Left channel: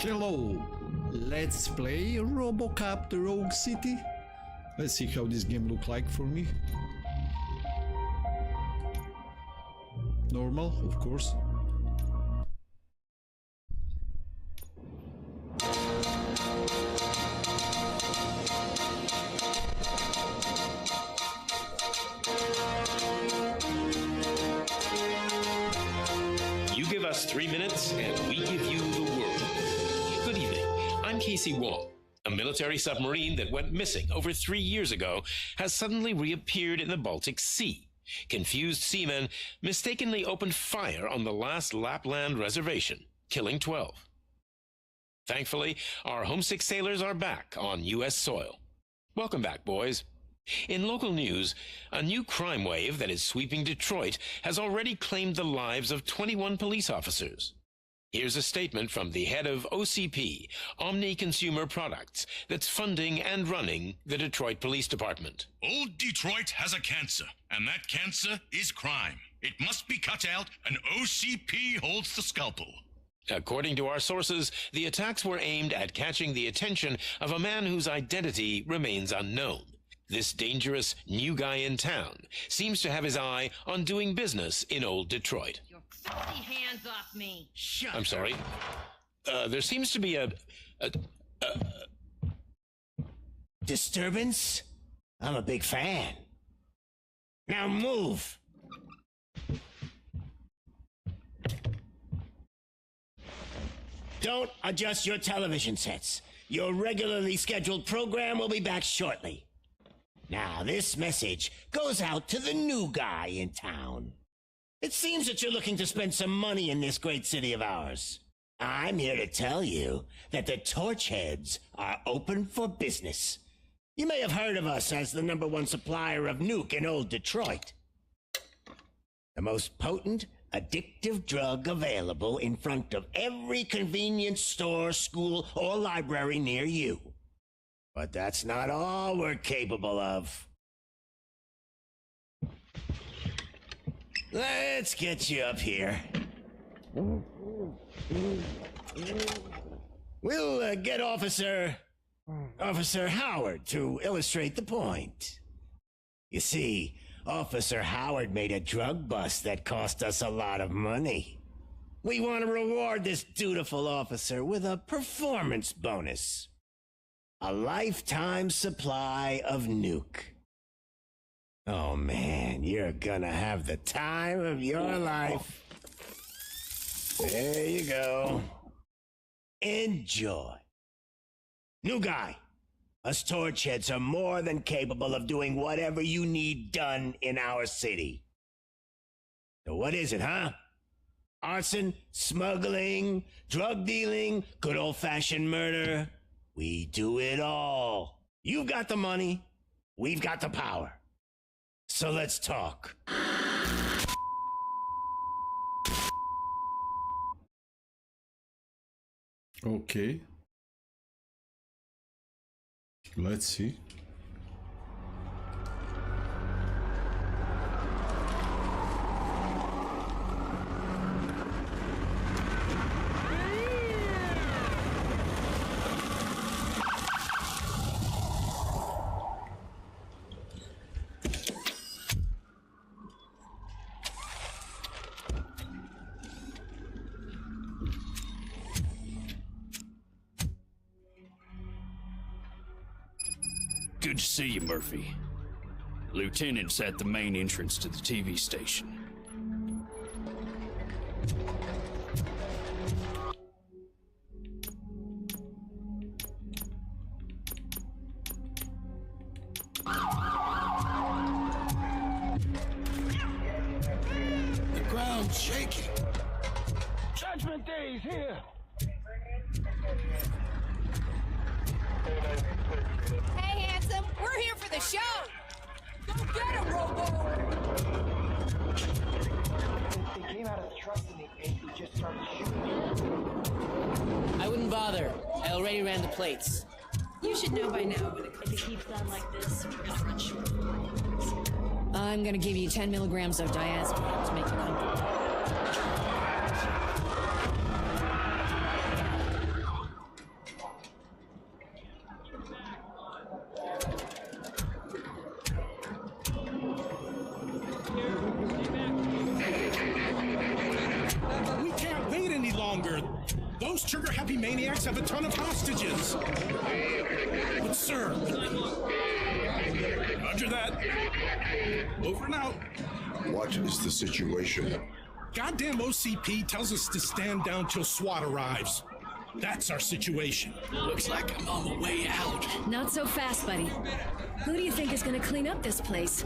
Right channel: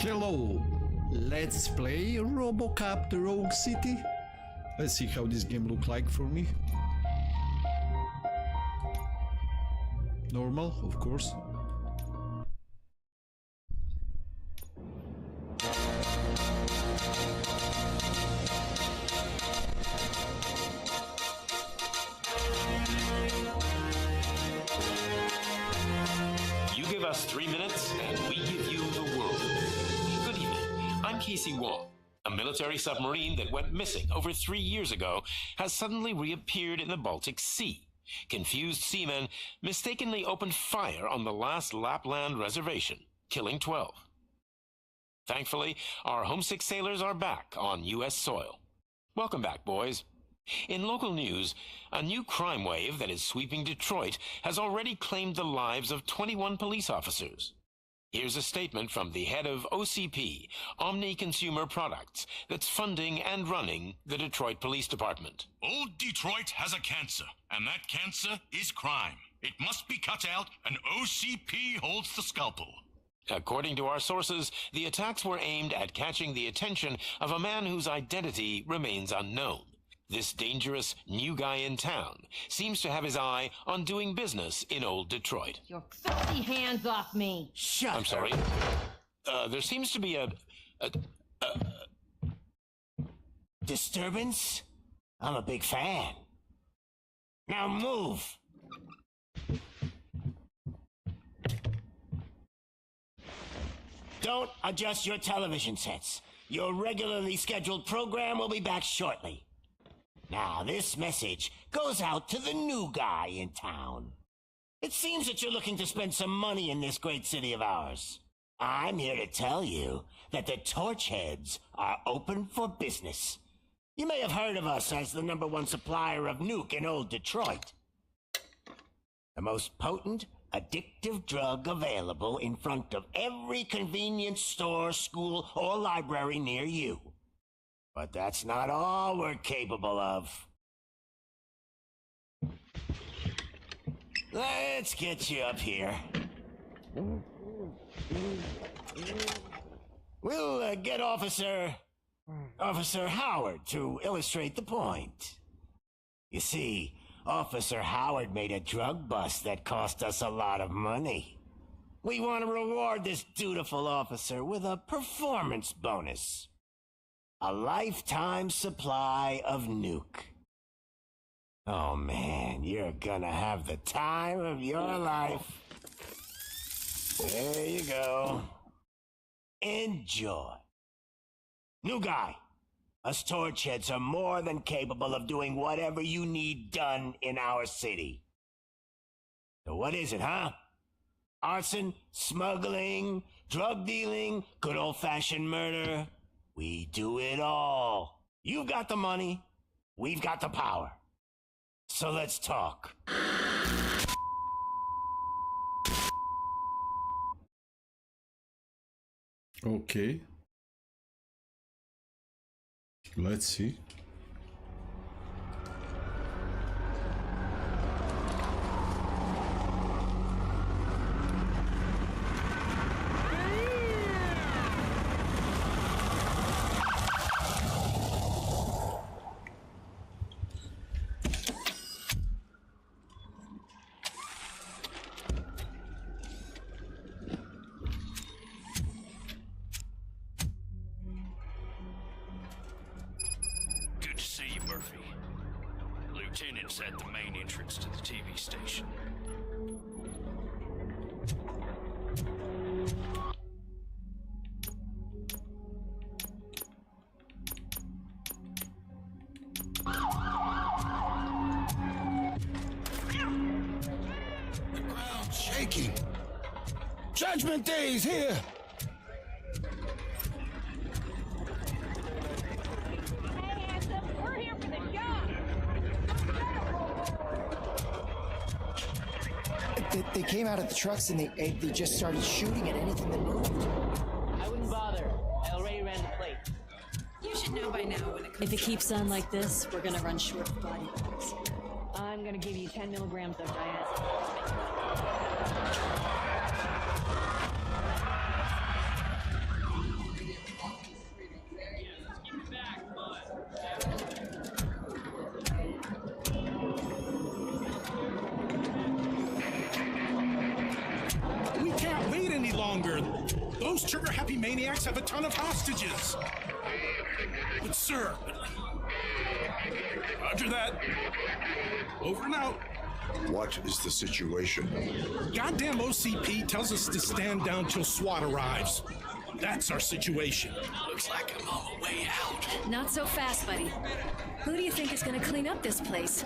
Hello, let's play Robocop the Rogue City. Let's see how this game look like for me. Normal, of course. You give us 3 minutes and we give you the world. Good evening. I'm Casey Wong. A military submarine that went missing over 3 years ago has suddenly reappeared in the Baltic Sea. Confused seamen mistakenly opened fire on the last Lapland reservation, killing 12. Thankfully, our homesick sailors are back on U.S. soil. Welcome back, boys. In local news, a new crime wave that is sweeping Detroit has already claimed the lives of 21 police officers. Here's a statement from the head of OCP, Omni Consumer Products, that's funding and running the Detroit Police Department. Old Detroit has a cancer, and that cancer is crime. It must be cut out, and OCP holds the scalpel. According to our sources, the attacks were aimed at catching the attention of a man whose identity remains unknown. This dangerous new guy in town seems to have his eye on doing business in old Detroit. Your filthy hands off me! Shut I'm sorry. There seems to be a disturbance? I'm a big fan. Now move! Don't adjust your television sets. Your regularly scheduled program will be back shortly. Now, this message goes out to the new guy in town. It seems that you're looking to spend some money in this great city of ours. I'm here to tell you that the Torchheads are open for business. You may have heard of us as the #1 supplier of nuke in old Detroit. The most potent, addictive drug available in front of every convenience store, school, or library near you. But that's not all we're capable of. Let's get you up here. We'll get Officer Howard to illustrate the point. You see, Officer Howard made a drug bust that cost us a lot of money. We want to reward this dutiful officer with a performance bonus. A lifetime supply of nuke. Oh man, you're gonna have the time of your life. There you go. Enjoy. New guy, us Torchheads are more than capable of doing whatever you need done in our city. So what is it, huh? Arson, smuggling, drug dealing, good old-fashioned murder. We do it all. You've got the money. We've got the power. So let's talk. Okay. Let's see. Good to see you, Murphy. Lieutenant's at the main entrance to the TV station. The ground's shaking. Judgment Day is here. Trucks and they just started shooting at anything that moved. I wouldn't bother. I already ran the plates. You should know by now when it comes. If it keeps on like this, we're gonna run short of body parts. I'm gonna give you 10 milligrams of diazepam to make you comfortable. any longer. Those trigger-happy maniacs have a ton of hostages. But, sir... Roger that. Over and out. What is the situation? Goddamn OCP tells us to stand down till SWAT arrives. That's our situation. Looks like I'm on my way out. Not so fast, buddy. Who do you think is gonna clean up this place?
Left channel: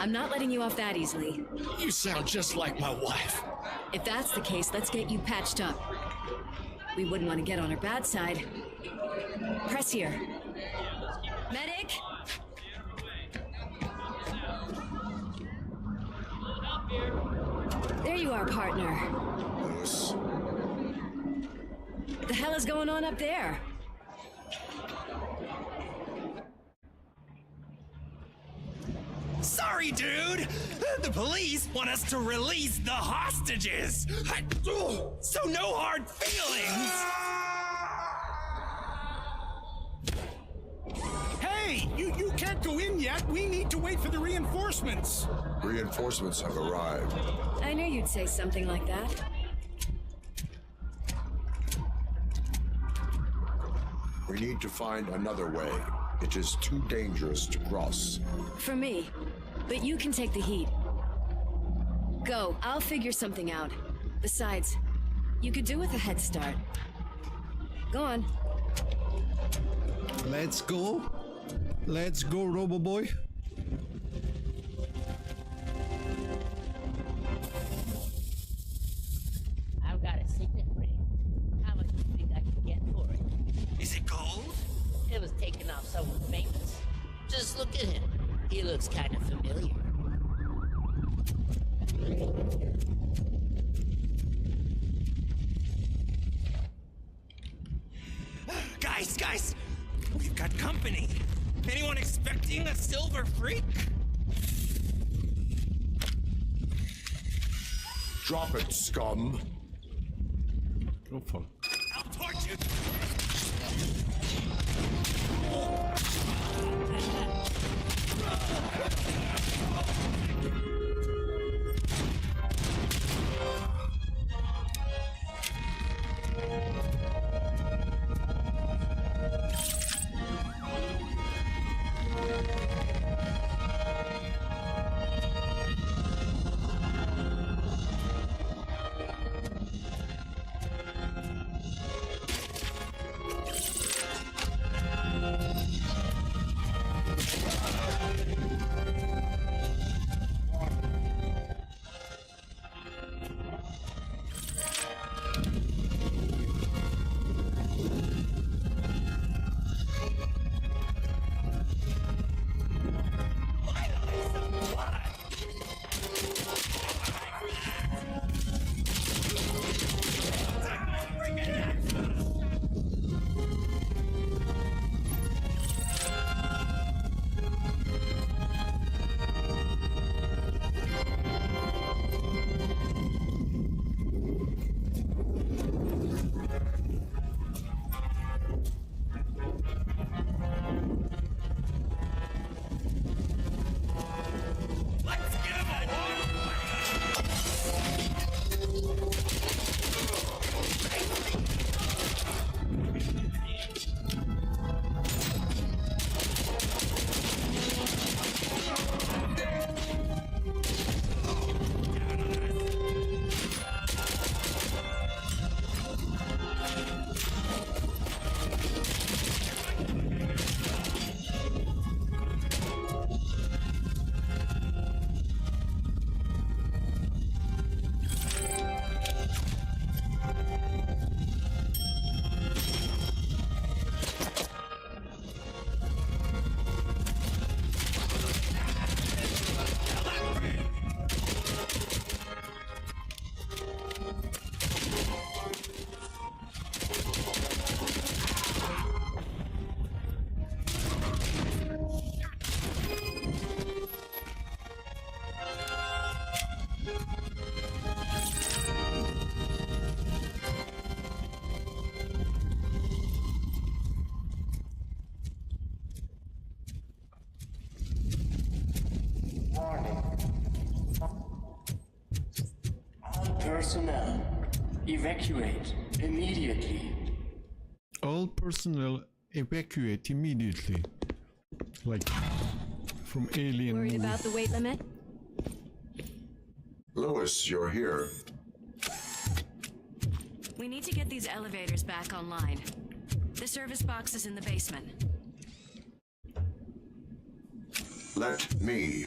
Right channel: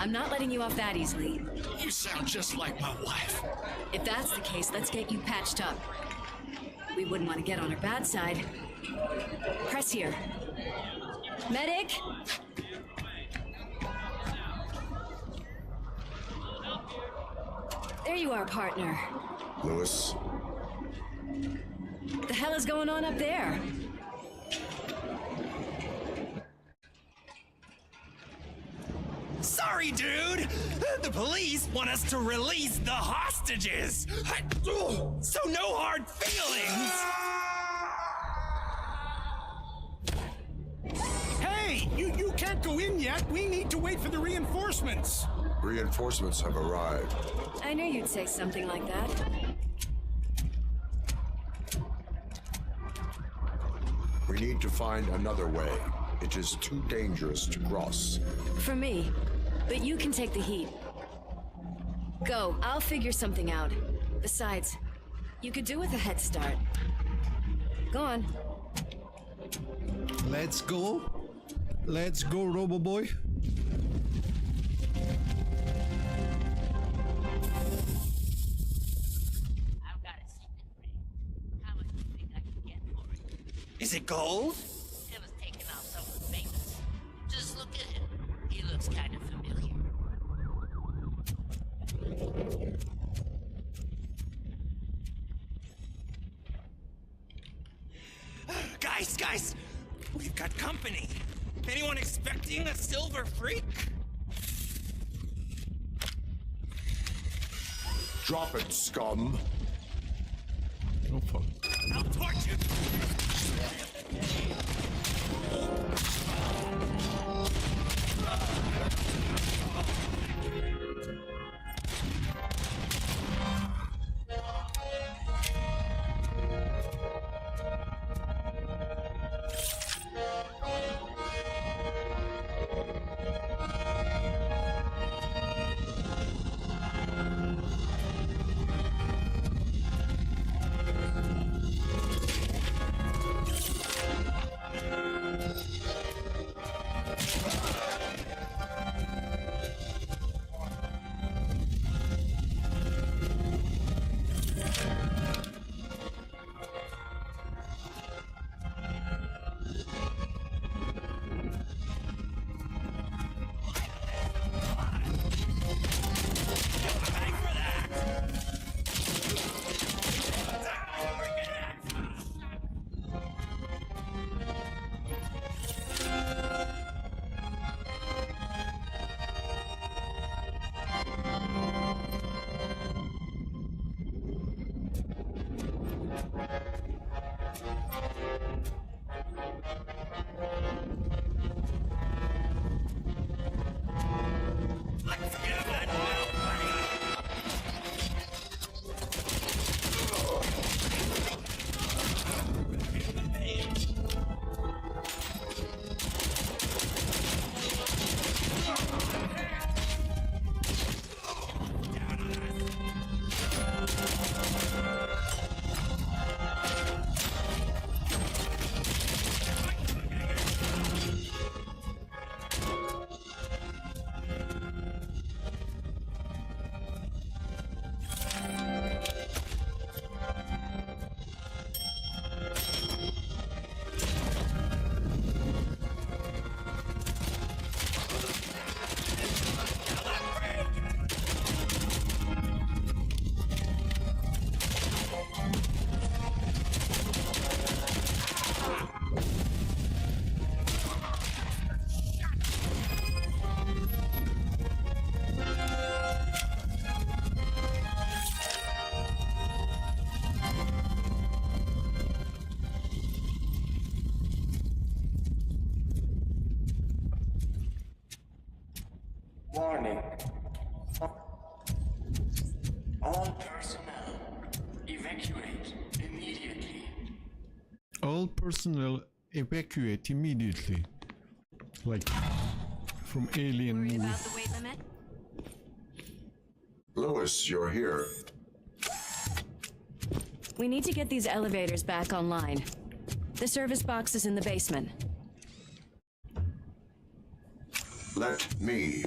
I'm not letting you off that easily. You sound just like my wife. If that's the case, let's get you patched up. We wouldn't want to get on her bad side. Press here. Medic! There you are, partner. Lewis? The hell is going on up there? Sorry, dude! The police want us to release the hostages! So no hard feelings! Hey, you can't go in yet. We need to wait for the reinforcements. Reinforcements have arrived. I knew you'd say something like that. We need to find another way. It is too dangerous to cross. For me. But you can take the heat. Go, I'll figure something out. Besides, you could do with a head start. Go on. Let's go. Let's go, Robo-Boy. I've got a signet ring. How much do you think I can get for it? Is it gold? It was taken off someone famous. Just look at him. He looks kind of familiar. Guys! We've got company. Anyone expecting a silver freak? Drop it, scum. Oh, fuck. I'll torch you! All personnel, Evacuate immediately. All personnel evacuate immediately. Like from Alien Worried movie. about the weight limit? Lewis, you're here. We need to get these elevators back online. The service box is in the basement. Let me.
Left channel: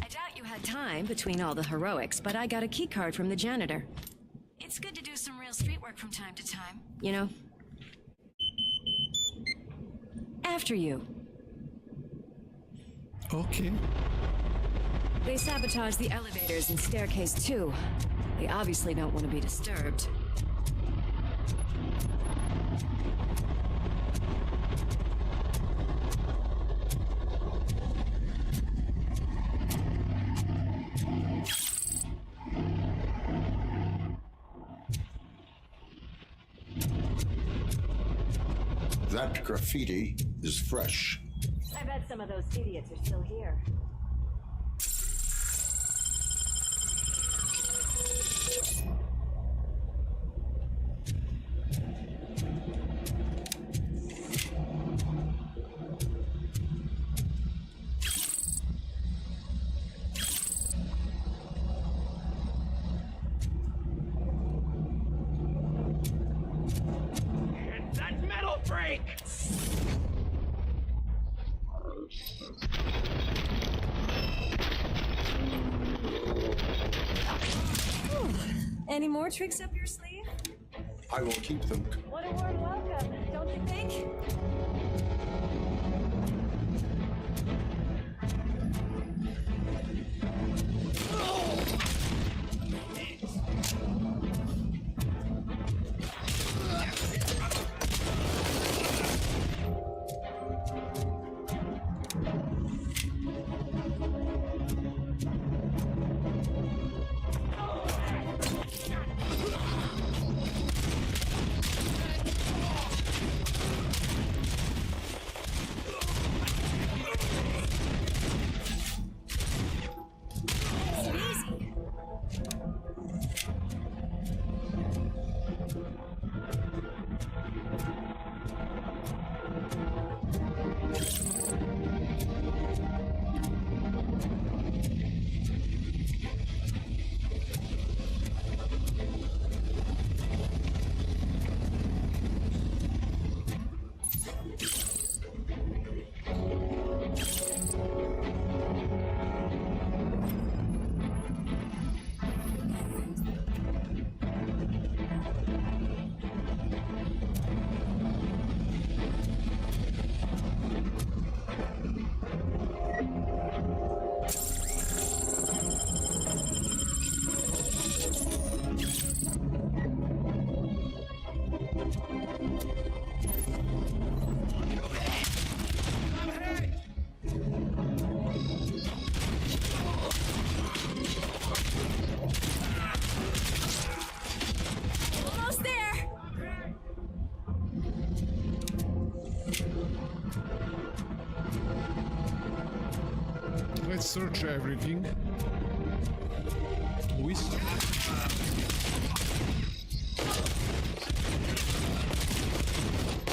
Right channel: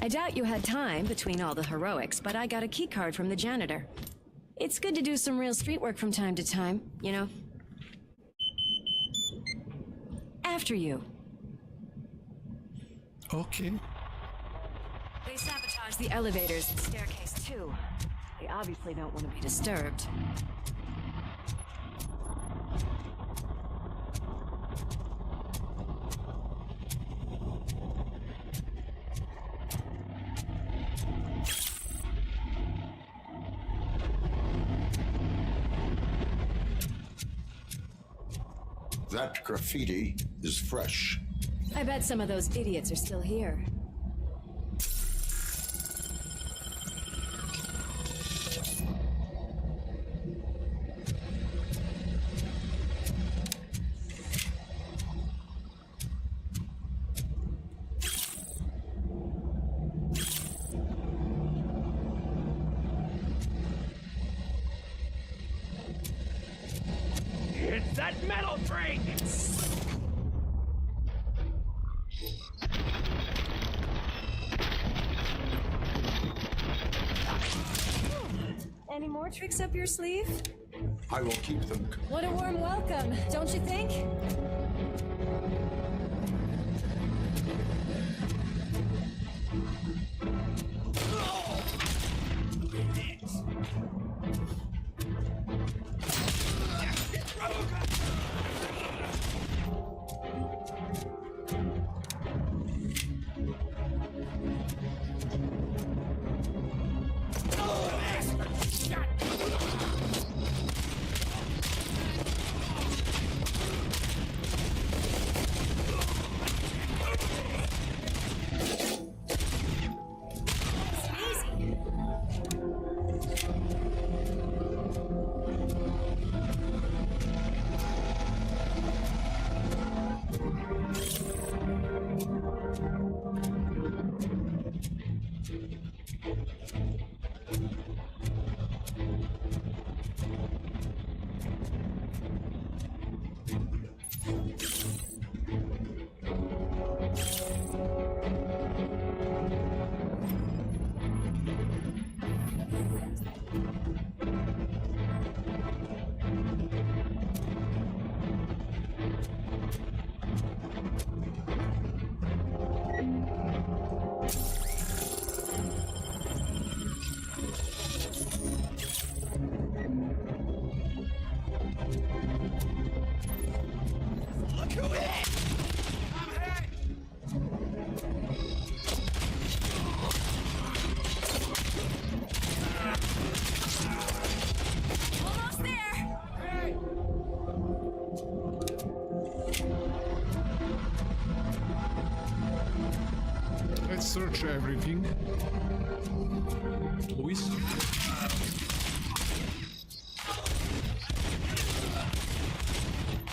I doubt you had time between all the heroics, but I got a key card from the janitor. It's good to do some real street work from time to time, you know? After you. Okay. They sabotaged the elevators and staircase too. They obviously don't want to be disturbed. That graffiti is fresh. I bet some of those idiots are still here. It's that metal freak! Any more tricks up your sleeve? I will keep them. What a warm welcome, don't you think? Almost there! Let's search everything. Luis?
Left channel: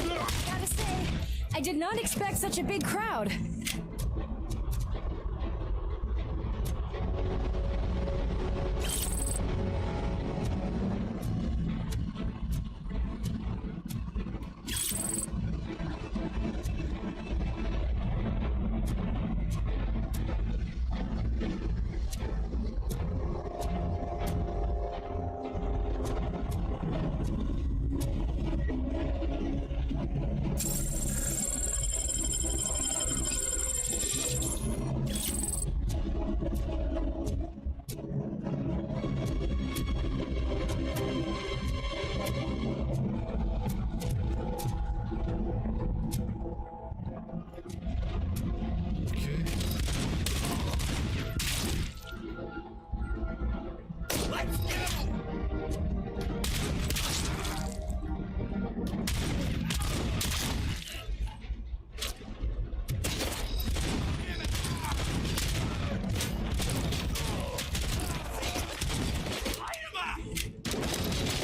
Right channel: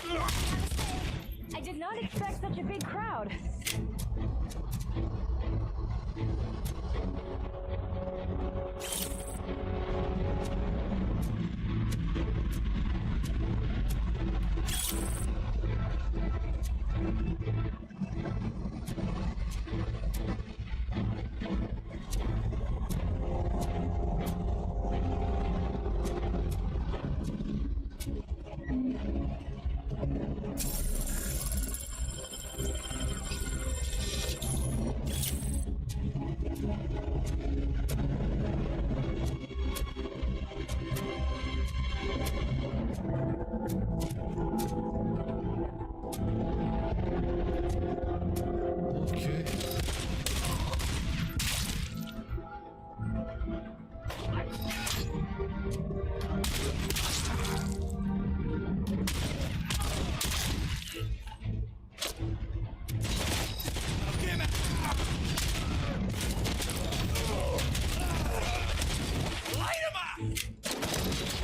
Gotta say, I did not expect such a big crowd. Okay. Light him up!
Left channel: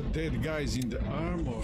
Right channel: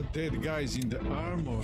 Oh, dead guys in the armor.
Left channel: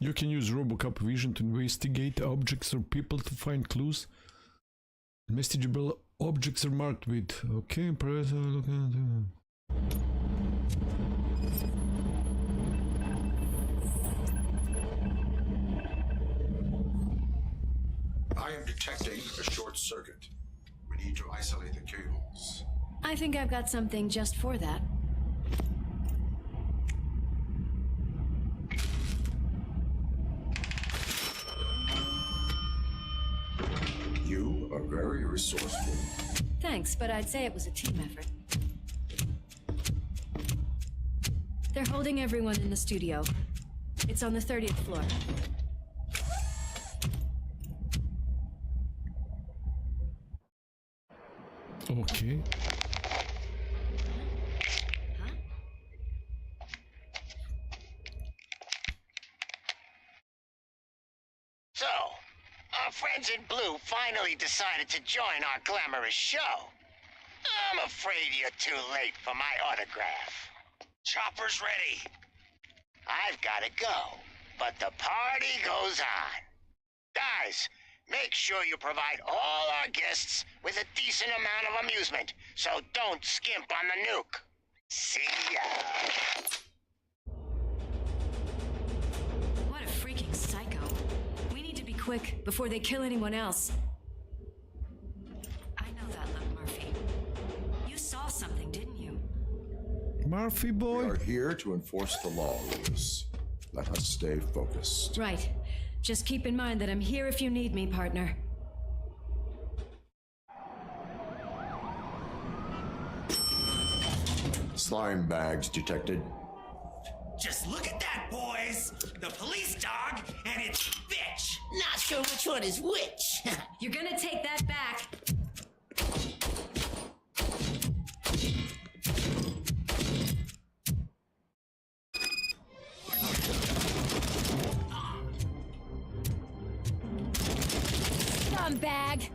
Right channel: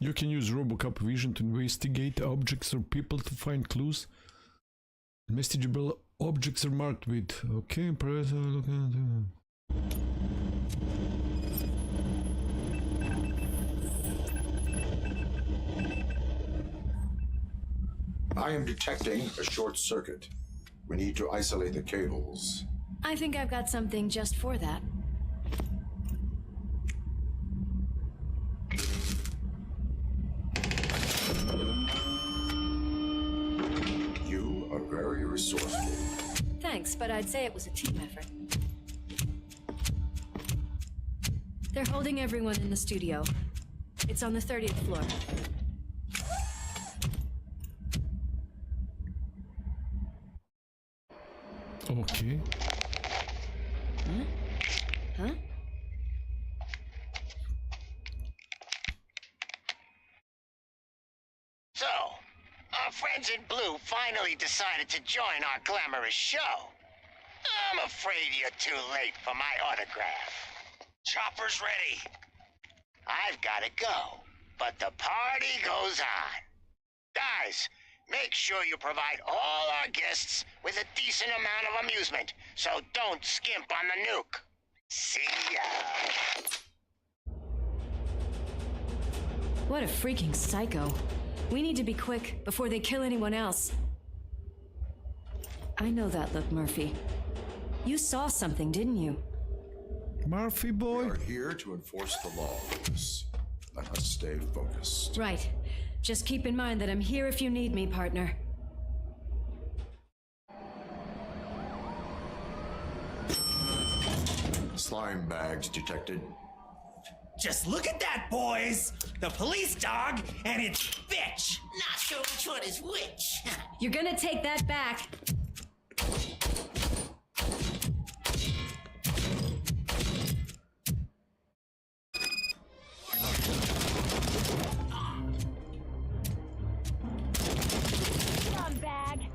You can use Robocop vision to investigate objects or people to find clues. Investigatable objects are marked with. Okay, press. I am detecting a short circuit. We need to isolate the cables. I think I've got something just for that. You are very resourceful. Thanks, but I'd say it was a team effort. They're holding everyone in the studio. It's on the 30th floor. Okay. Huh? So, our friends in blue finally decided to join our glamorous show. I'm afraid you're too late for my autograph. Chopper's ready. I've got to go, but the party goes on. Guys, make sure you provide all our guests with a decent amount of amusement, so don't skimp on the nuke. See ya. What a freaking psycho. We need to be quick before they kill anyone else. I know that look, Murphy. You saw something, didn't you? Murphy boy? We are here to enforce the law, Lewis. Let us stay focused. Right. Just keep in mind that I'm here if you need me, partner. Slime bags detected. Just look at that, boys! The police dog and its bitch! Not sure which one is which. You're gonna take that back. Scumbag!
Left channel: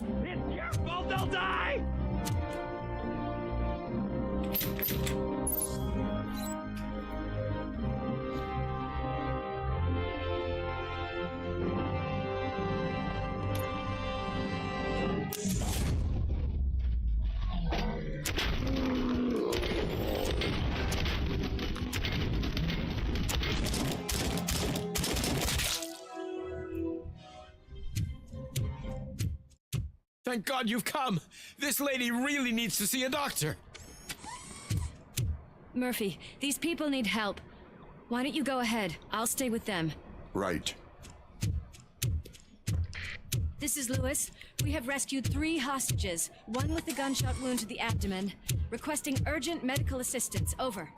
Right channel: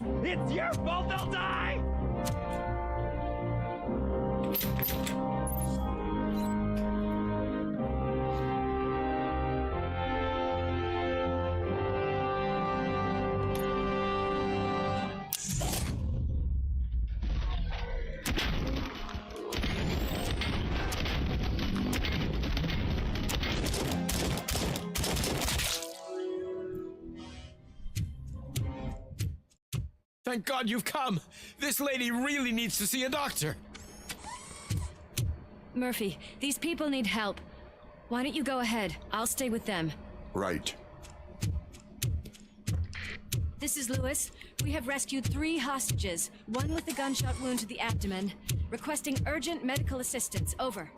It's your fault they'll die! Thank God you've come! This lady really needs to see a doctor! Murphy, these people need help. Why don't you go ahead? I'll stay with them. Right. This is Lewis. We have rescued 3 hostages, one with a gunshot wound to the abdomen. Requesting urgent medical assistance. Over.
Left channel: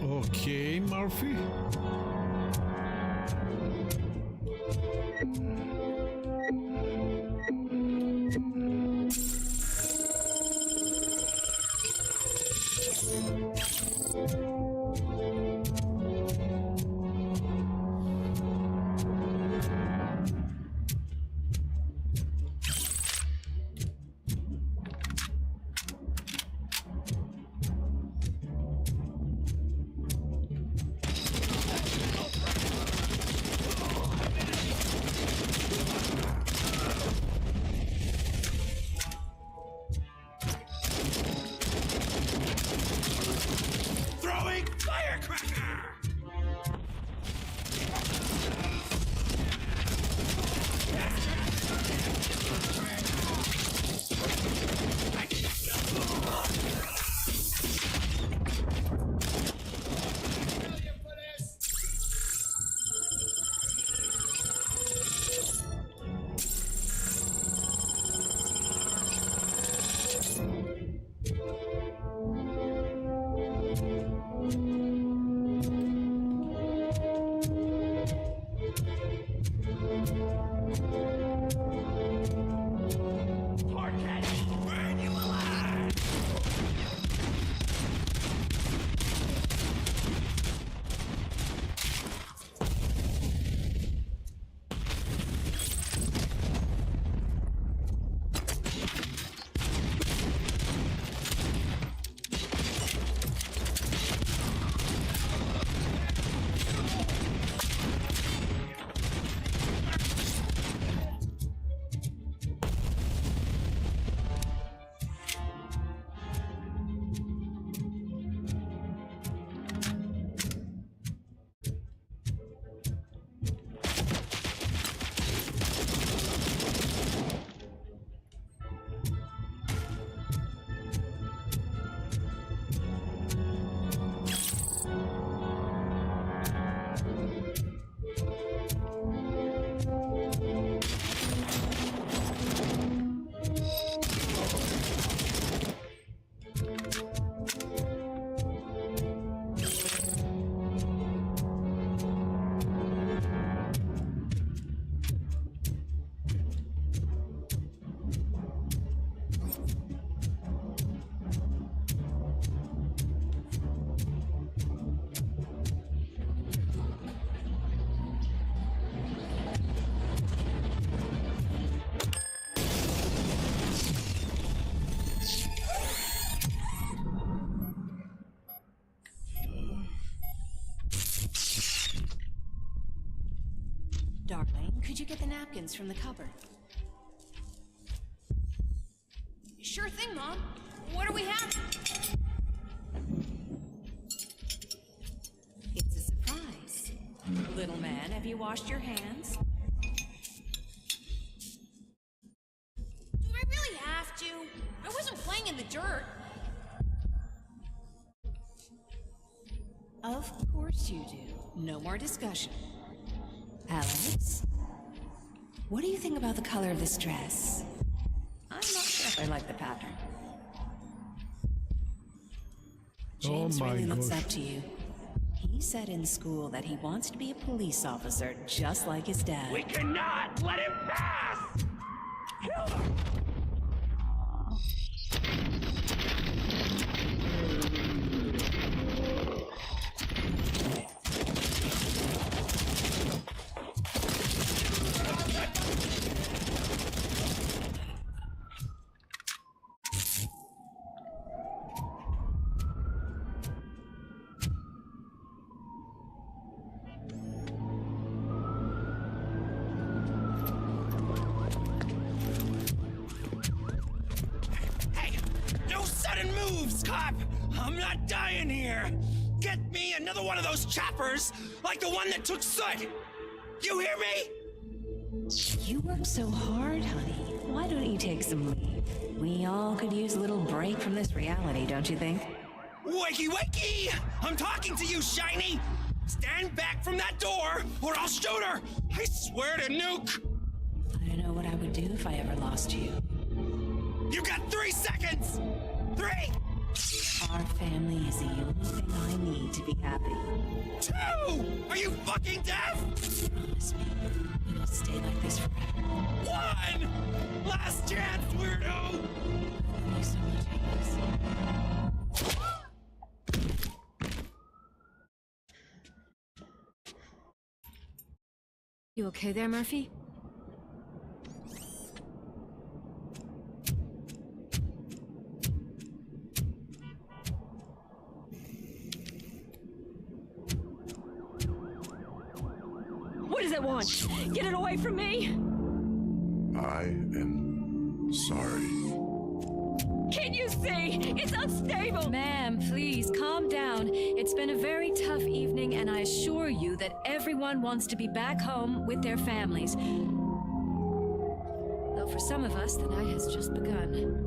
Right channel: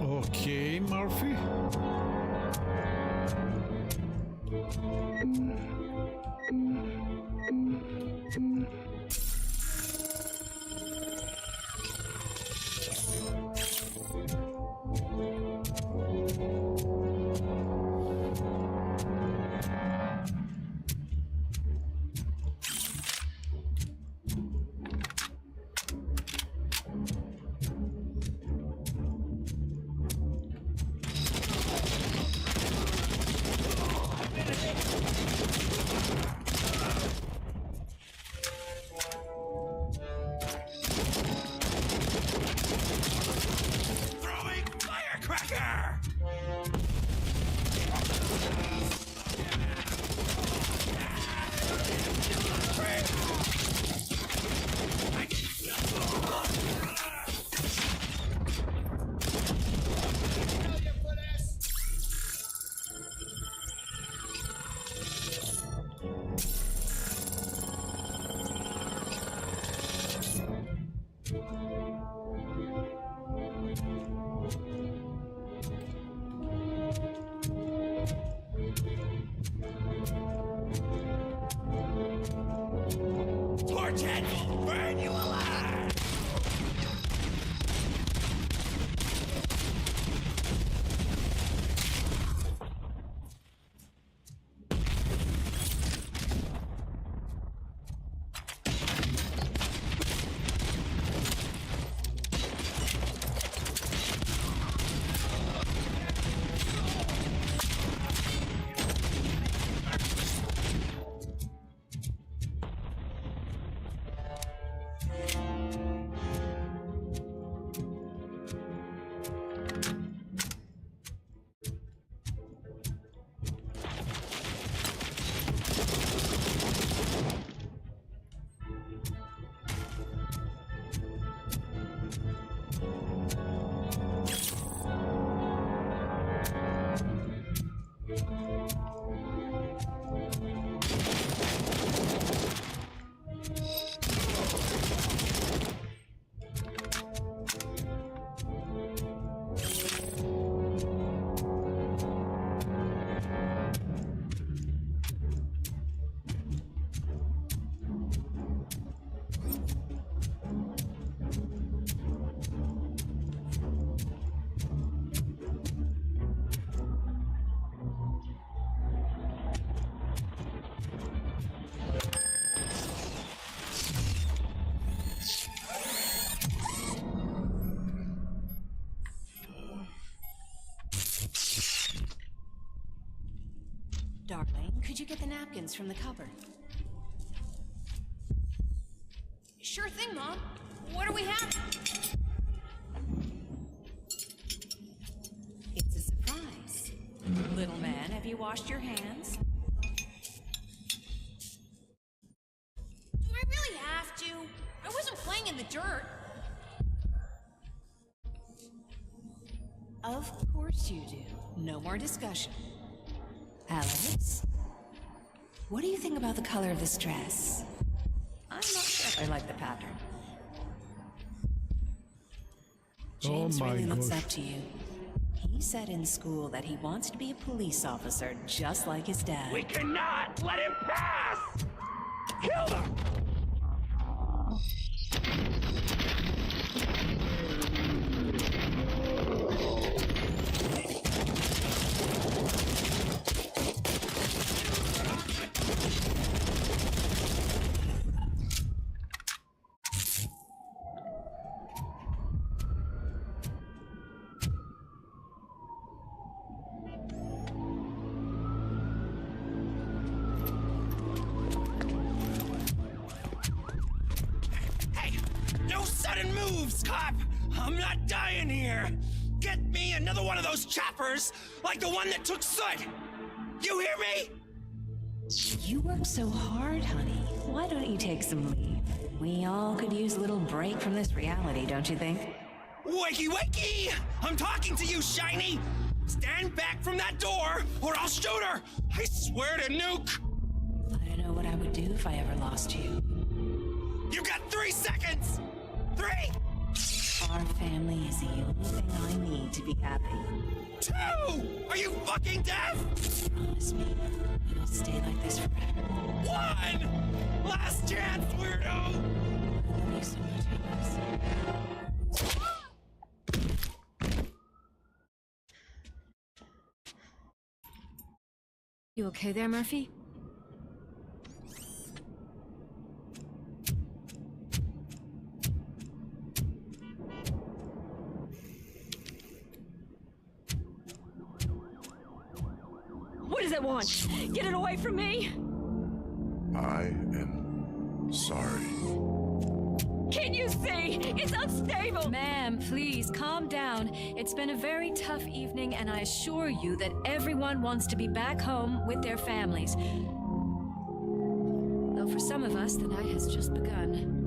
Okay, Murphy. Darling, could you get the napkins from the cupboard? Sure thing, Mom. What do we have? It's a surprise. Little man, have you washed your hands? Do I really have to? I wasn't playing in the dirt. Of course you do. No more discussion. Alex, what do you think about the color of this dress? I'm not sure if I like the pattern. James really looks up to you. He said in school that he wants to be a police officer just like his dad. We cannot let him pass! Kill him! No sudden moves, cop! I'm not dying here! Get me another one of those choppers, like the one that took Soot! You hear me? You work so hard, honey. Why don't you take some leave? We all could use a little break from this reality, don't you think? Wakey, wakey! I'm talking to you, Shiny! Stand back from that door, or I'll shoot her! I swear to nuke! I don't know what I would do if I ever lost you. You got 3 seconds! 3! Our family is the only thing I need to be happy. 2! Are you fucking deaf? Promise me, we will stay like this forever. 1! Last chance, weirdo! I love you so much, Alex. You okay there, Murphy? What does it want? Get it away from me! I am sorry. Can't you see? It's unstable! Ma'am, please, calm down. It's been a very tough evening, and I assure you that everyone wants to be back home with their families. Though for some of us, the night has just begun.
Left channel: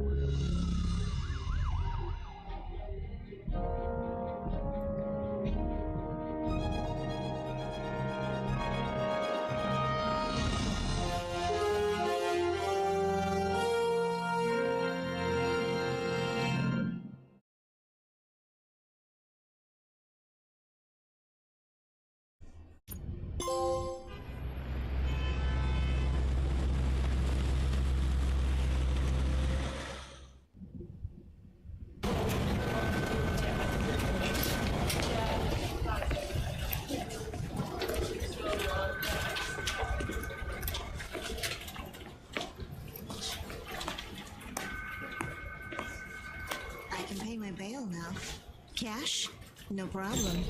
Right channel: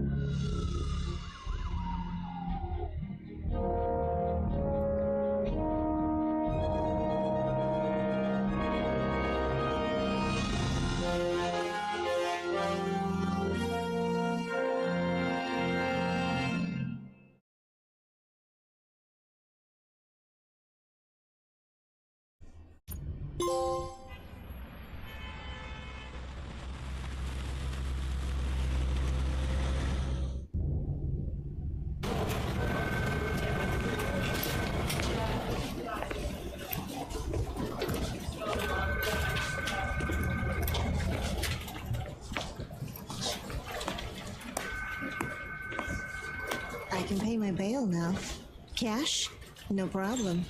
I can pay my bail now. Cash? No problem.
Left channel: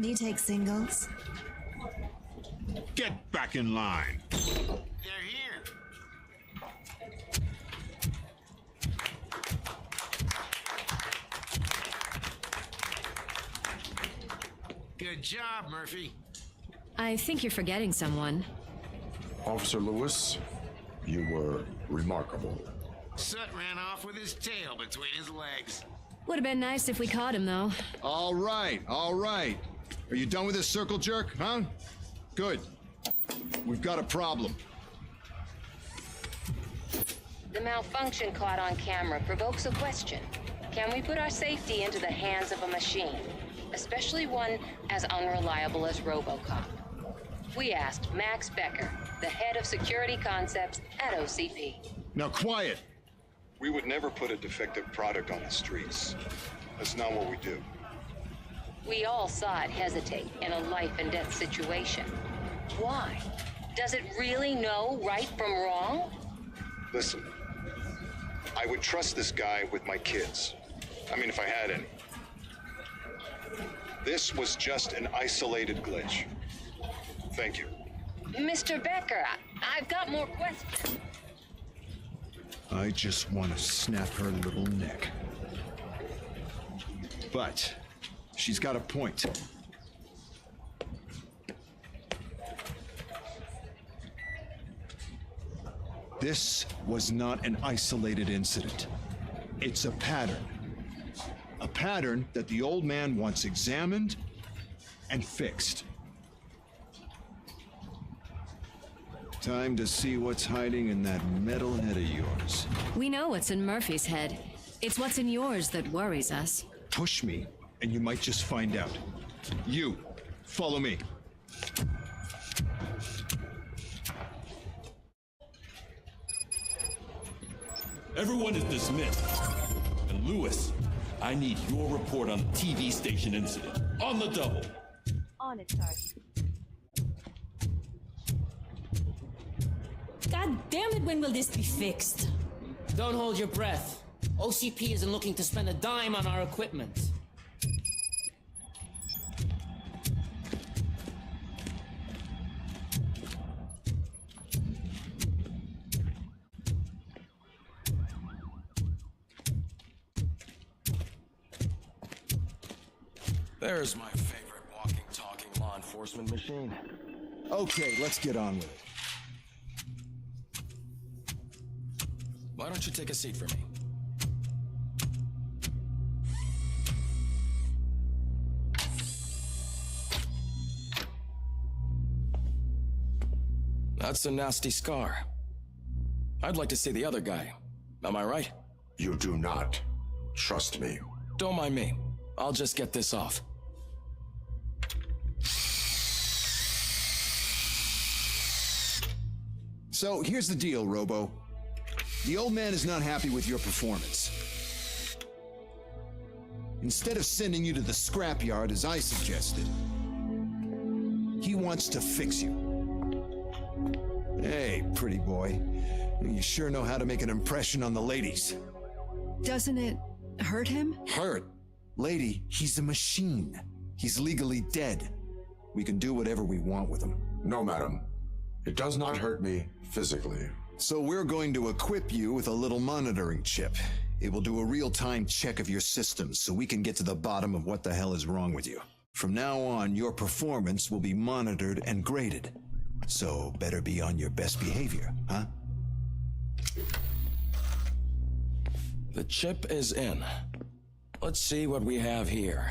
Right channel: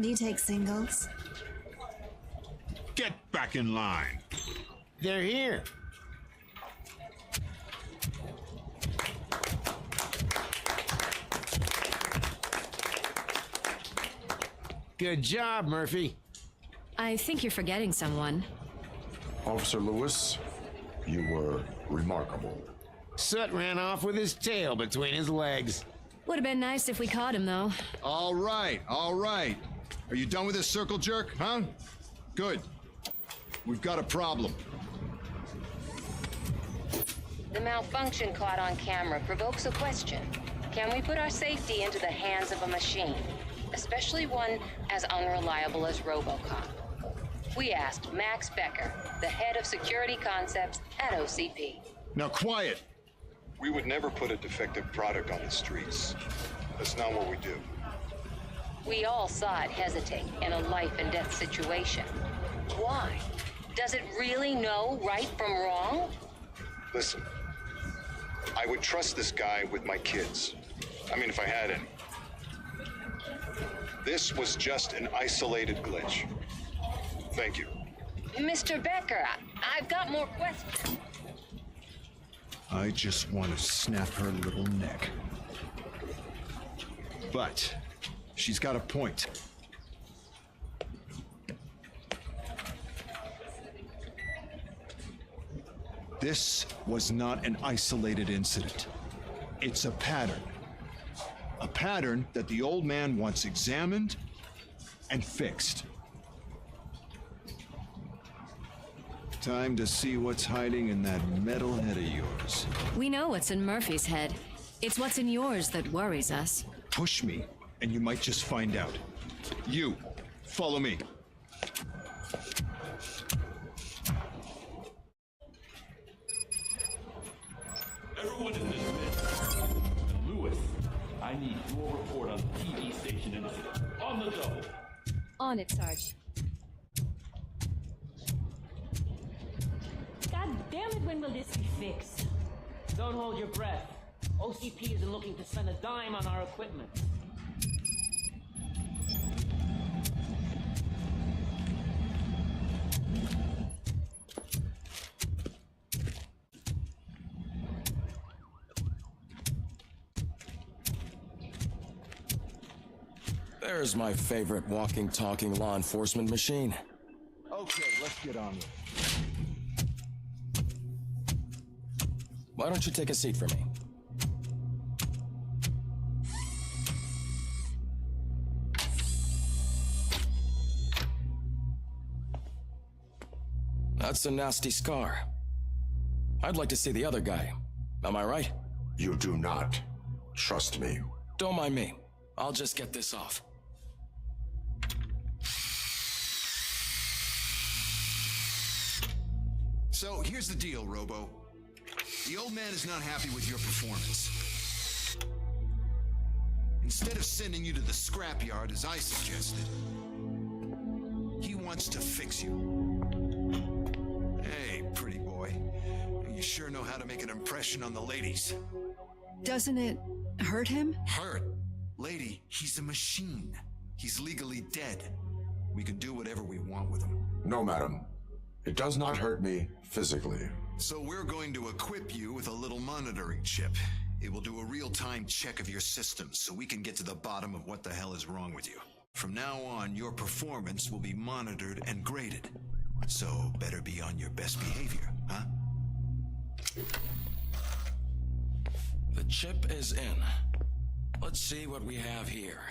Do you take singles? Get back in line. They're here. Good job, Murphy. I think you're forgetting someone. Officer Lewis, you were remarkable. Soot ran off with his tail between his legs. Would have been nice if we caught him, though. All right, all right. Are you done with this circle jerk, huh? Good. We've got a problem. The malfunction caught on camera provokes a question. Can we put our safety into the hands of a machine, especially one as unreliable as Robocop? We asked Max Becker, the head of security concepts at OCP. Now quiet! We would never put a defective product on the streets. That's not what we do. We all saw it hesitate in a life and death situation. Why? Does it really know right from wrong? Listen, I would trust this guy with my kids. I mean, if I had any. This was just an isolated glitch. Thank you. Mr. Becker, I've got more questions. I just want to snap her little neck. But she's got a point. This was not an isolated incident. It's a pattern. A pattern that the old man wants examined and fixed. Time to see what's hiding in that metal head of yours. We know what's in Murphy's head. It's what's in yours that worries us. Push me, and you might just find out. You, follow me. Everyone is dismissed. And Lewis, I need your report on the TV station incident. On the double. On it, Sarge. God damn it, when will this be fixed? Don't hold your breath. OCP isn't looking to spend a dime on our equipment. There's my favorite walking, talking law enforcement machine. Okay, let's get on with it. Why don't you take a seat for me? That's a nasty scar. I'd like to see the other guy. Am I right? You do not. Trust me. Don't mind me. I'll just get this off. So, here's the deal, Robo. The old man is not happy with your performance. Instead of sending you to the scrapyard, as I suggested, he wants to fix you. Hey, pretty boy. You sure know how to make an impression on the ladies. Doesn't it hurt him? Hurt? Lady, he's a machine. He's legally dead. We can do whatever we want with him. No, madam. It does not hurt me physically. So we're going to equip you with a little monitoring chip. It will do a real-time check of your systems so we can get to the bottom of what the hell is wrong with you. From now on, your performance will be monitored and graded. So better be on your best behavior, huh? The chip is in. Let's see what we have here.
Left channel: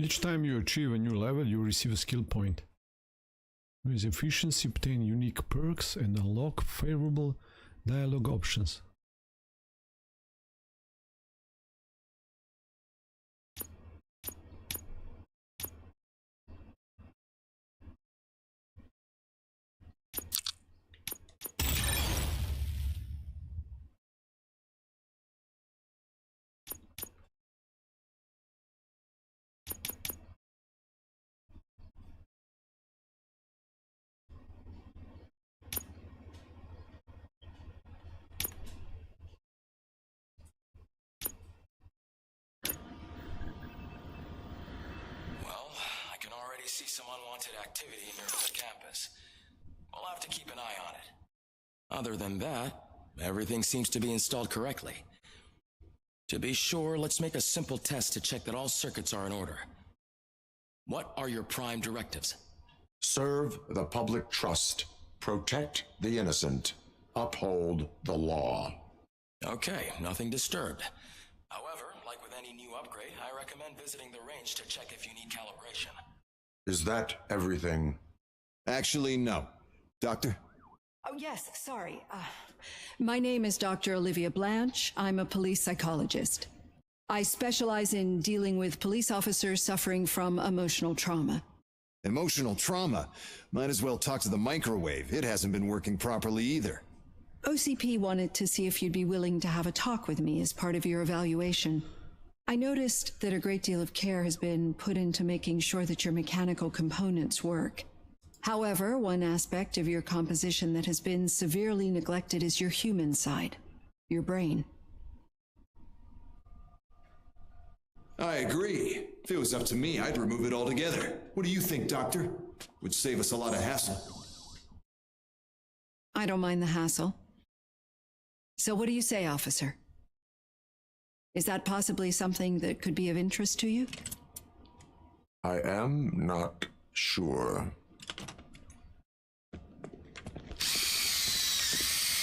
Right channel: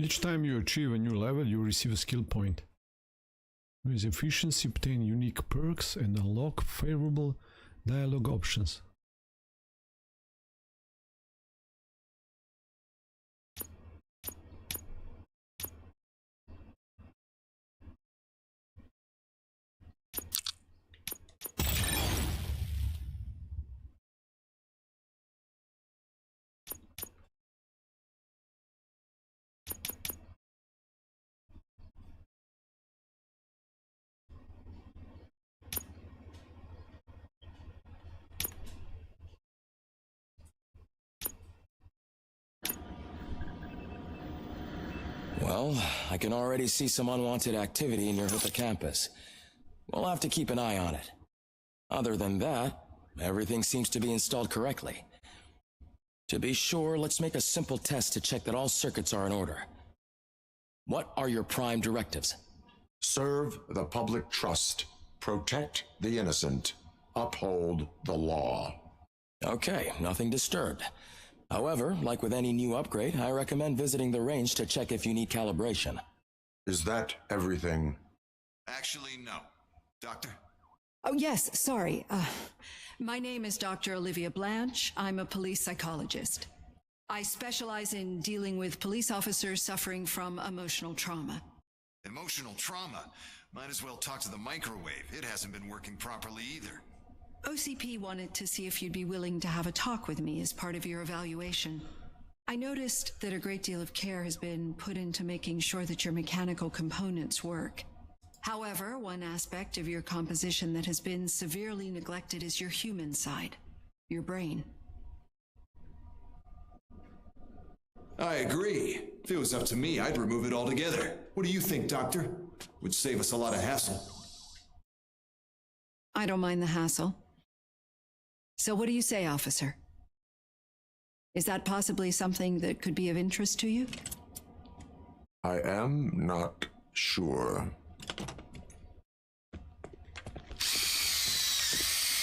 Each time you achieve a new level, you receive a skill point. With efficiency, obtain unique perks and unlock favorable dialogue options. Well, I can already see some unwanted activity near Hippocampus. We'll have to keep an eye on it. Other than that, everything seems to be installed correctly. To be sure, let's make a simple test to check that all circuits are in order. What are your prime directives? Serve the public trust. Protect the innocent. Uphold the law. Okay, nothing disturbed. However, like with any new upgrade, I recommend visiting the range to check if you need calibration. Is that everything? Actually, no. Doctor? Oh, yes, sorry. My name is Dr. Olivia Blanche. I'm a police psychologist. I specialize in dealing with police officers suffering from emotional trauma. Emotional trauma? Might as well talk to the microwave. It hasn't been working properly either. OCP wanted to see if you'd be willing to have a talk with me as part of your evaluation. I noticed that a great deal of care has been put into making sure that your mechanical components work. However, one aspect of your composition that has been severely neglected is your human side, your brain. I agree. If it was up to me, I'd remove it altogether. What do you think, Doctor? Would save us a lot of hassle. I don't mind the hassle. So what do you say, officer? Is that possibly something that could be of interest to you? I am not sure.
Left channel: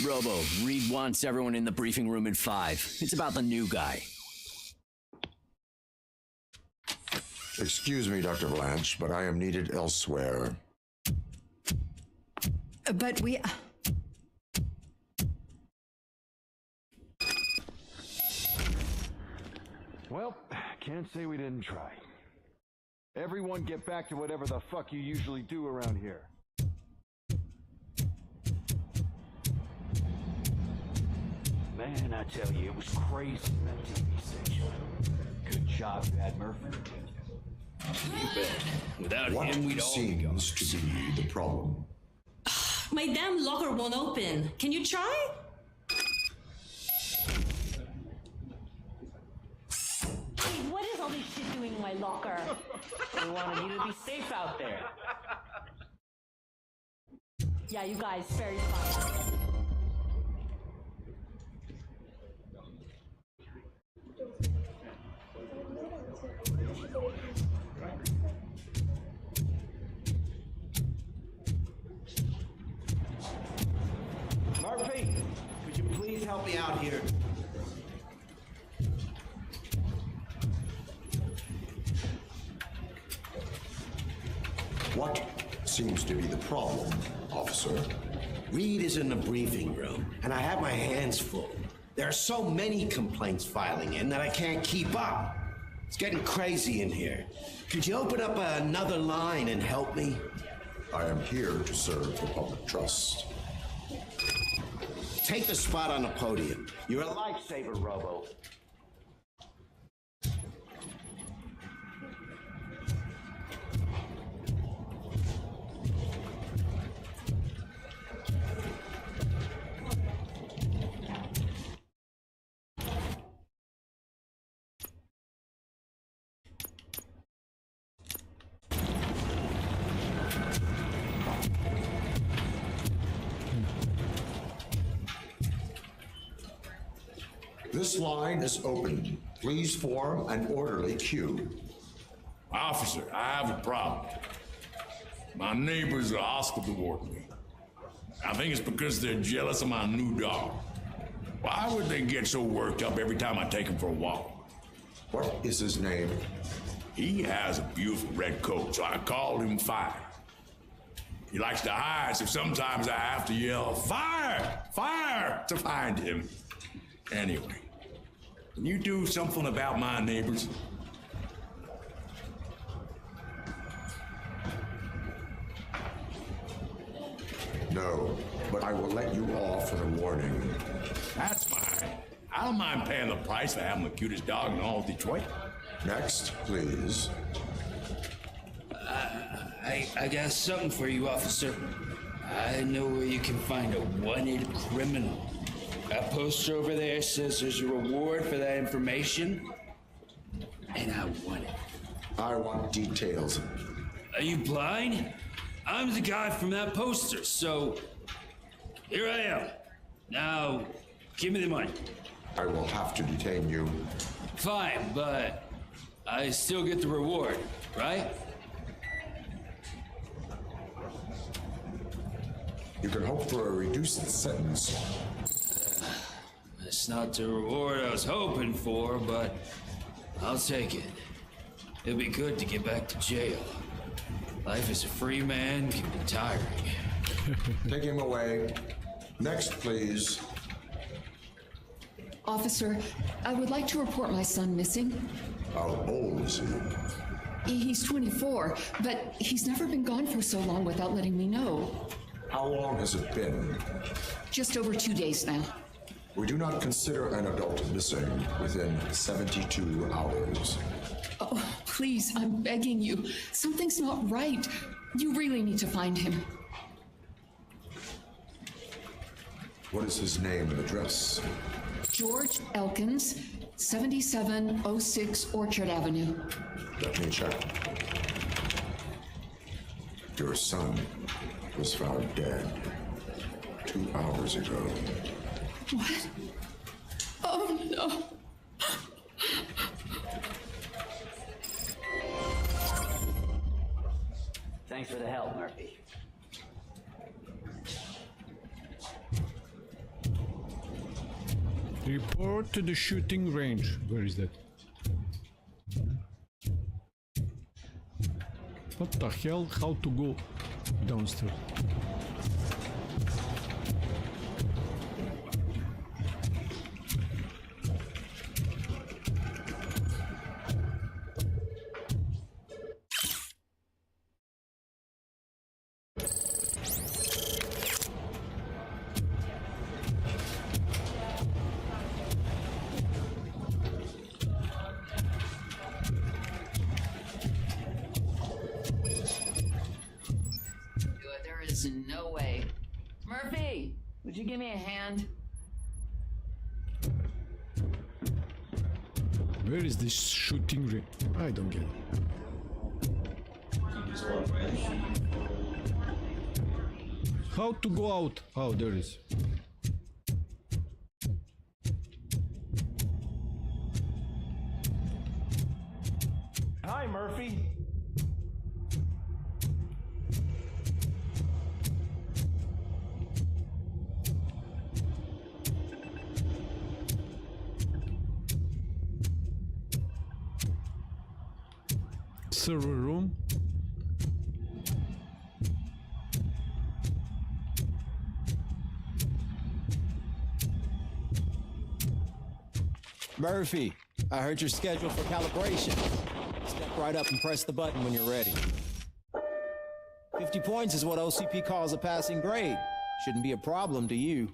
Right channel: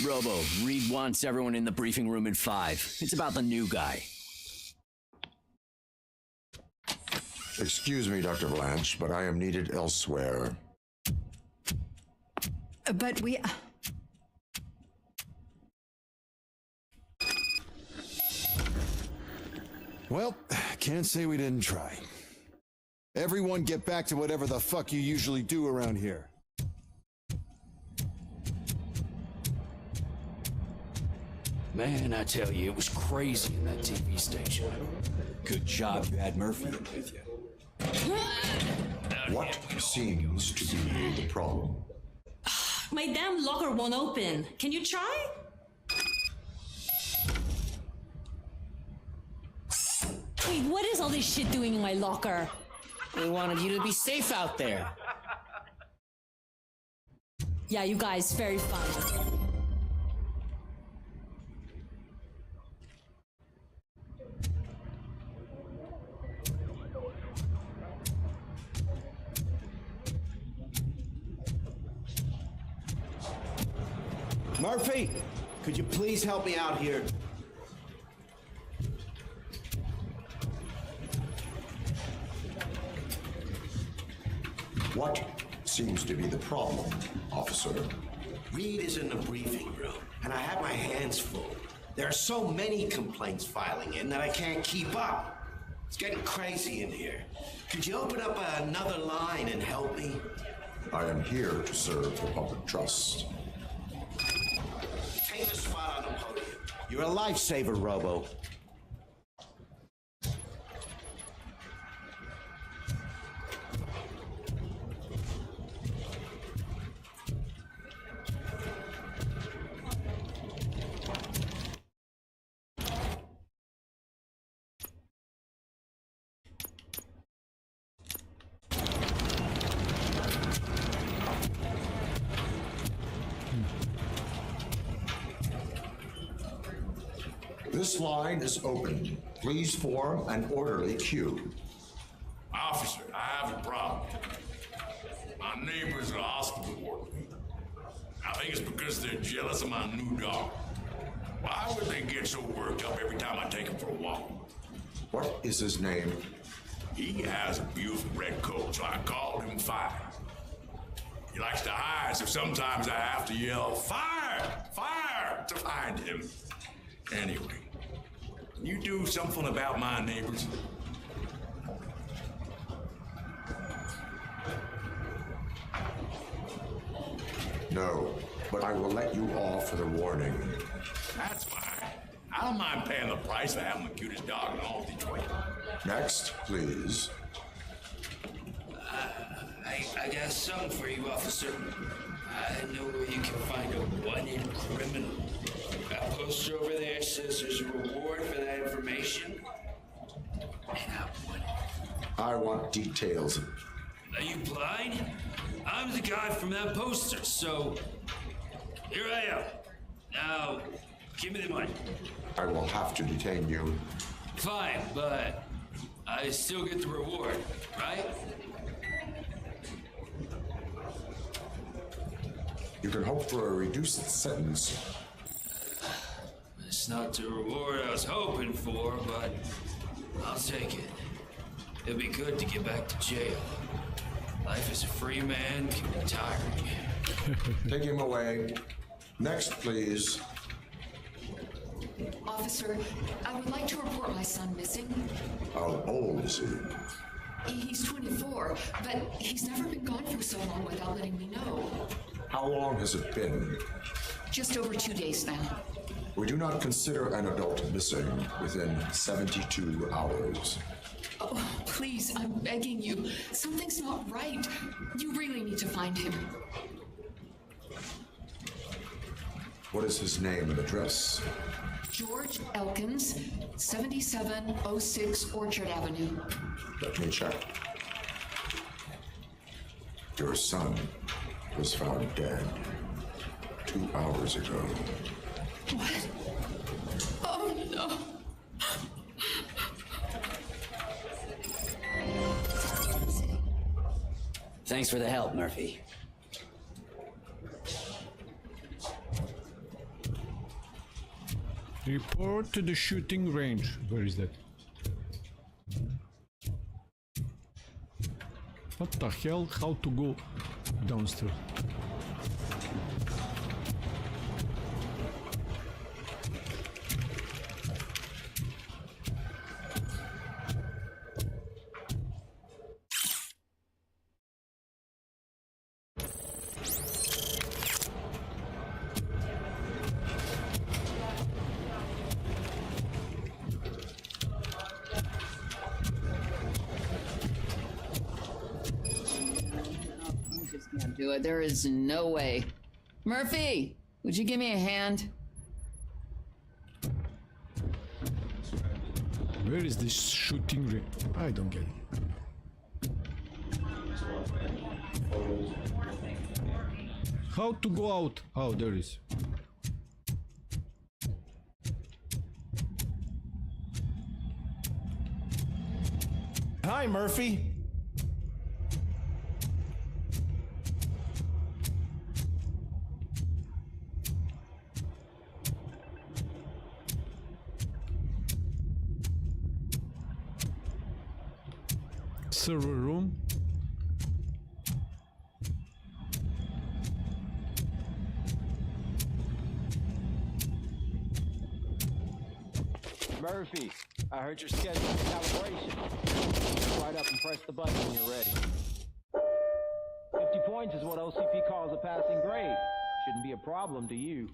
Robo, Reed wants everyone in the briefing room in 5. It's about the new guy. Excuse me, Dr. Blanche, but I am needed elsewhere. But we... Well, can't say we didn't try. Everyone get back to whatever the fuck you usually do around here. Man, I tell you, it was crazy in that TV station. Good job you had Murphy with you. Without What him, we'd all seems to be the problem? My damn locker won't open. Can you try? Wait, what is all this shit doing in my locker? They wanted you to be safe out there. Yeah, you guys, very fun. Murphy, could you please help me out here? What seems to be the problem, officer? Reed is in the briefing room, and I have my hands full. There are so many complaints filing in that I can't keep up. It's getting crazy in here. Could you open up another line and help me? I am here to serve the public trust. Take the spot on the podium. You're a lifesaver, Robo. This line is open. Please form an orderly queue. Officer, I have a problem. My neighbors are hostile toward me. I think it's because they're jealous of my new dog. Why would they get so worked up every time I take him for a walk? What is his name? He has a beautiful red coat, so I called him Fire. He likes to hide, so sometimes I have to yell, "Fire! Fire!" to find him. Anyway, can you do something about my neighbors? No, but I will let you off with a warning. That's fine. I don't mind paying the price for having the cutest dog in all of Detroit. Next, please. I got something for you, officer. I know where you can find a wanted criminal. That poster over there says there's a reward for that information, and I want it. I want details. Are you blind? I'm the guy from that poster, so here I am. Now, give me the money. I will have to detain you. Fine, but I still get the reward, right? You can hope for a reduced sentence. It's not the reward I was hoping for, but I'll take it. It'll be good to get back to jail. Life as a free man can be tiring. Take him away. Next, please. Officer, I would like to report my son missing. How old is he? He's 24, but he's never been gone for so long without letting me know. How long has it been? Just over 2 days now. We do not consider an adult missing within 72 hours. Oh, please, I'm begging you. Something's not right. You really need to find him. What is his name and address? George Elkins, 7706 Orchard Avenue. Let me check. Your son was found dead 2 hours ago. What? Oh, no. Thanks for the help, Murphy. Report to the shooting range. Where is that? What the hell? How to go downstairs? Do it. There is no way. Murphy, would you give me a hand? Where is this shooting range? I don't get it. How to go out? Oh, there is. Hi, Murphy. Server room. Murphy, I heard you're scheduled for calibration. Right up and press the button when you're ready. 50 points is what OCP calls a passing grade. Shouldn't be a problem to you.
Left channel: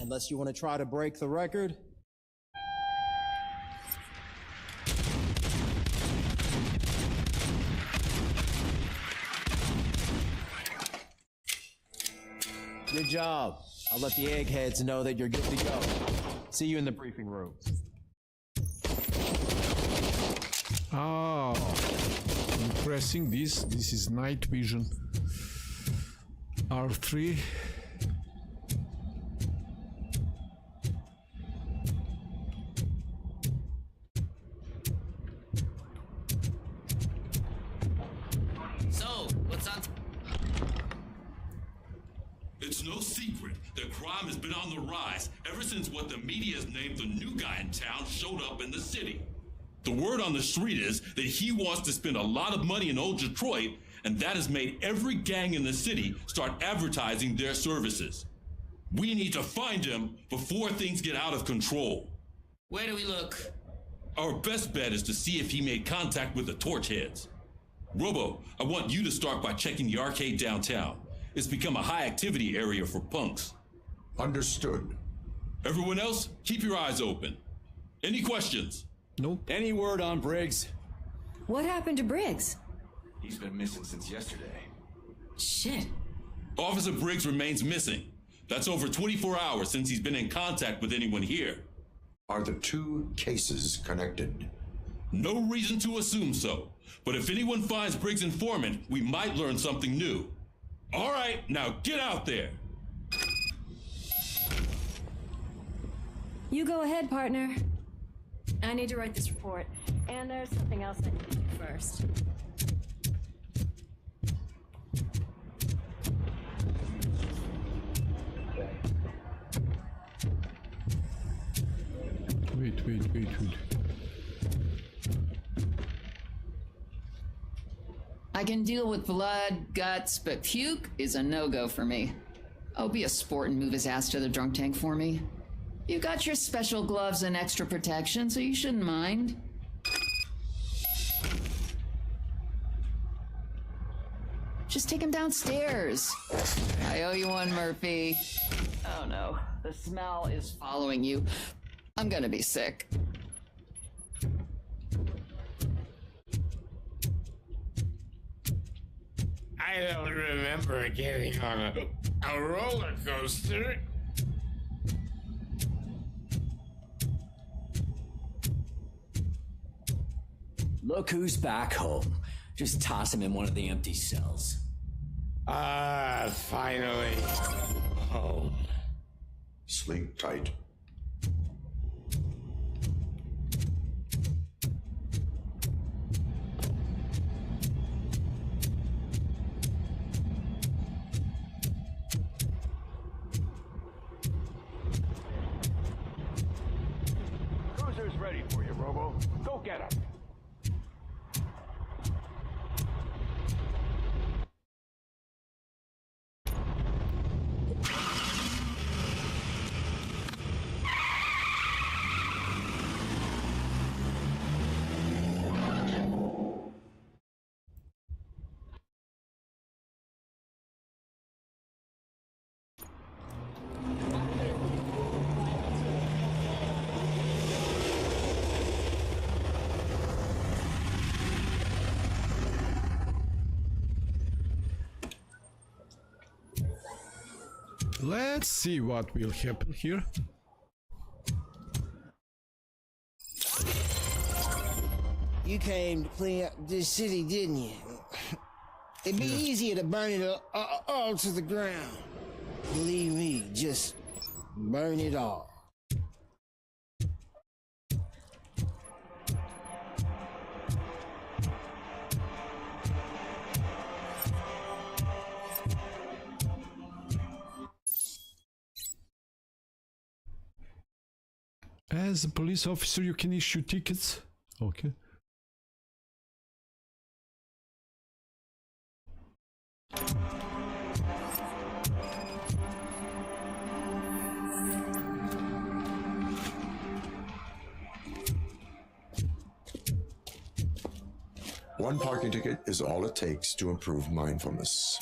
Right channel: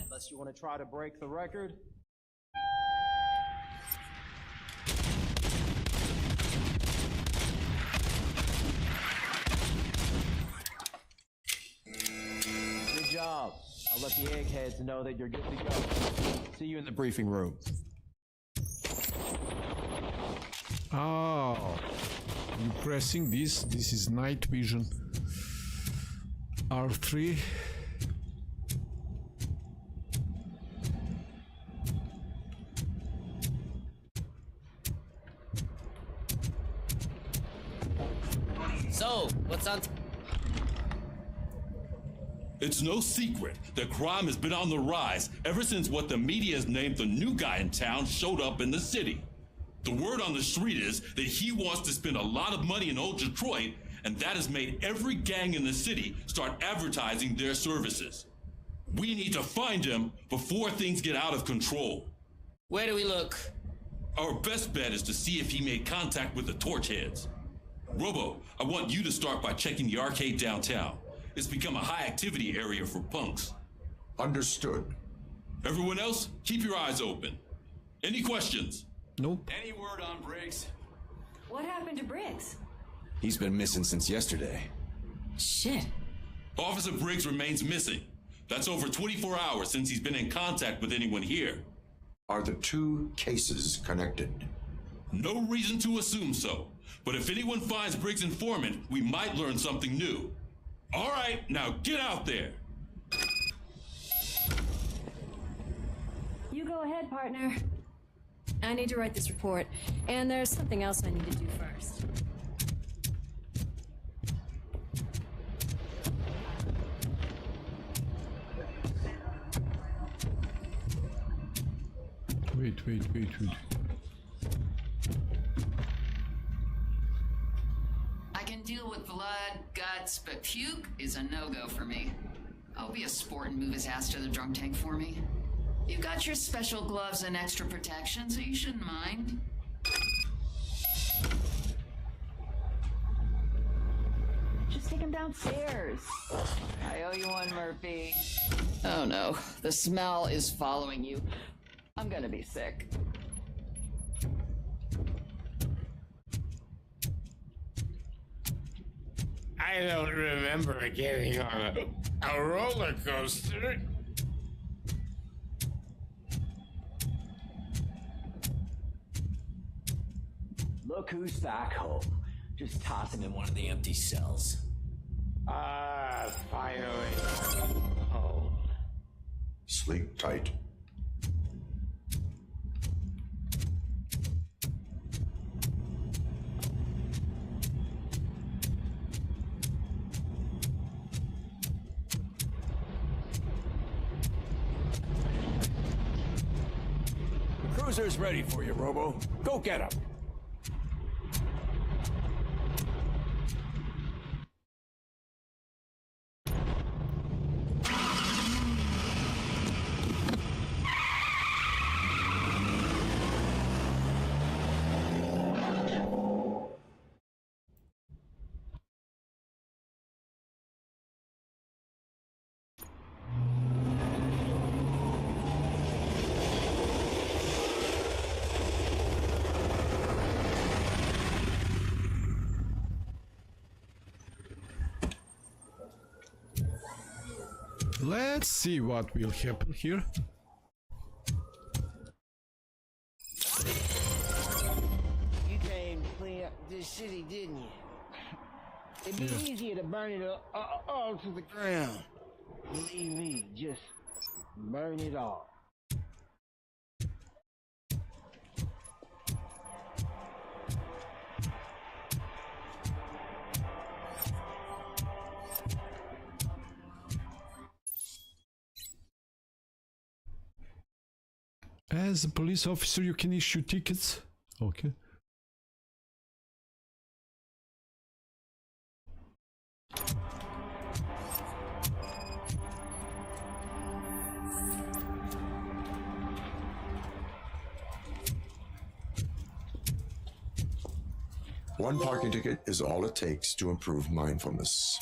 Unless you want to try to break the record. Good job. I'll let the eggheads know that you're good to go. See you in the briefing room. Oh, you pressing this? This is night vision. R3. So, what's on? It's no secret that crime has been on the rise ever since what the media has named the new guy in town showed up in the city. The word on the street is that he wants to spend a lot of money in old Detroit, and that has made every gang in the city start advertising their services. We need to find him before things get out of control. Where do we look? Our best bet is to see if he made contact with the Torchheads. Robo, I want you to start by checking the arcade downtown. It's become a high activity area for punks. Understood. Everyone else, keep your eyes open. Any questions? Nope. Any word on Briggs? What happened to Briggs? He's been missing since yesterday. Shit. Officer Briggs remains missing. That's over 24 hours since he's been in contact with anyone here. Are the two cases connected? No reason to assume so. But if anyone finds Briggs' informant, we might learn something new. All right, now get out there. You go ahead, partner. I need to write this report, and there's something else I need to do first. Wait. I can deal with blood, guts, but puke is a no-go for me. Oh, be a sport and move his ass to the drunk tank for me. You've got your special gloves and extra protection, so you shouldn't mind. Just take him downstairs. I owe you one, Murphy. Oh no, the smell is following you. I'm gonna be sick. I don't remember getting on a roller coaster. Look who's back home. Just toss him in one of the empty cells. Ah, finally. Home. Sleep tight. The cruiser's ready for you, Robo. Go get him. Let's see what will happen here. You came to clean up this city, didn't you? It'd be easier to burn it all to the ground. Believe me, just burn it all. As a police officer, you can issue tickets. Okay. One parking ticket is all it takes to improve mindfulness.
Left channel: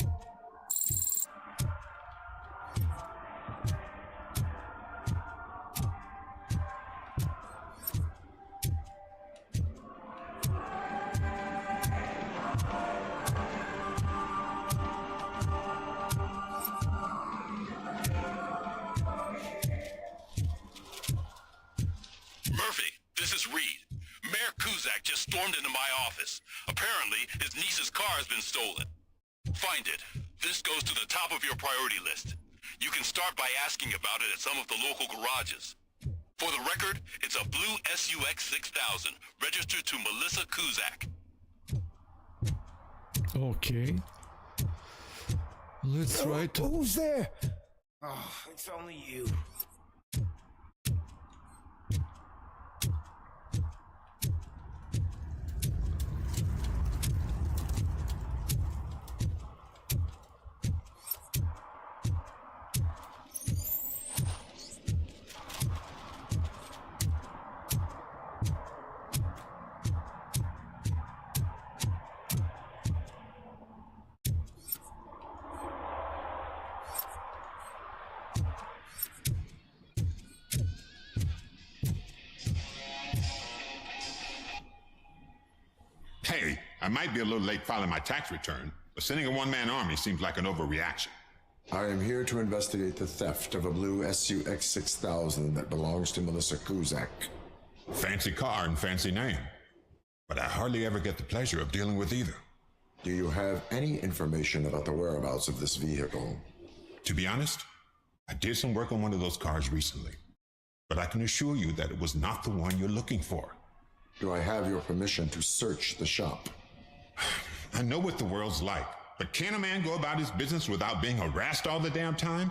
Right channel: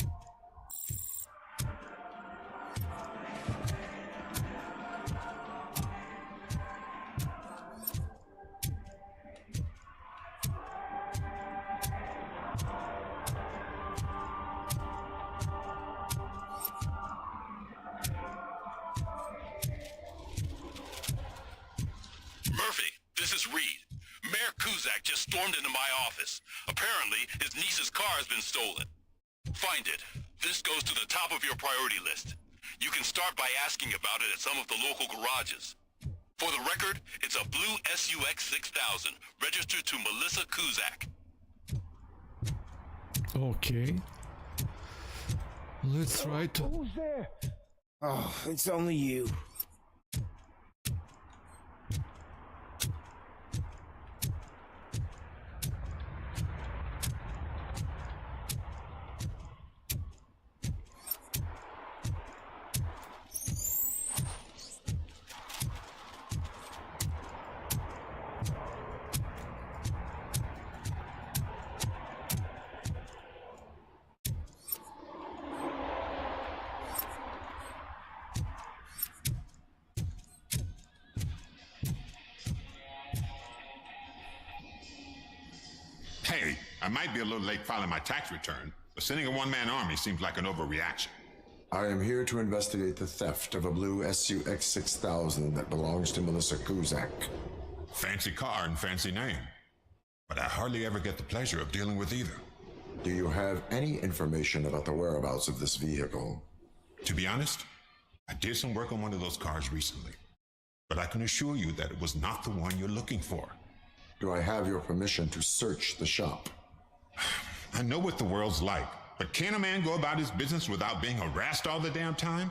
Murphy, this is Reed. Mayor Kuzak just stormed into my office. Apparently, his niece's car has been stolen. Find it. This goes to the top of your priority list. You can start by asking about it at some of the local garages. For the record, it's a blue SUX 6000, registered to Melissa Kuzak. Okay. Let's try to... Who's there? Oh, it's only you. Hey, I might be a little late filing my tax return, but sending a one-man army seems like an overreaction. I am here to investigate the theft of a blue SUX 6000 that belongs to Melissa Kuzak. Fancy car and fancy name, but I hardly ever get the pleasure of dealing with either. Do you have any information about the whereabouts of this vehicle? To be honest, I did some work on one of those cars recently, but I can assure you that it was not the one you're looking for. Do I have your permission to search the shop? I know what the world's like, but can a man go about his business without being harassed all the damn time?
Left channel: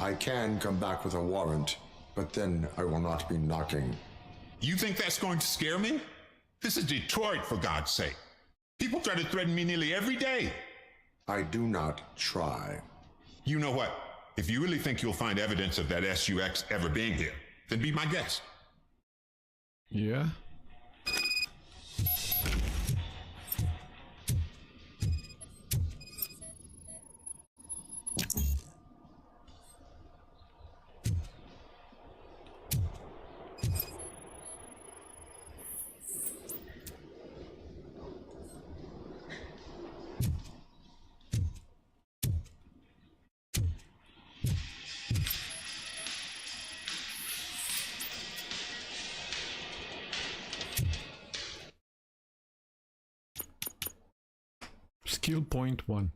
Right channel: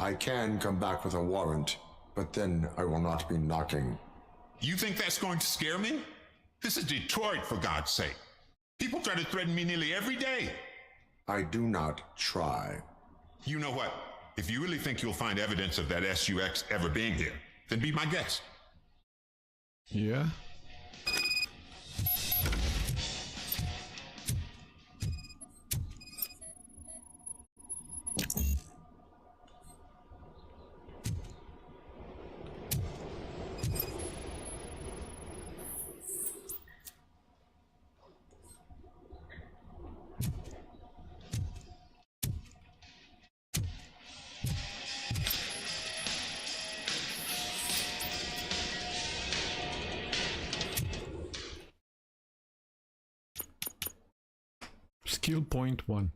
I can come back with a warrant, but then I will not be knocking. You think that's going to scare me? This is Detroit, for God's sake. People try to threaten me nearly every day. I do not try. You know what? If you really think you'll find evidence of that SUX ever being here, then be my guest. Yeah. Skill point 1.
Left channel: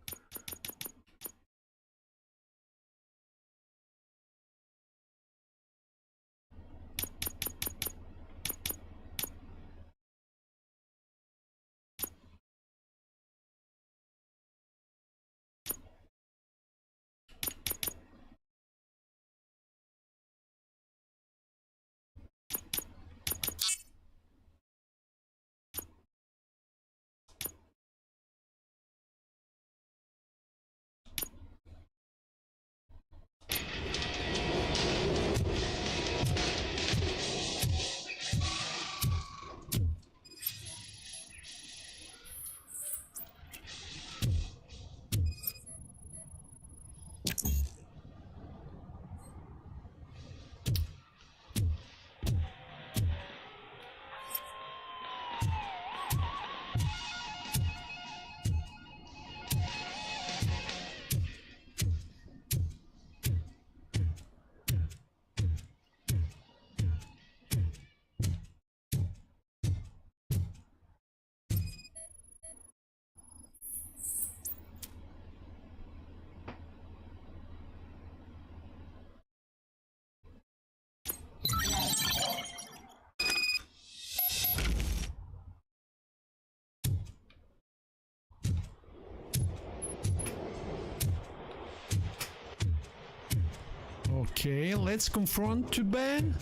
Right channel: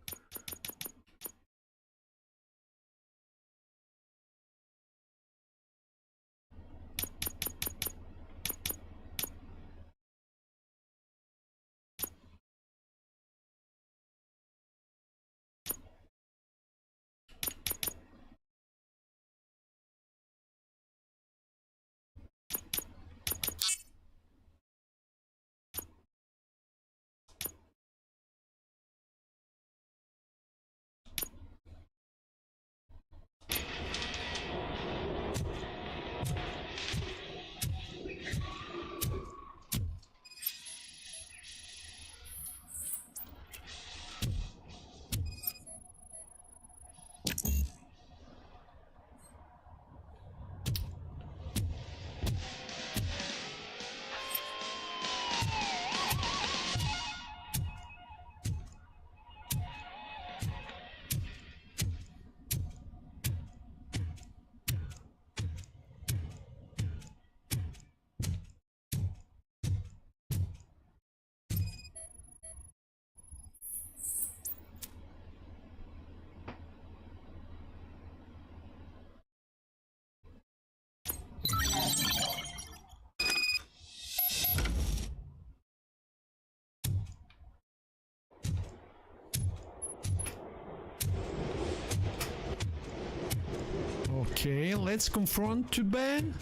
Okay, let's confront to Ben.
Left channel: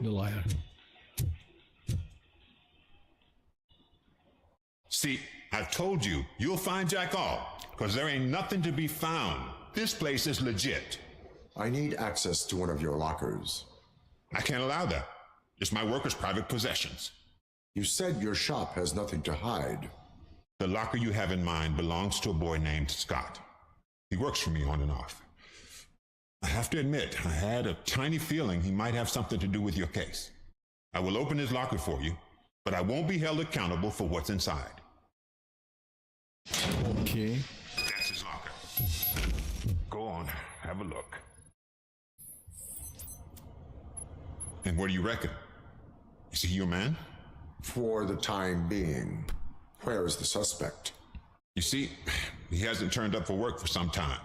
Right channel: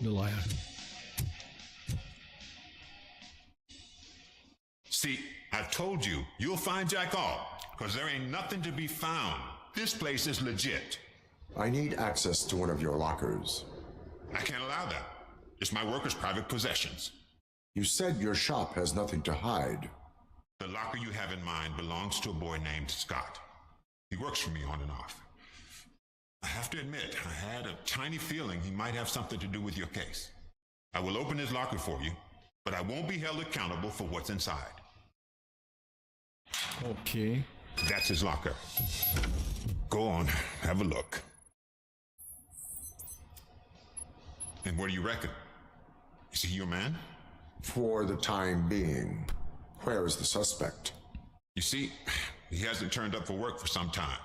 The liar. See, I've told you, you'll find Jack all, because there ain't nothing to be found. This place is legit. I need access to one of your lockers. I can't allow that. It's my workers' private possessions. You said your shop has nothing to hide. The locker you have in mind belongs to a boy named Scott. He works for me on and off. I have to admit, I had a tiny feeling he might have something to do with your case. I will open his locker for you, but I won't be held accountable for what's inside. Okay. That's his locker. Go on, have a look. And what do you reckon? Is he your man? For the time being. Where is the suspect? You see, he hasn't turned up for work for some time.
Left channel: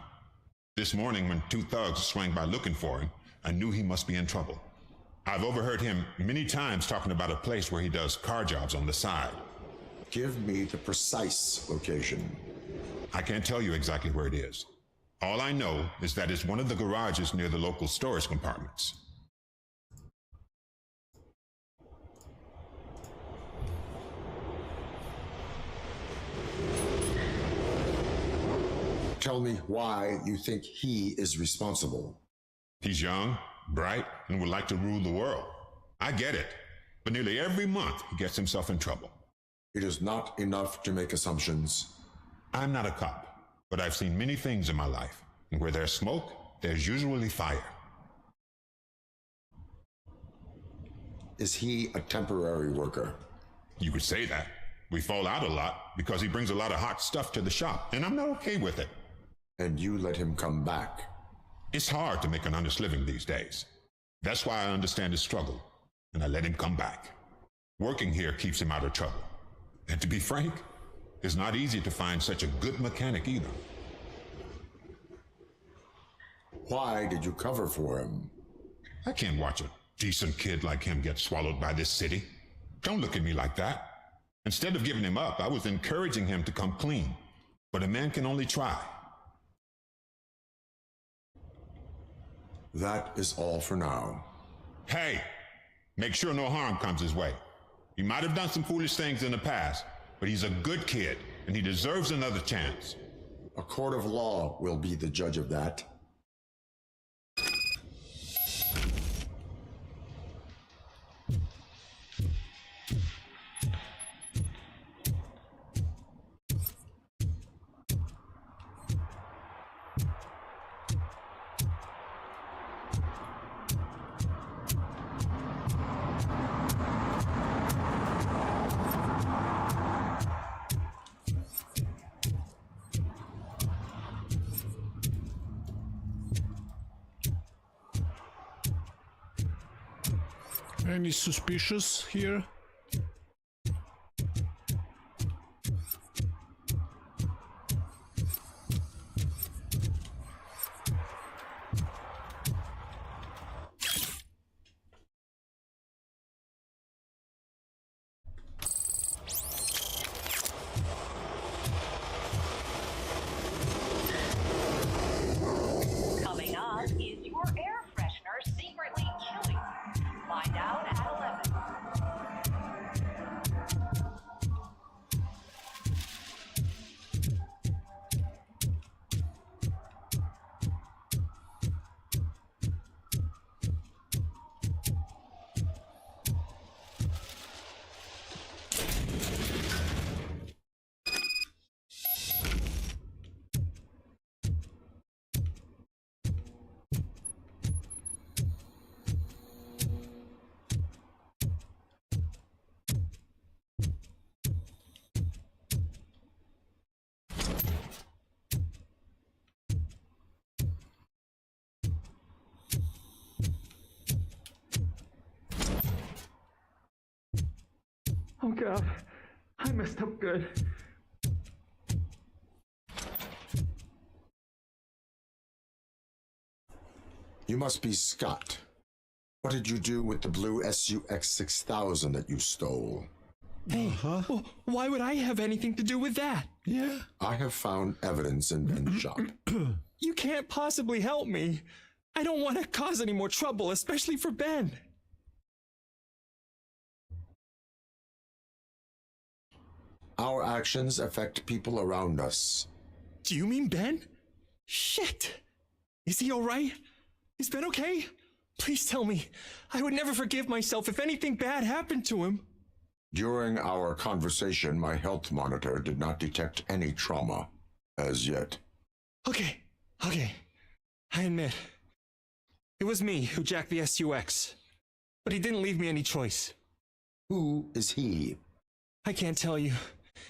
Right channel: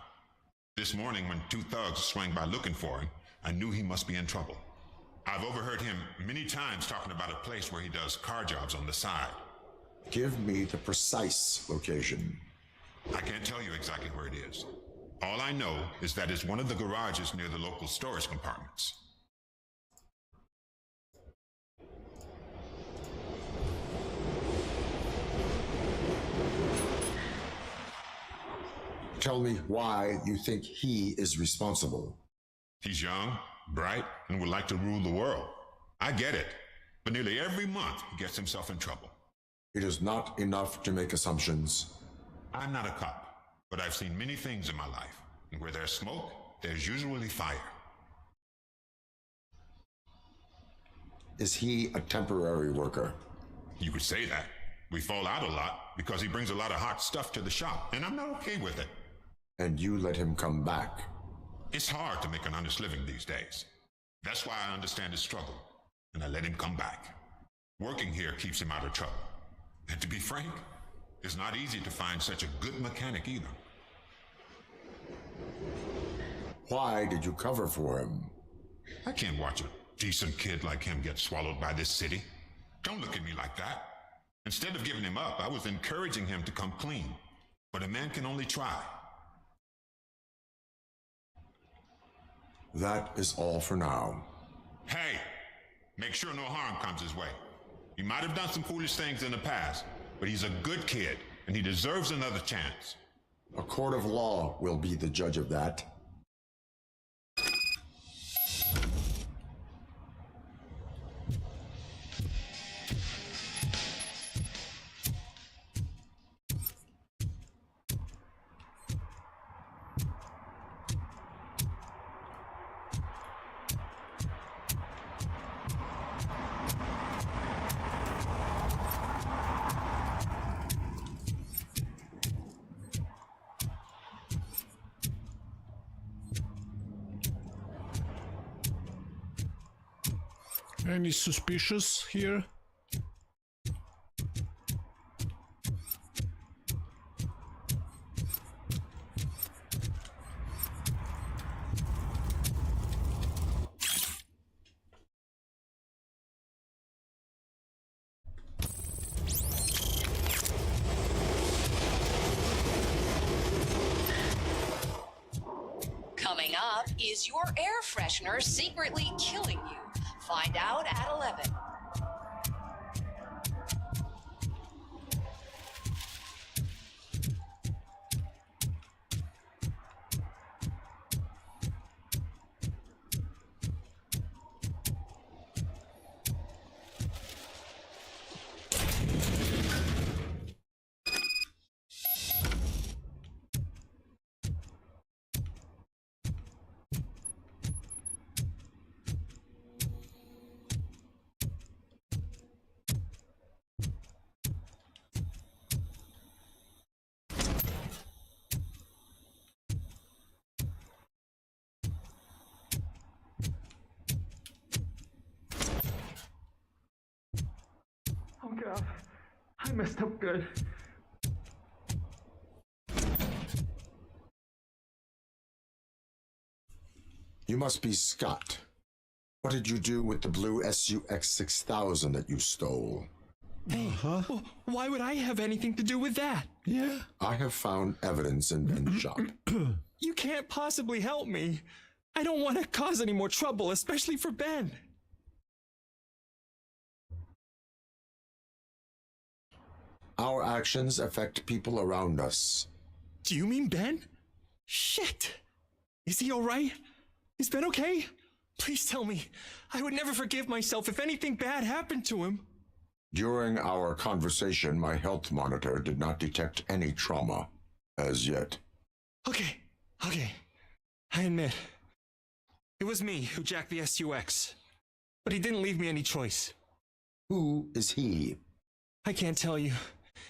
This morning, when two thugs swang by looking for him, I knew he must be in trouble. I've overheard him many times talking about a place where he does car jobs on the side. Give me the precise location. I can't tell you exactly where it is. All I know is that it's one of the garages near the local storage compartments. Tell me why you think he is responsible. He's young, bright, and would like to rule the world. I get it. But nearly every month, he gets himself in trouble. It is not enough to make assumptions. I'm not a cop, but I've seen many things in my life. And where there's smoke, there's usually fire. Is he a temporary worker? You could say that. We fall out a lot because he brings a lot of hot stuff to the shop, and I'm not okay with it. And you let him come back? It's hard to make an honest living these days. That's why I understand his struggle, and I let him come back. Working here keeps him out of trouble. And to be frank, it's not easy to find such a good mechanic either. Why did you cover for him? I can't watch a decent kid like him get swallowed by this city. Don't look at me like that. Instead of giving him up, I was encouraging him to come clean. But a man can only try. That is all for now. Hey, Make sure no harm comes his way. He might have done some foolish things in the past, but he's a good kid, and he deserves another chance. A court of law will be the judge of that. Any suspicious here? Coming up, is your air freshener secretly killing you? Find out at 11. Oh god, I messed up good. You must be Scott. What did you do with the blue SUX 6000 that you stole? Hey, well, why would I have anything to do with that? Yeah. I have found evidence in Ben's shop. You can't possibly help me. I don't want to cause any more trouble, especially for Ben. Our actions affect people around us. Do you mean Ben? Shit! Is he alright? Is Ben okay? Please tell me. I would never forgive myself if anything bad happened to him. During our conversation, my health monitor did not detect any trauma as yet. Okay. I admit. It was me who jacked the SUX. But he didn't leave me any choice. Who is he? I can't tell you.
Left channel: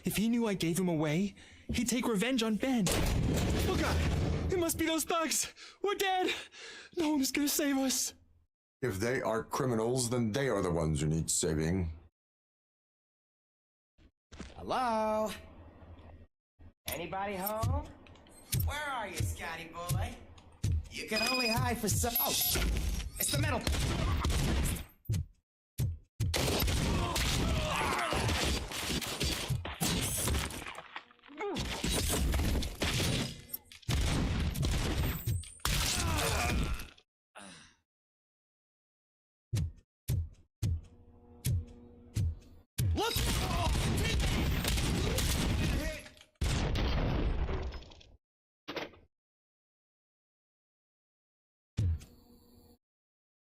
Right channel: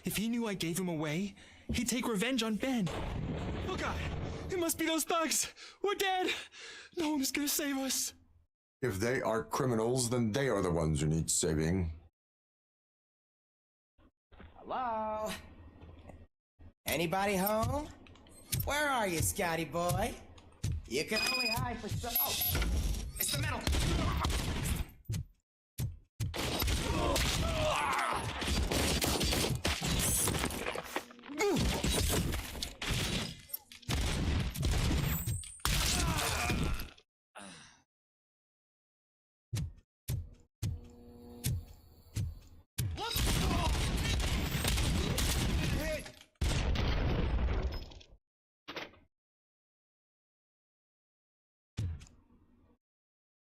If he knew I gave him away, he'd take revenge on Ben. Oh god, it must be those thugs. We're dead. No one is gonna save us. If they are criminals, then they are the ones who need saving. Hello? Anybody home? Where are you, Scotty boy? You can only hide for so... Oh, it's the metal...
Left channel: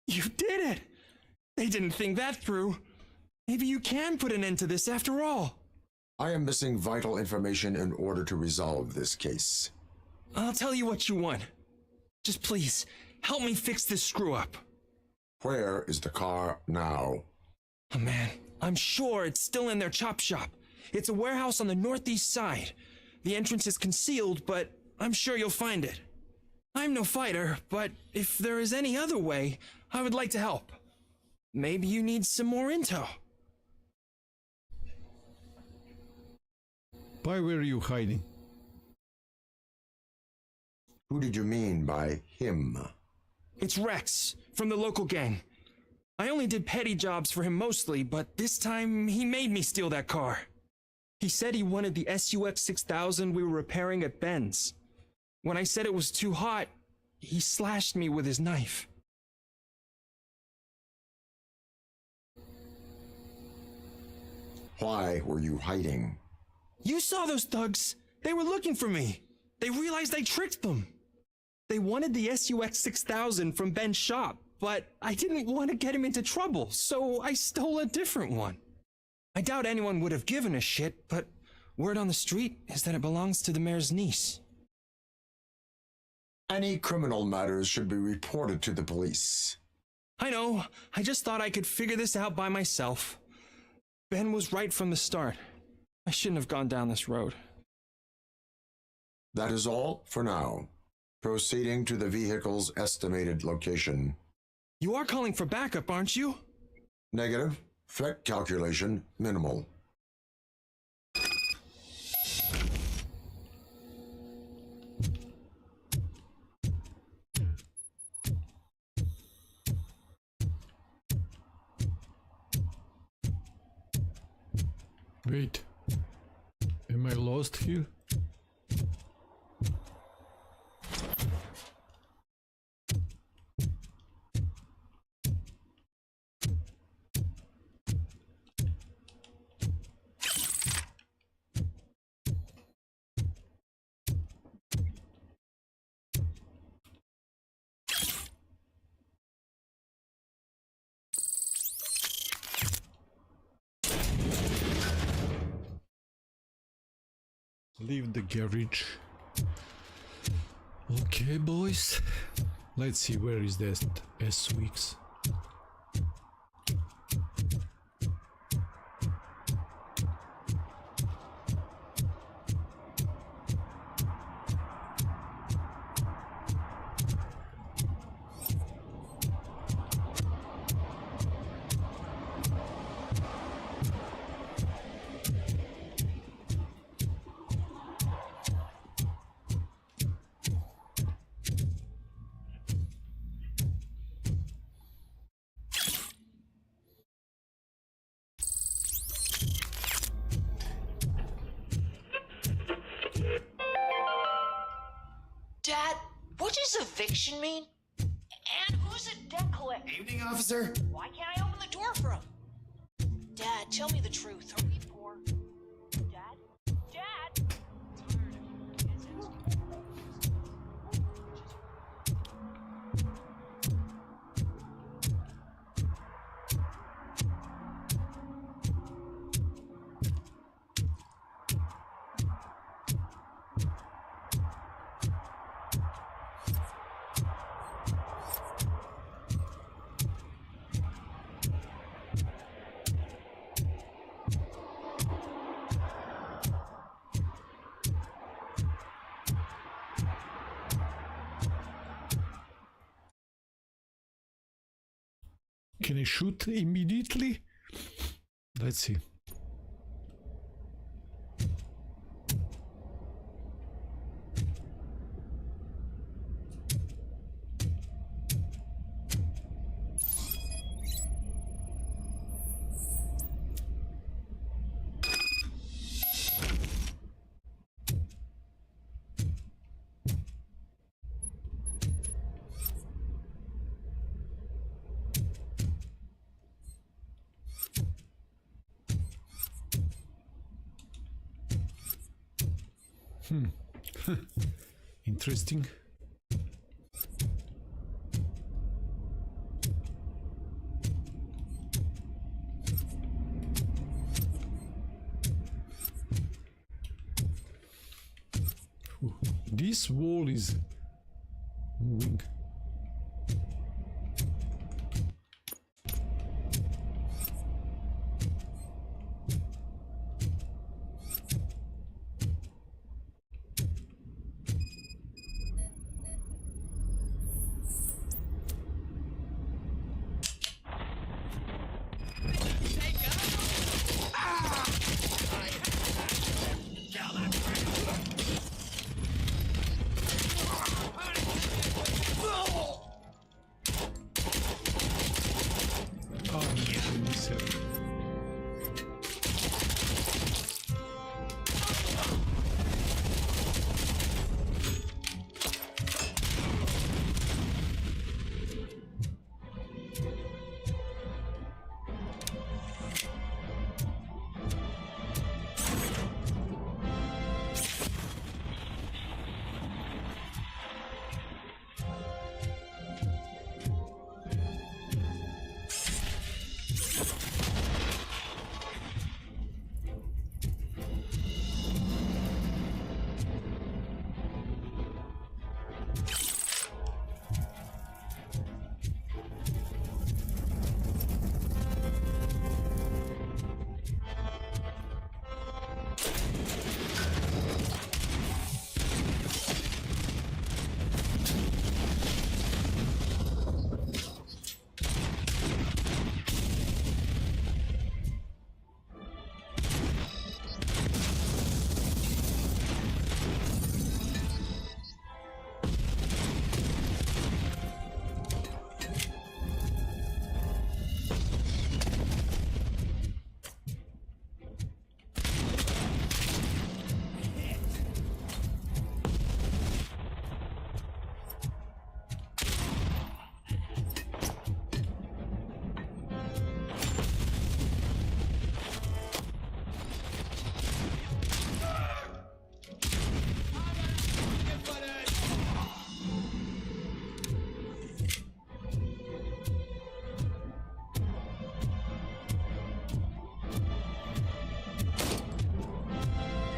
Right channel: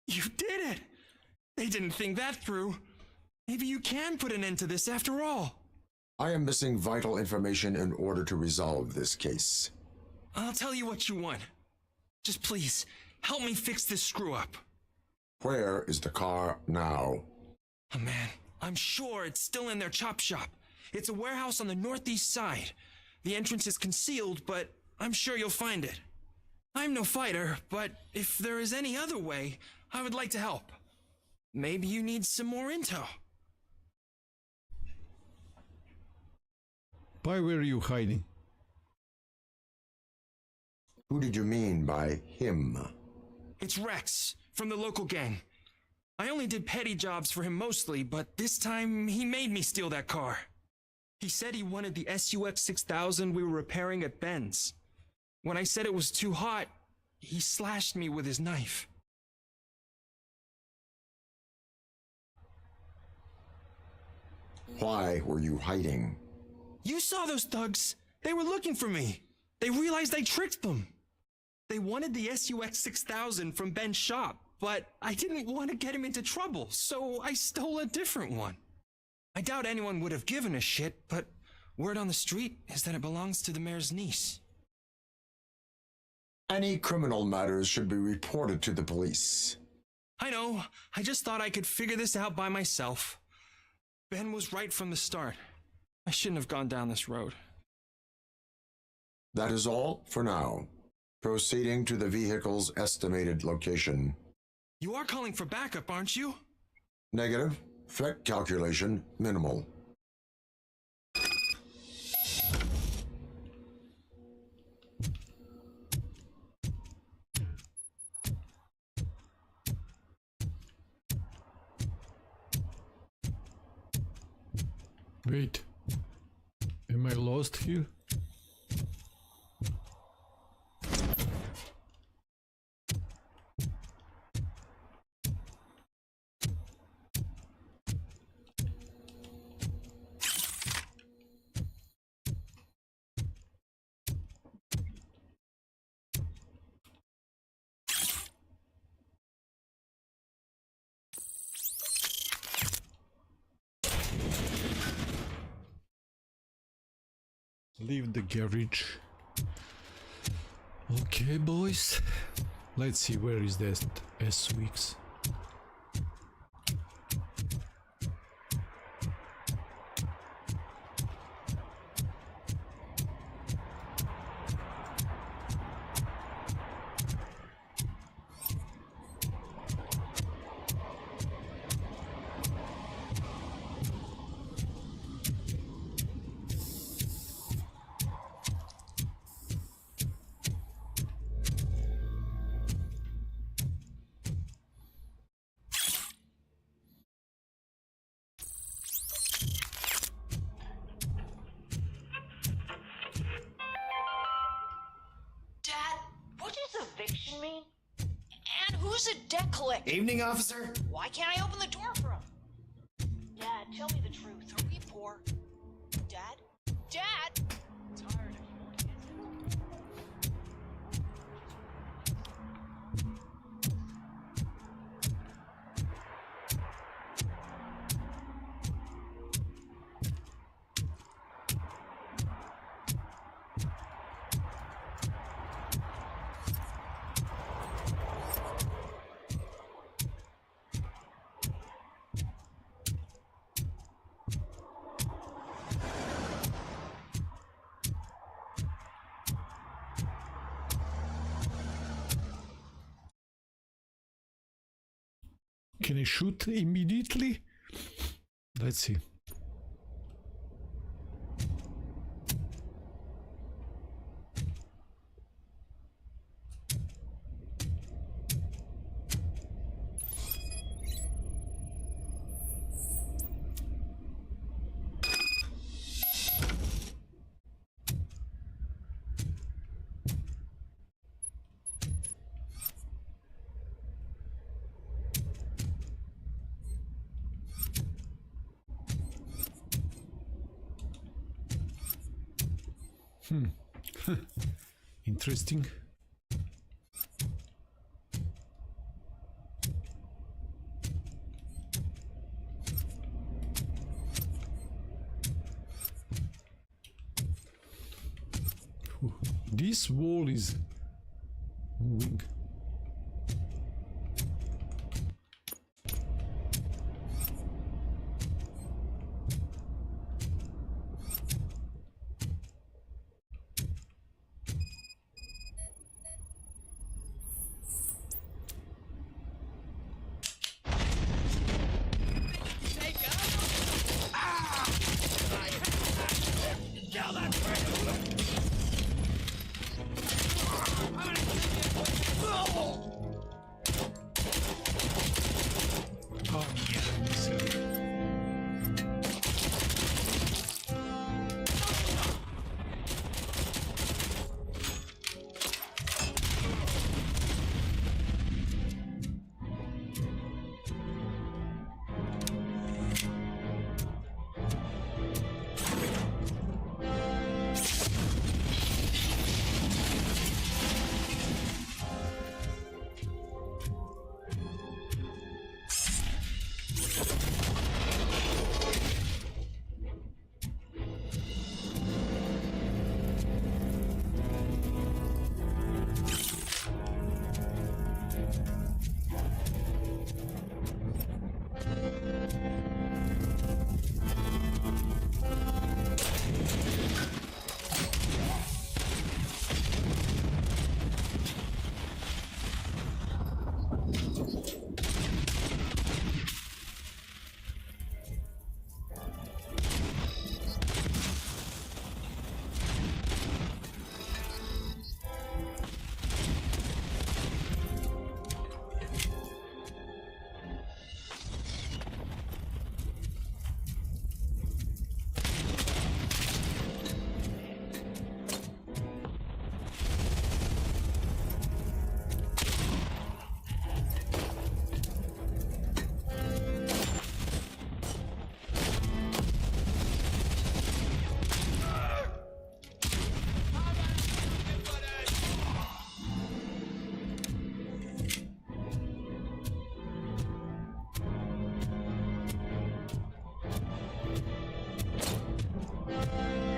You did it! They didn't think that through. Maybe you can put an end to this after all. I am missing vital information in order to resolve this case. I'll tell you what you want. Just please, help me fix this screw-up. Where is the car now? Oh man, I'm sure it's still in their chop shop. It's a warehouse on the northeast side. The entrance is concealed, but I'm sure you'll find it. I'm no fighter, but if there is any other way, I would like to help. Maybe you need some more intel. Why were you hiding? Who did you mean by him? It's Rex, from the local gang. I only did petty jobs for him mostly, but this time he made me steal that car. He said he wanted the SUX 6000 we were repairing at Ben's. When I said it was too hot, he slashed me with his knife. Why were you hiding? You saw those thugs. They were looking for me. They realized I tricked them. They wanted the SUX 6000 from Ben's shop, but I didn't want to get him into trouble, so I stole a different one. I doubt anyone would have given a shit, but word on the street is that it belongs to the mayor's niece. Any criminal matters should be reported to the police. I know. I just thought I could figure this out by myself. Ben was right from the start. I shouldn't have gone down this road. That is all for now. Proceeding to the vehicle's estimated location. You are calling for backup, aren't you? Negative. Threat calculation minimal. Wait. Am I lost here? Leave the garage. Okay, boys. Let's see, where is that SUX? Dad, what does eviction mean? And who's a debt collector? Evening, officer. Why can't I open the door for him? Dad, tell me the truth. Are we poor? Dad? Dad? Tired of your visits. Can I shoot immediately? Let's see. Interesting. This wall is moving.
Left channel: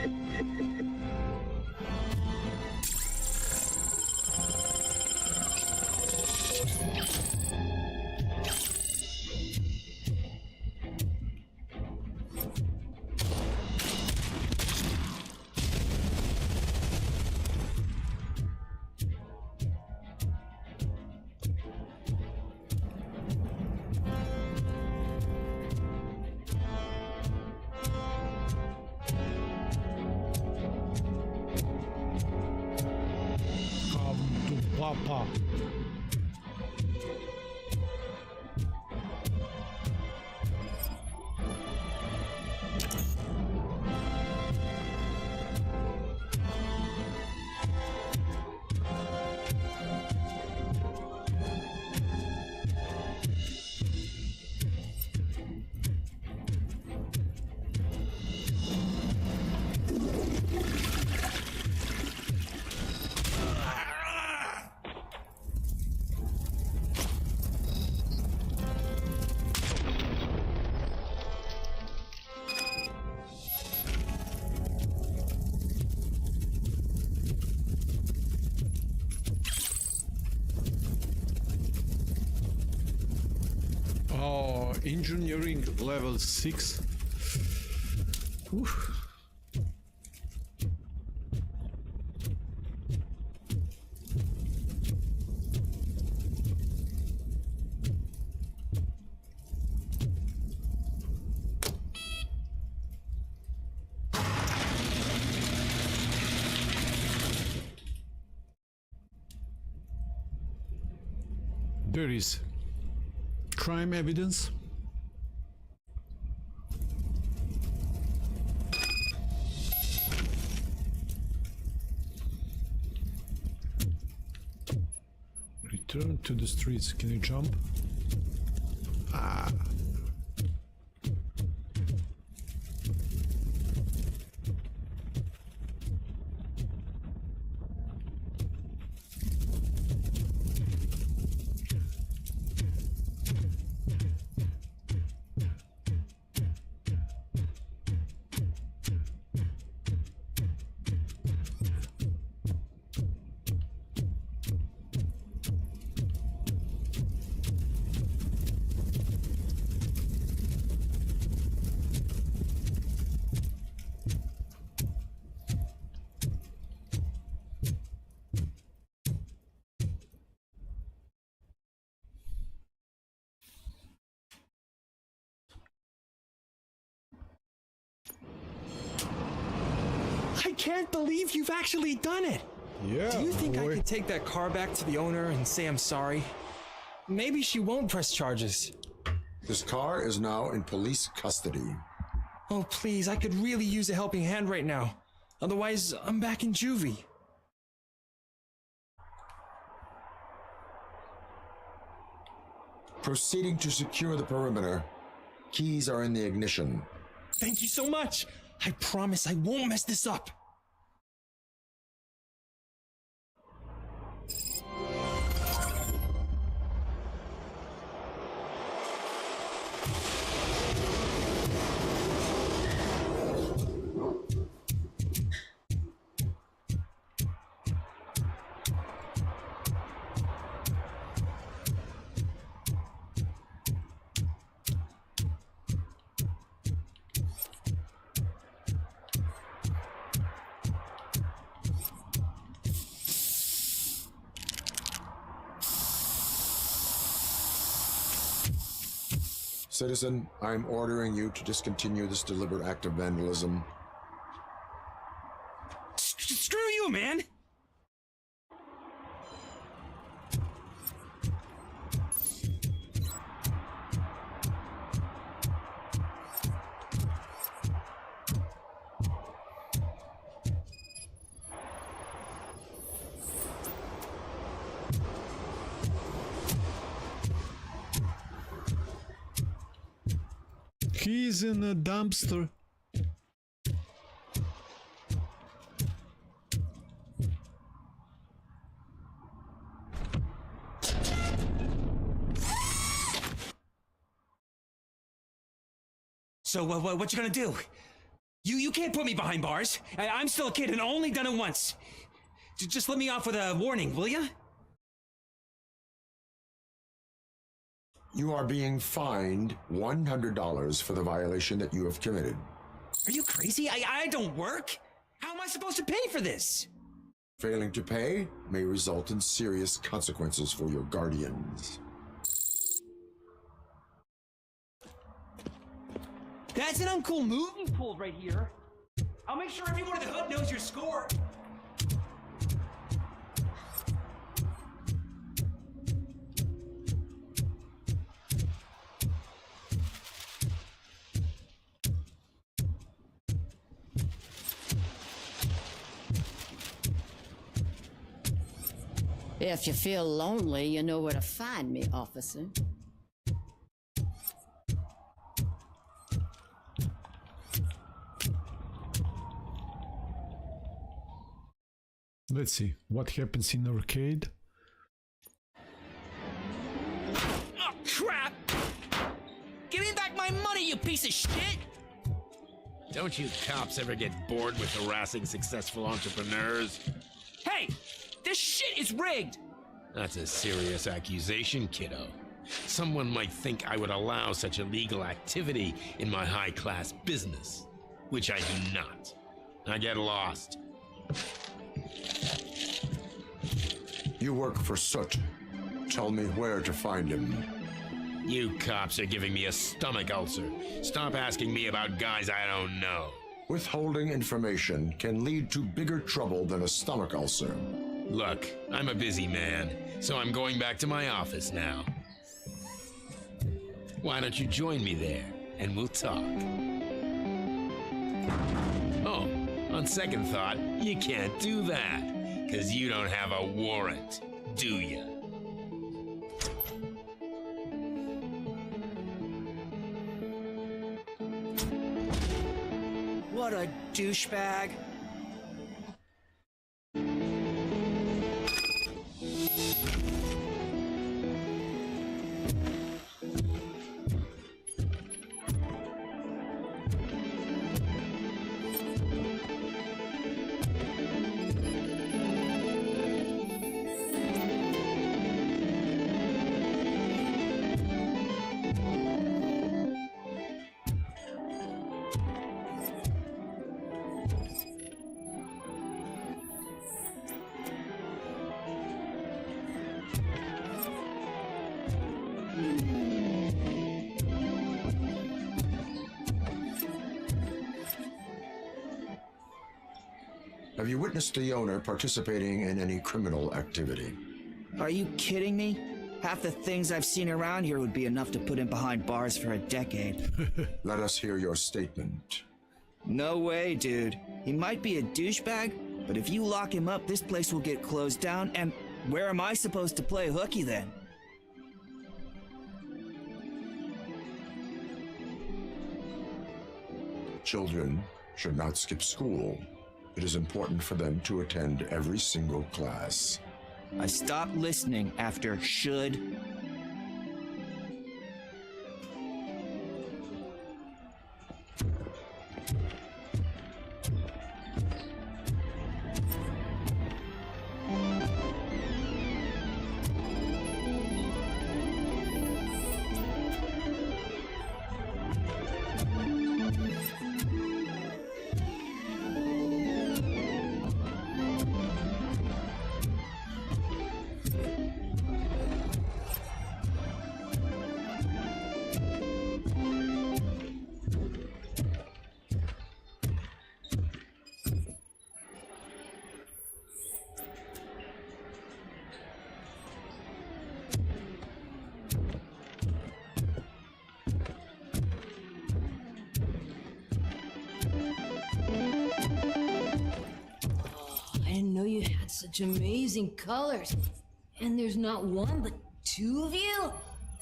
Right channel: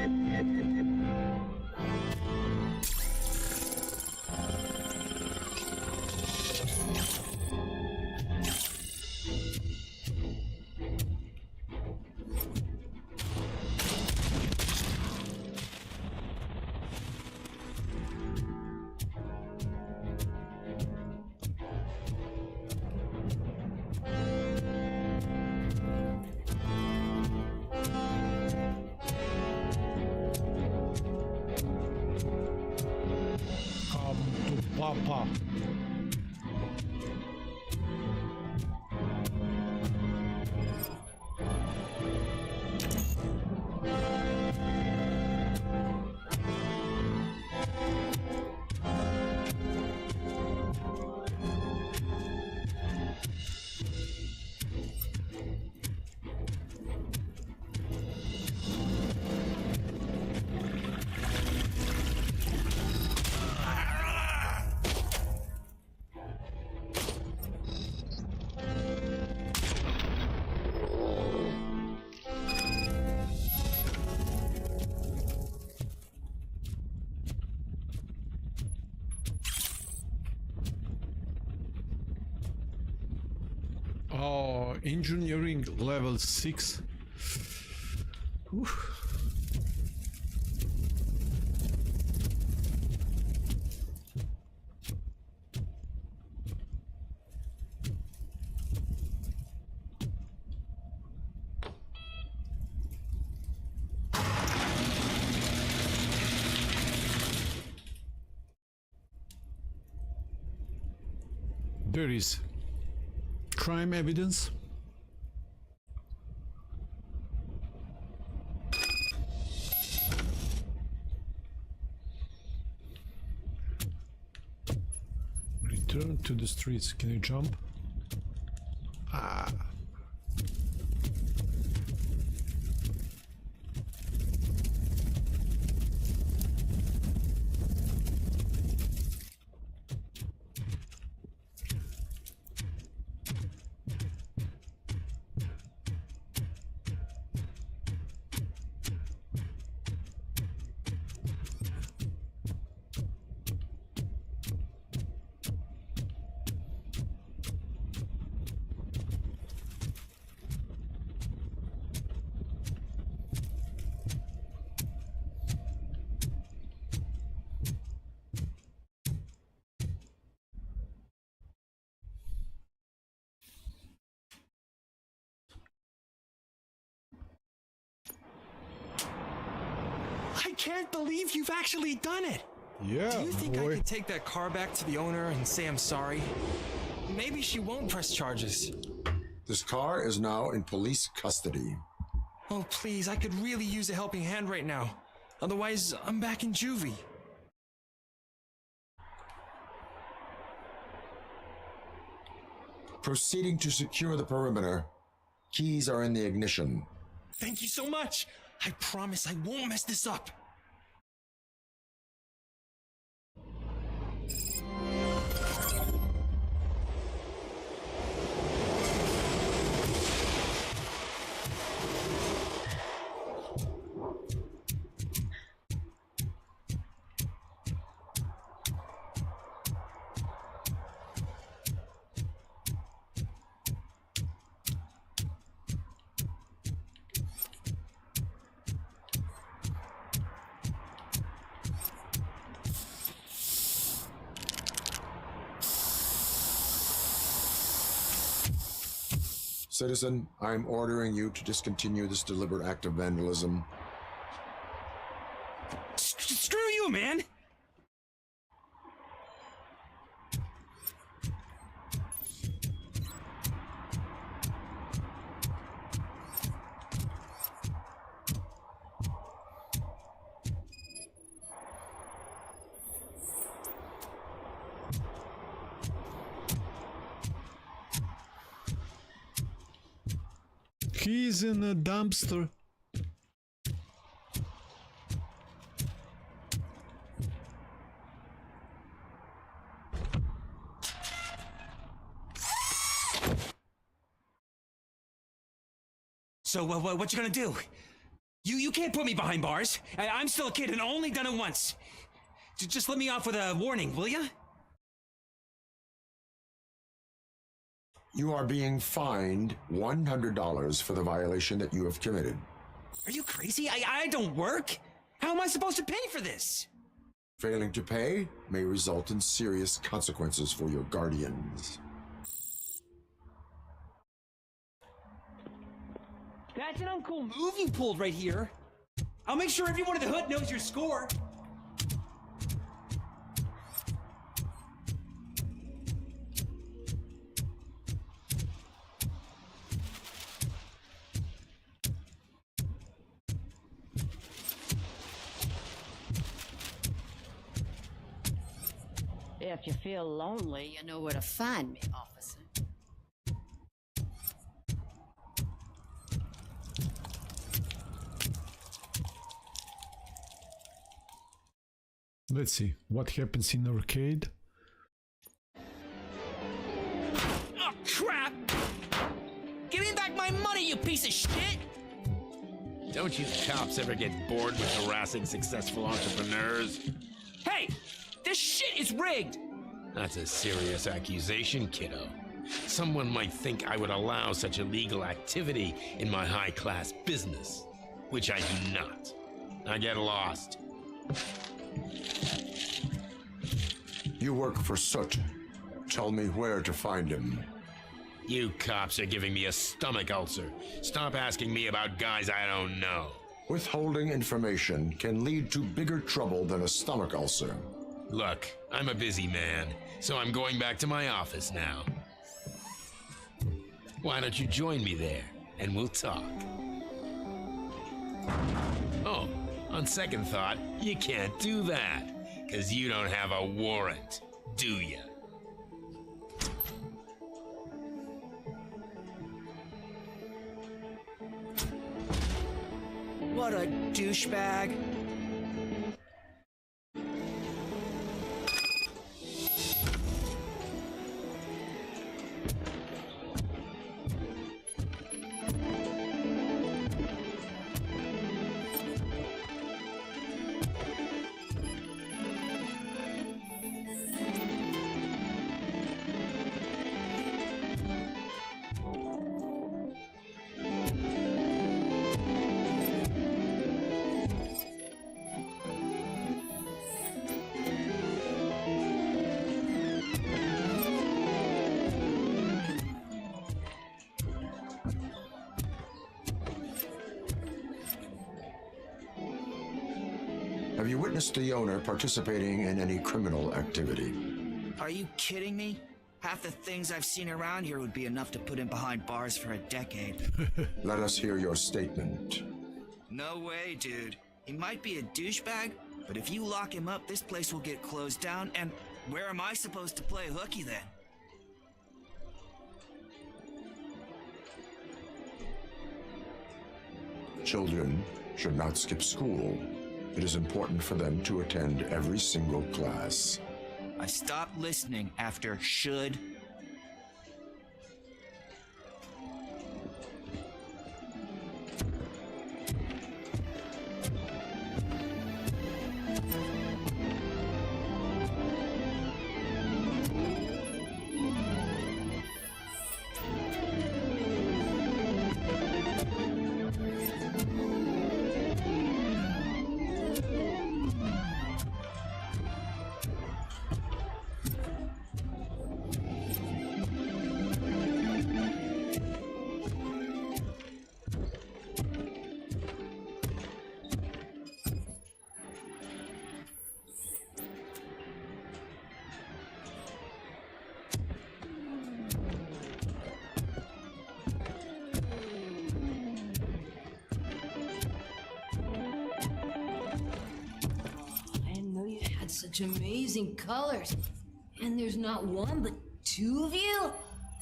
Come to Papa. Oh, engineering level 6. Whew. There is crime evidence. Return to the streets. Can you jump? Ah. I can't believe you've actually done it! Yeah, do you think boy. I could take that car back to the owner and say I'm sorry? Maybe she won't press charges. This car is now in police custody. Oh, please, I could really use a helping hand right now. Otherwise, I'm back in juvie. Proceeding to secure the perimeter. Keys are in the ignition. Thank you so much! I promise I won't mess this up! Citizen, I'm ordering you to discontinue this deliberate act of vandalism. Screw you, man! He's in a dumpster. So, what you gonna do? You can't put me behind bars. I'm still a kid and only done it once. Just let me off with a warning, will ya? You are being fined $100 for the violation that you have committed. Are you crazy? I don't work. How am I supposed to pay for this? Failing to pay may result in serious consequences for your guardians. That's an uncool move you pulled right here. I'll make sure everyone in the hood knows your score. If you feel lonely, you know where to find me, officer. Let's see what happens in arcade. Oh, crap! Give me back my money, you piece of shit! Don't you cops ever get bored with harassing successful entrepreneurs? Hey! This shit is rigged! That's a serious accusation, kiddo. Someone might think I would allow such illegal activity in my high-class business, which I do not. I get lost. You work for Soot. Tell me where to find him. You cops are giving me a stomach ulcer. Stop asking me about guys I don't know. Withholding information can lead to bigger trouble than a stomach ulcer. Look, I'm a busy man, so I'm going back to my office now. Why don't you join me there, and we'll talk. Oh, on second thought, you can't do that, 'cause you don't have a warrant, do ya? What a douchebag. Have you witnessed the owner participating in any criminal activity? Are you kidding me? Half the things I've seen around here would be enough to put him behind bars for a decade. Let us hear your statement. No way, dude. He might be a douchebag, but if you lock him up, this place will get closed down, and where am I supposed to play hooky then? Children should not skip school. It is important for them to attend every single class. I stopped listening after should. Such amazing colors. And there's not one, but two of you?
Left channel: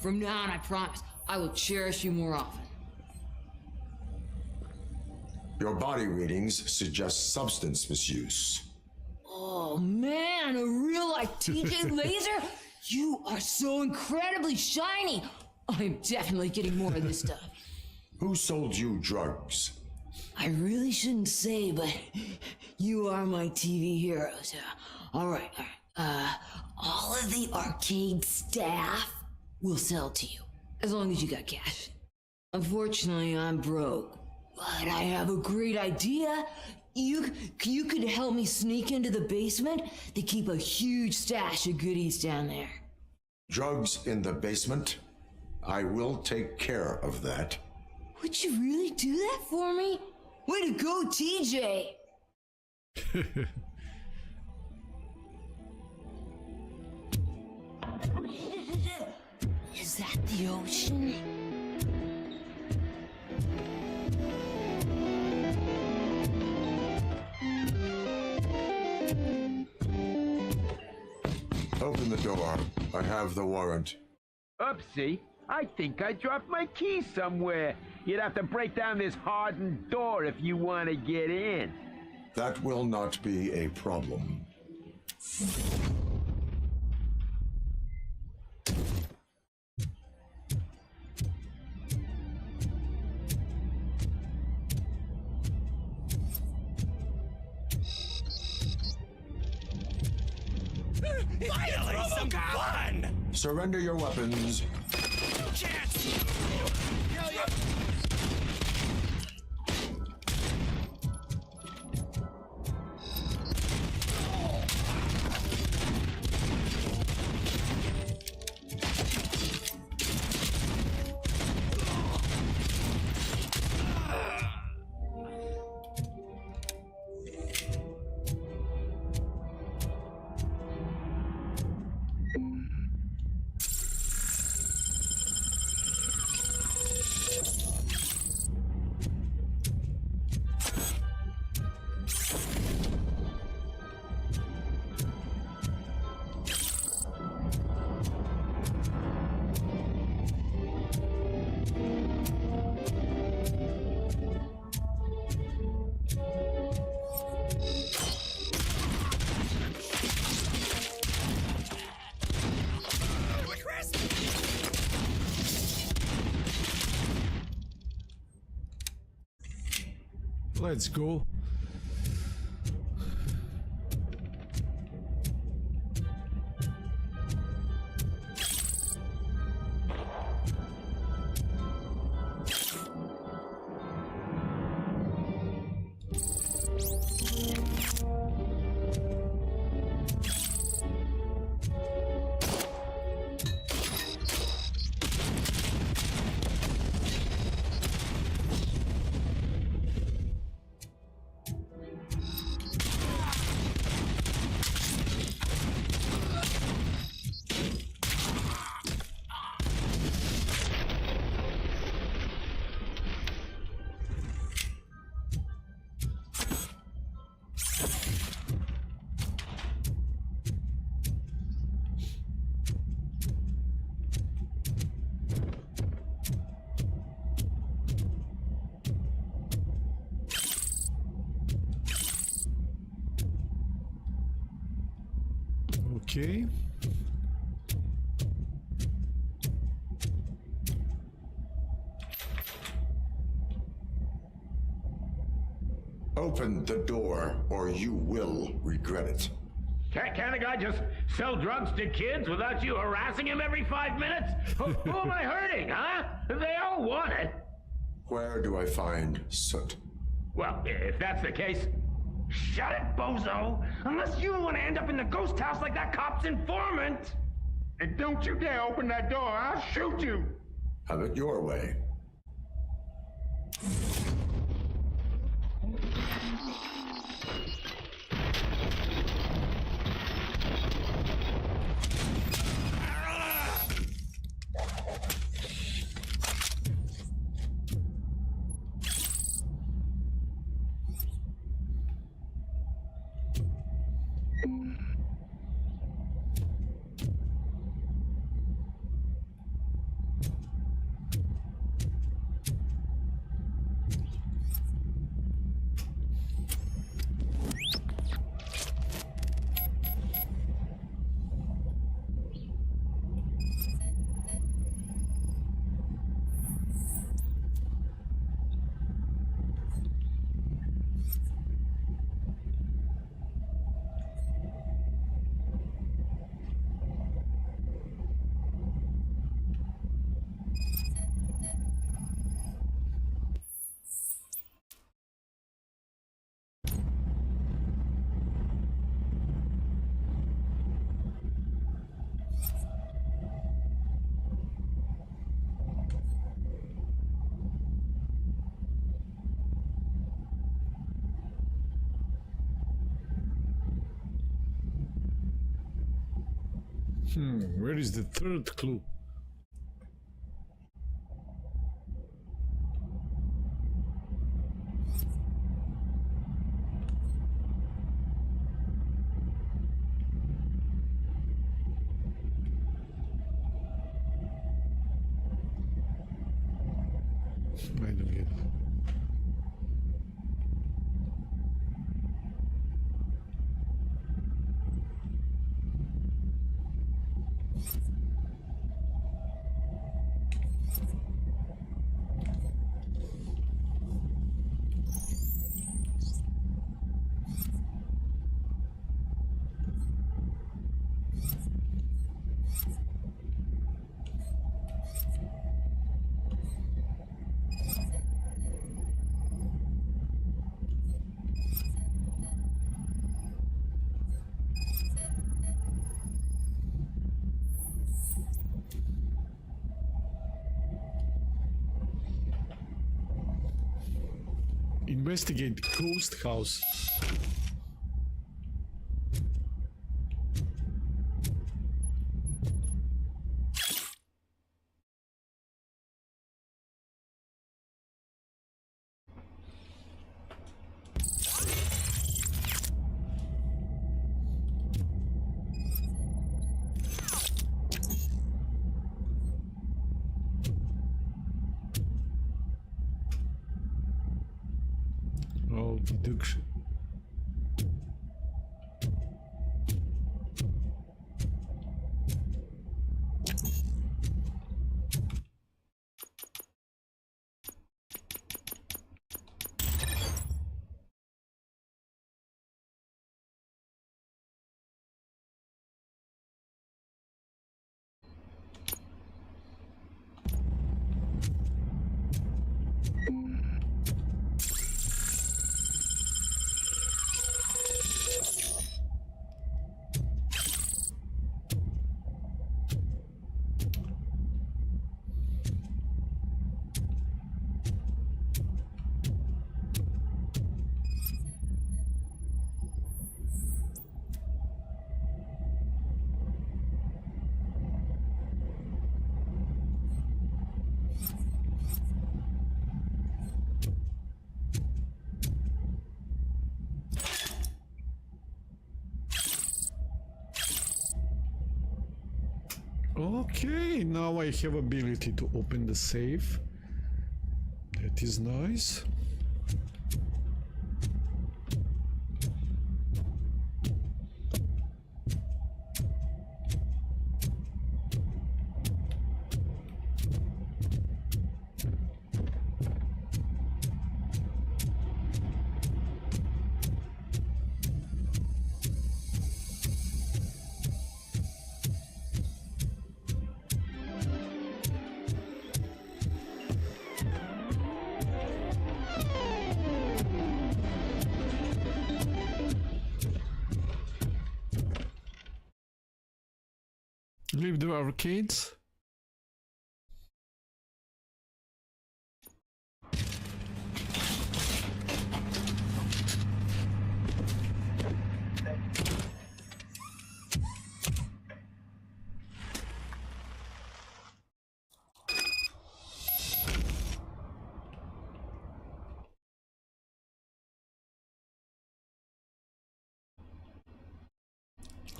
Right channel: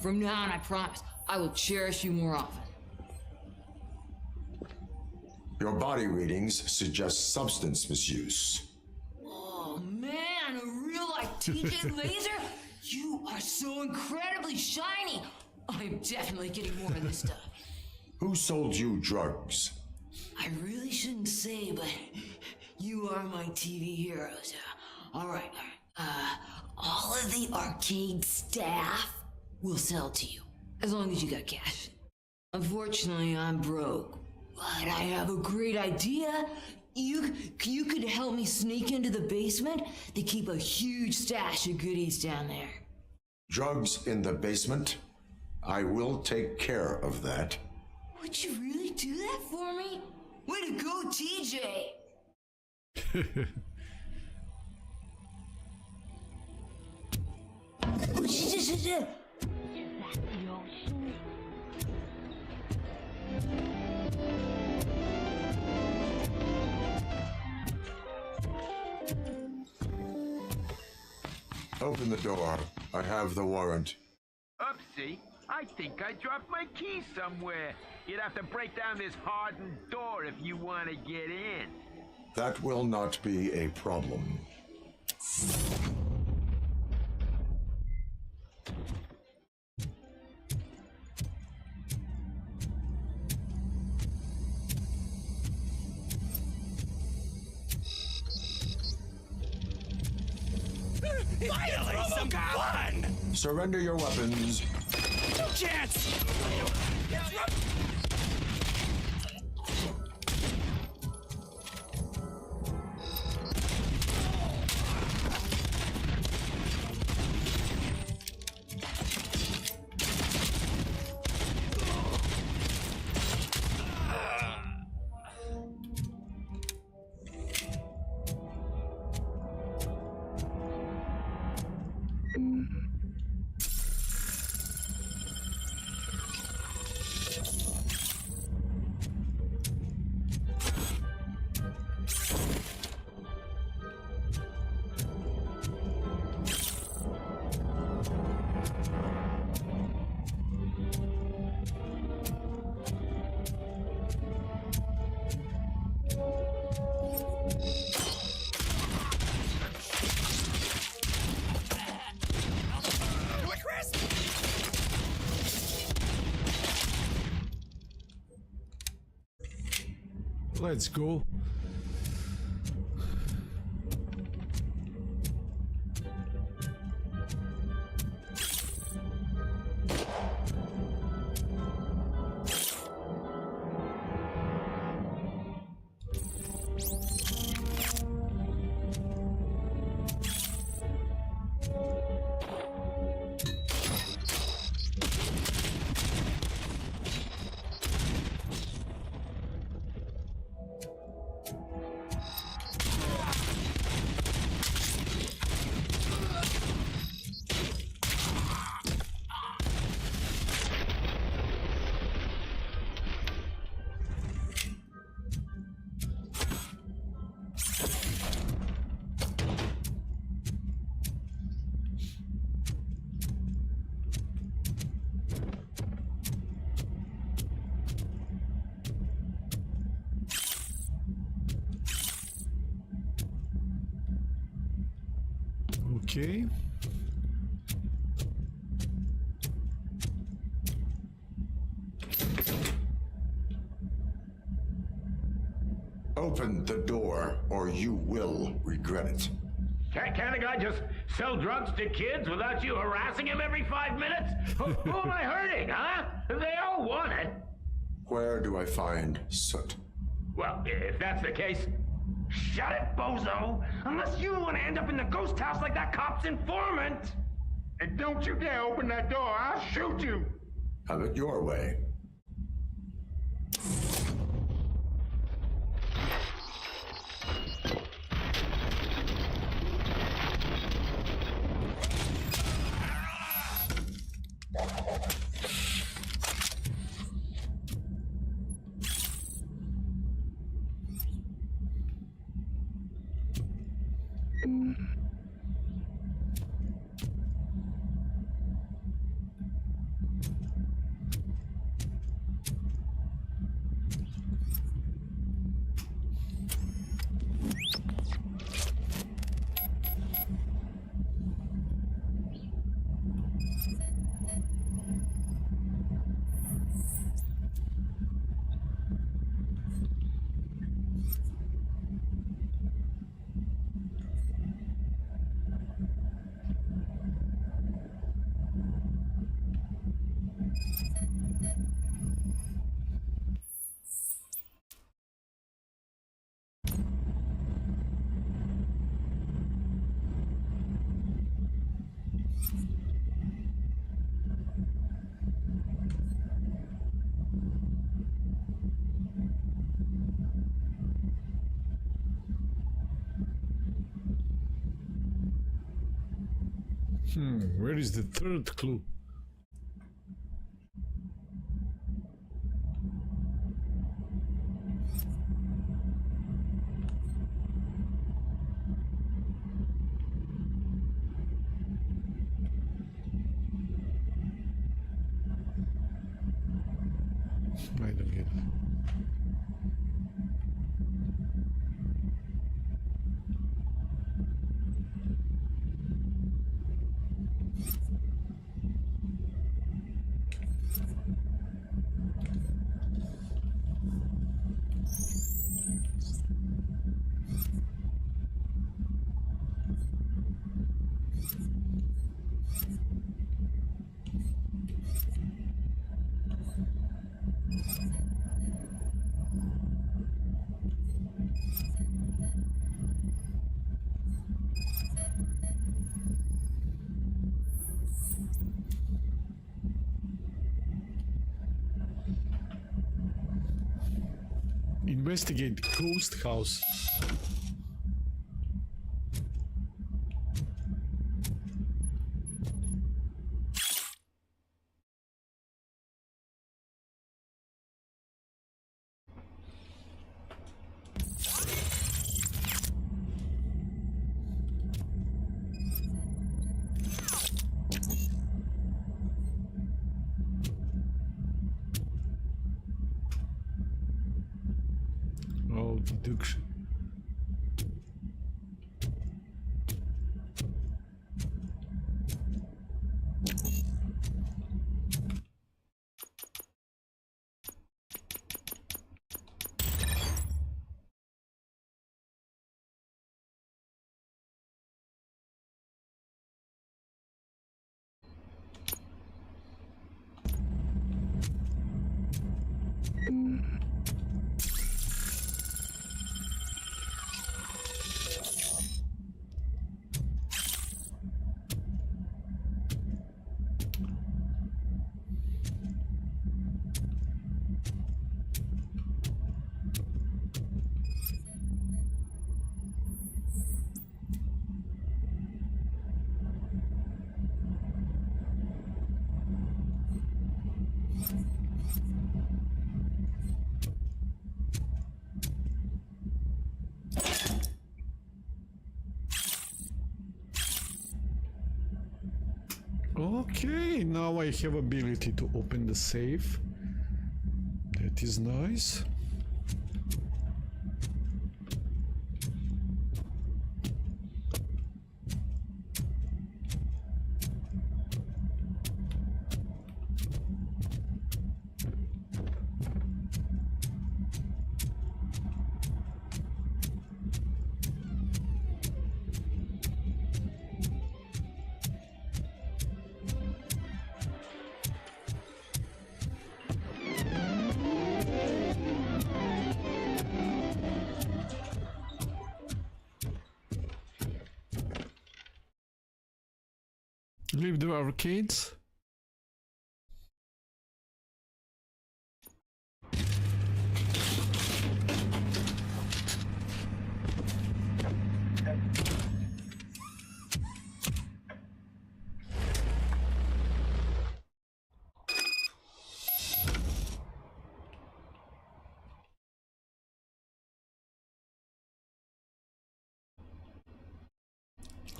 From now on, I promise, I will cherish you more often. Your body readings suggest substance misuse. Oh man, a real-life TJ Laser? You are so incredibly shiny. I'm definitely getting more of this stuff. Who sold you drugs? I really shouldn't say, but you are my TV heroes. All right. All of the arcade staff will sell to you, as long as you got cash. Unfortunately, I'm broke, but I have a great idea. You could help me sneak into the basement. They keep a huge stash of goodies down there. Drugs in the basement? I will take care of that. Would you really do that for me? Way to go, TJ! Is that the ocean? Open the door. I have the warrant. Oopsie. I think I dropped my keys somewhere. You'd have to break down this hardened door if you want to get in. That will not be a problem. Finally, some fun! Surrender your weapons. No chance! Let's go. Okay. Open the door, or you will regret it. Can't a guy just sell drugs to kids without you harassing him every 5 minutes? Who am I hurting, huh? They all want it. Where do I find Soot? Well, if that's the case, shut it, bozo! Unless you want to end up in the ghost house like that cop's informant! And don't you dare open that door, I'll shoot you! Have it your way. Where is the third clue? I don't get it. Investigate ghost house. Oh, deduction. Okay, now I have ability to open the safe. That is nice. Leave the arcades.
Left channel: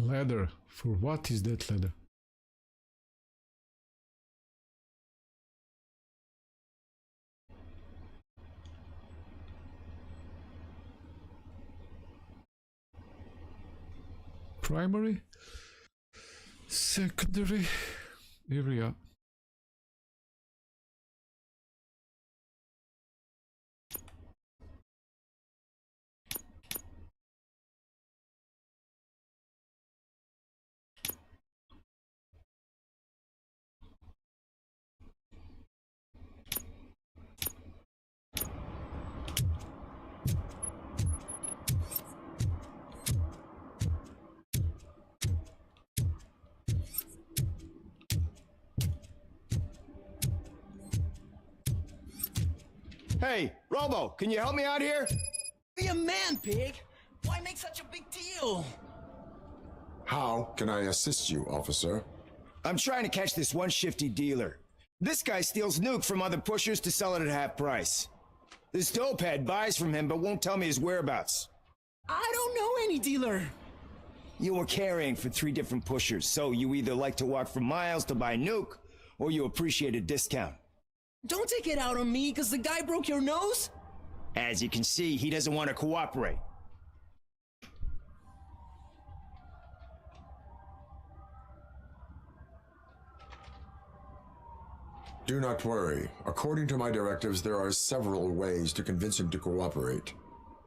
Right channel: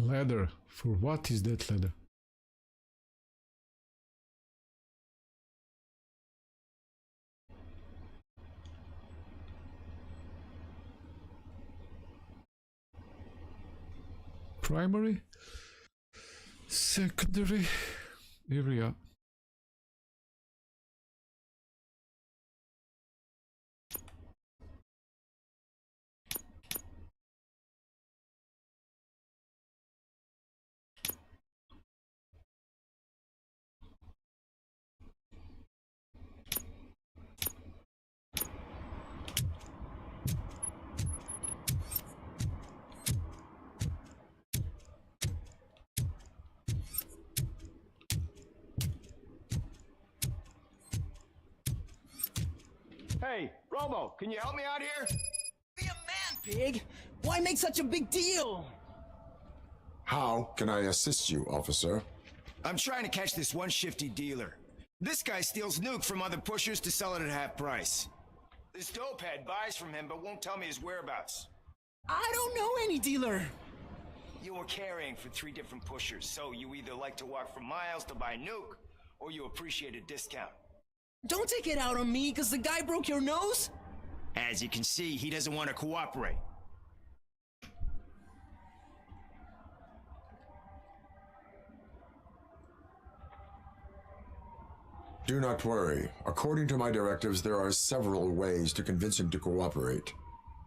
Ladder. For what is that ladder? Primary, secondary area. Hey, Robo, can you help me out here? Be a man, pig! Why make such a big deal? How can I assist you, officer? I'm trying to catch this one shifty dealer. This guy steals nuke from other pushers to sell it at half price. This dopehead buys from him but won't tell me his whereabouts. I don't know any dealer. You were carrying for 3 different pushers, so you either like to walk for miles to buy nuke, or you appreciate a discount. Don't take it out on me, because the guy broke your nose? As you can see, he doesn't want to cooperate. Do not worry. According to my directives, there are several ways to convince him to cooperate.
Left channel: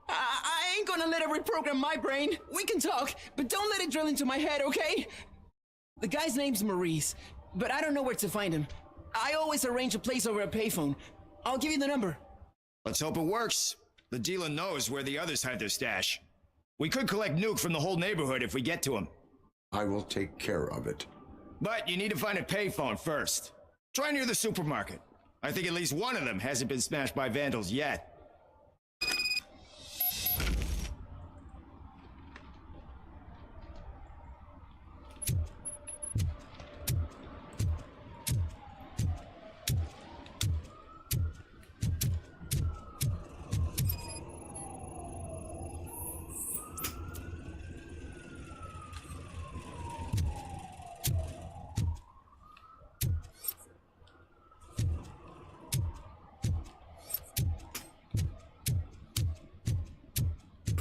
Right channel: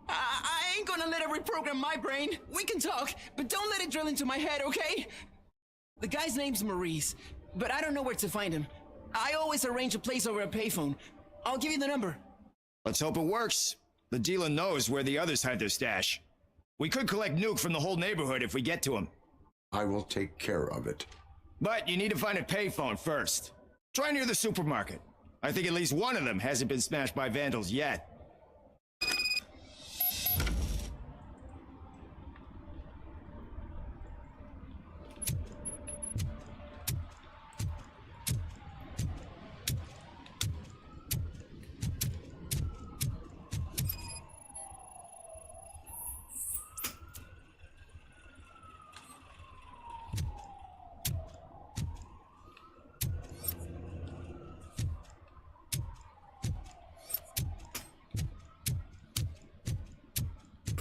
I ain't gonna let it reprogram my brain. We can talk, but don't let it drill into my head, okay? The guy's name's Maurice, but I don't know where to find him. I always arrange a place over a payphone. I'll give you the number. Let's hope it works. The dealer knows where the others hide their stash. We could collect nuke from the whole neighborhood if we get to him. I will take care of it. But you need to find a payphone first. Try near the supermarket. I think at least one of them hasn't been smashed by vandals yet.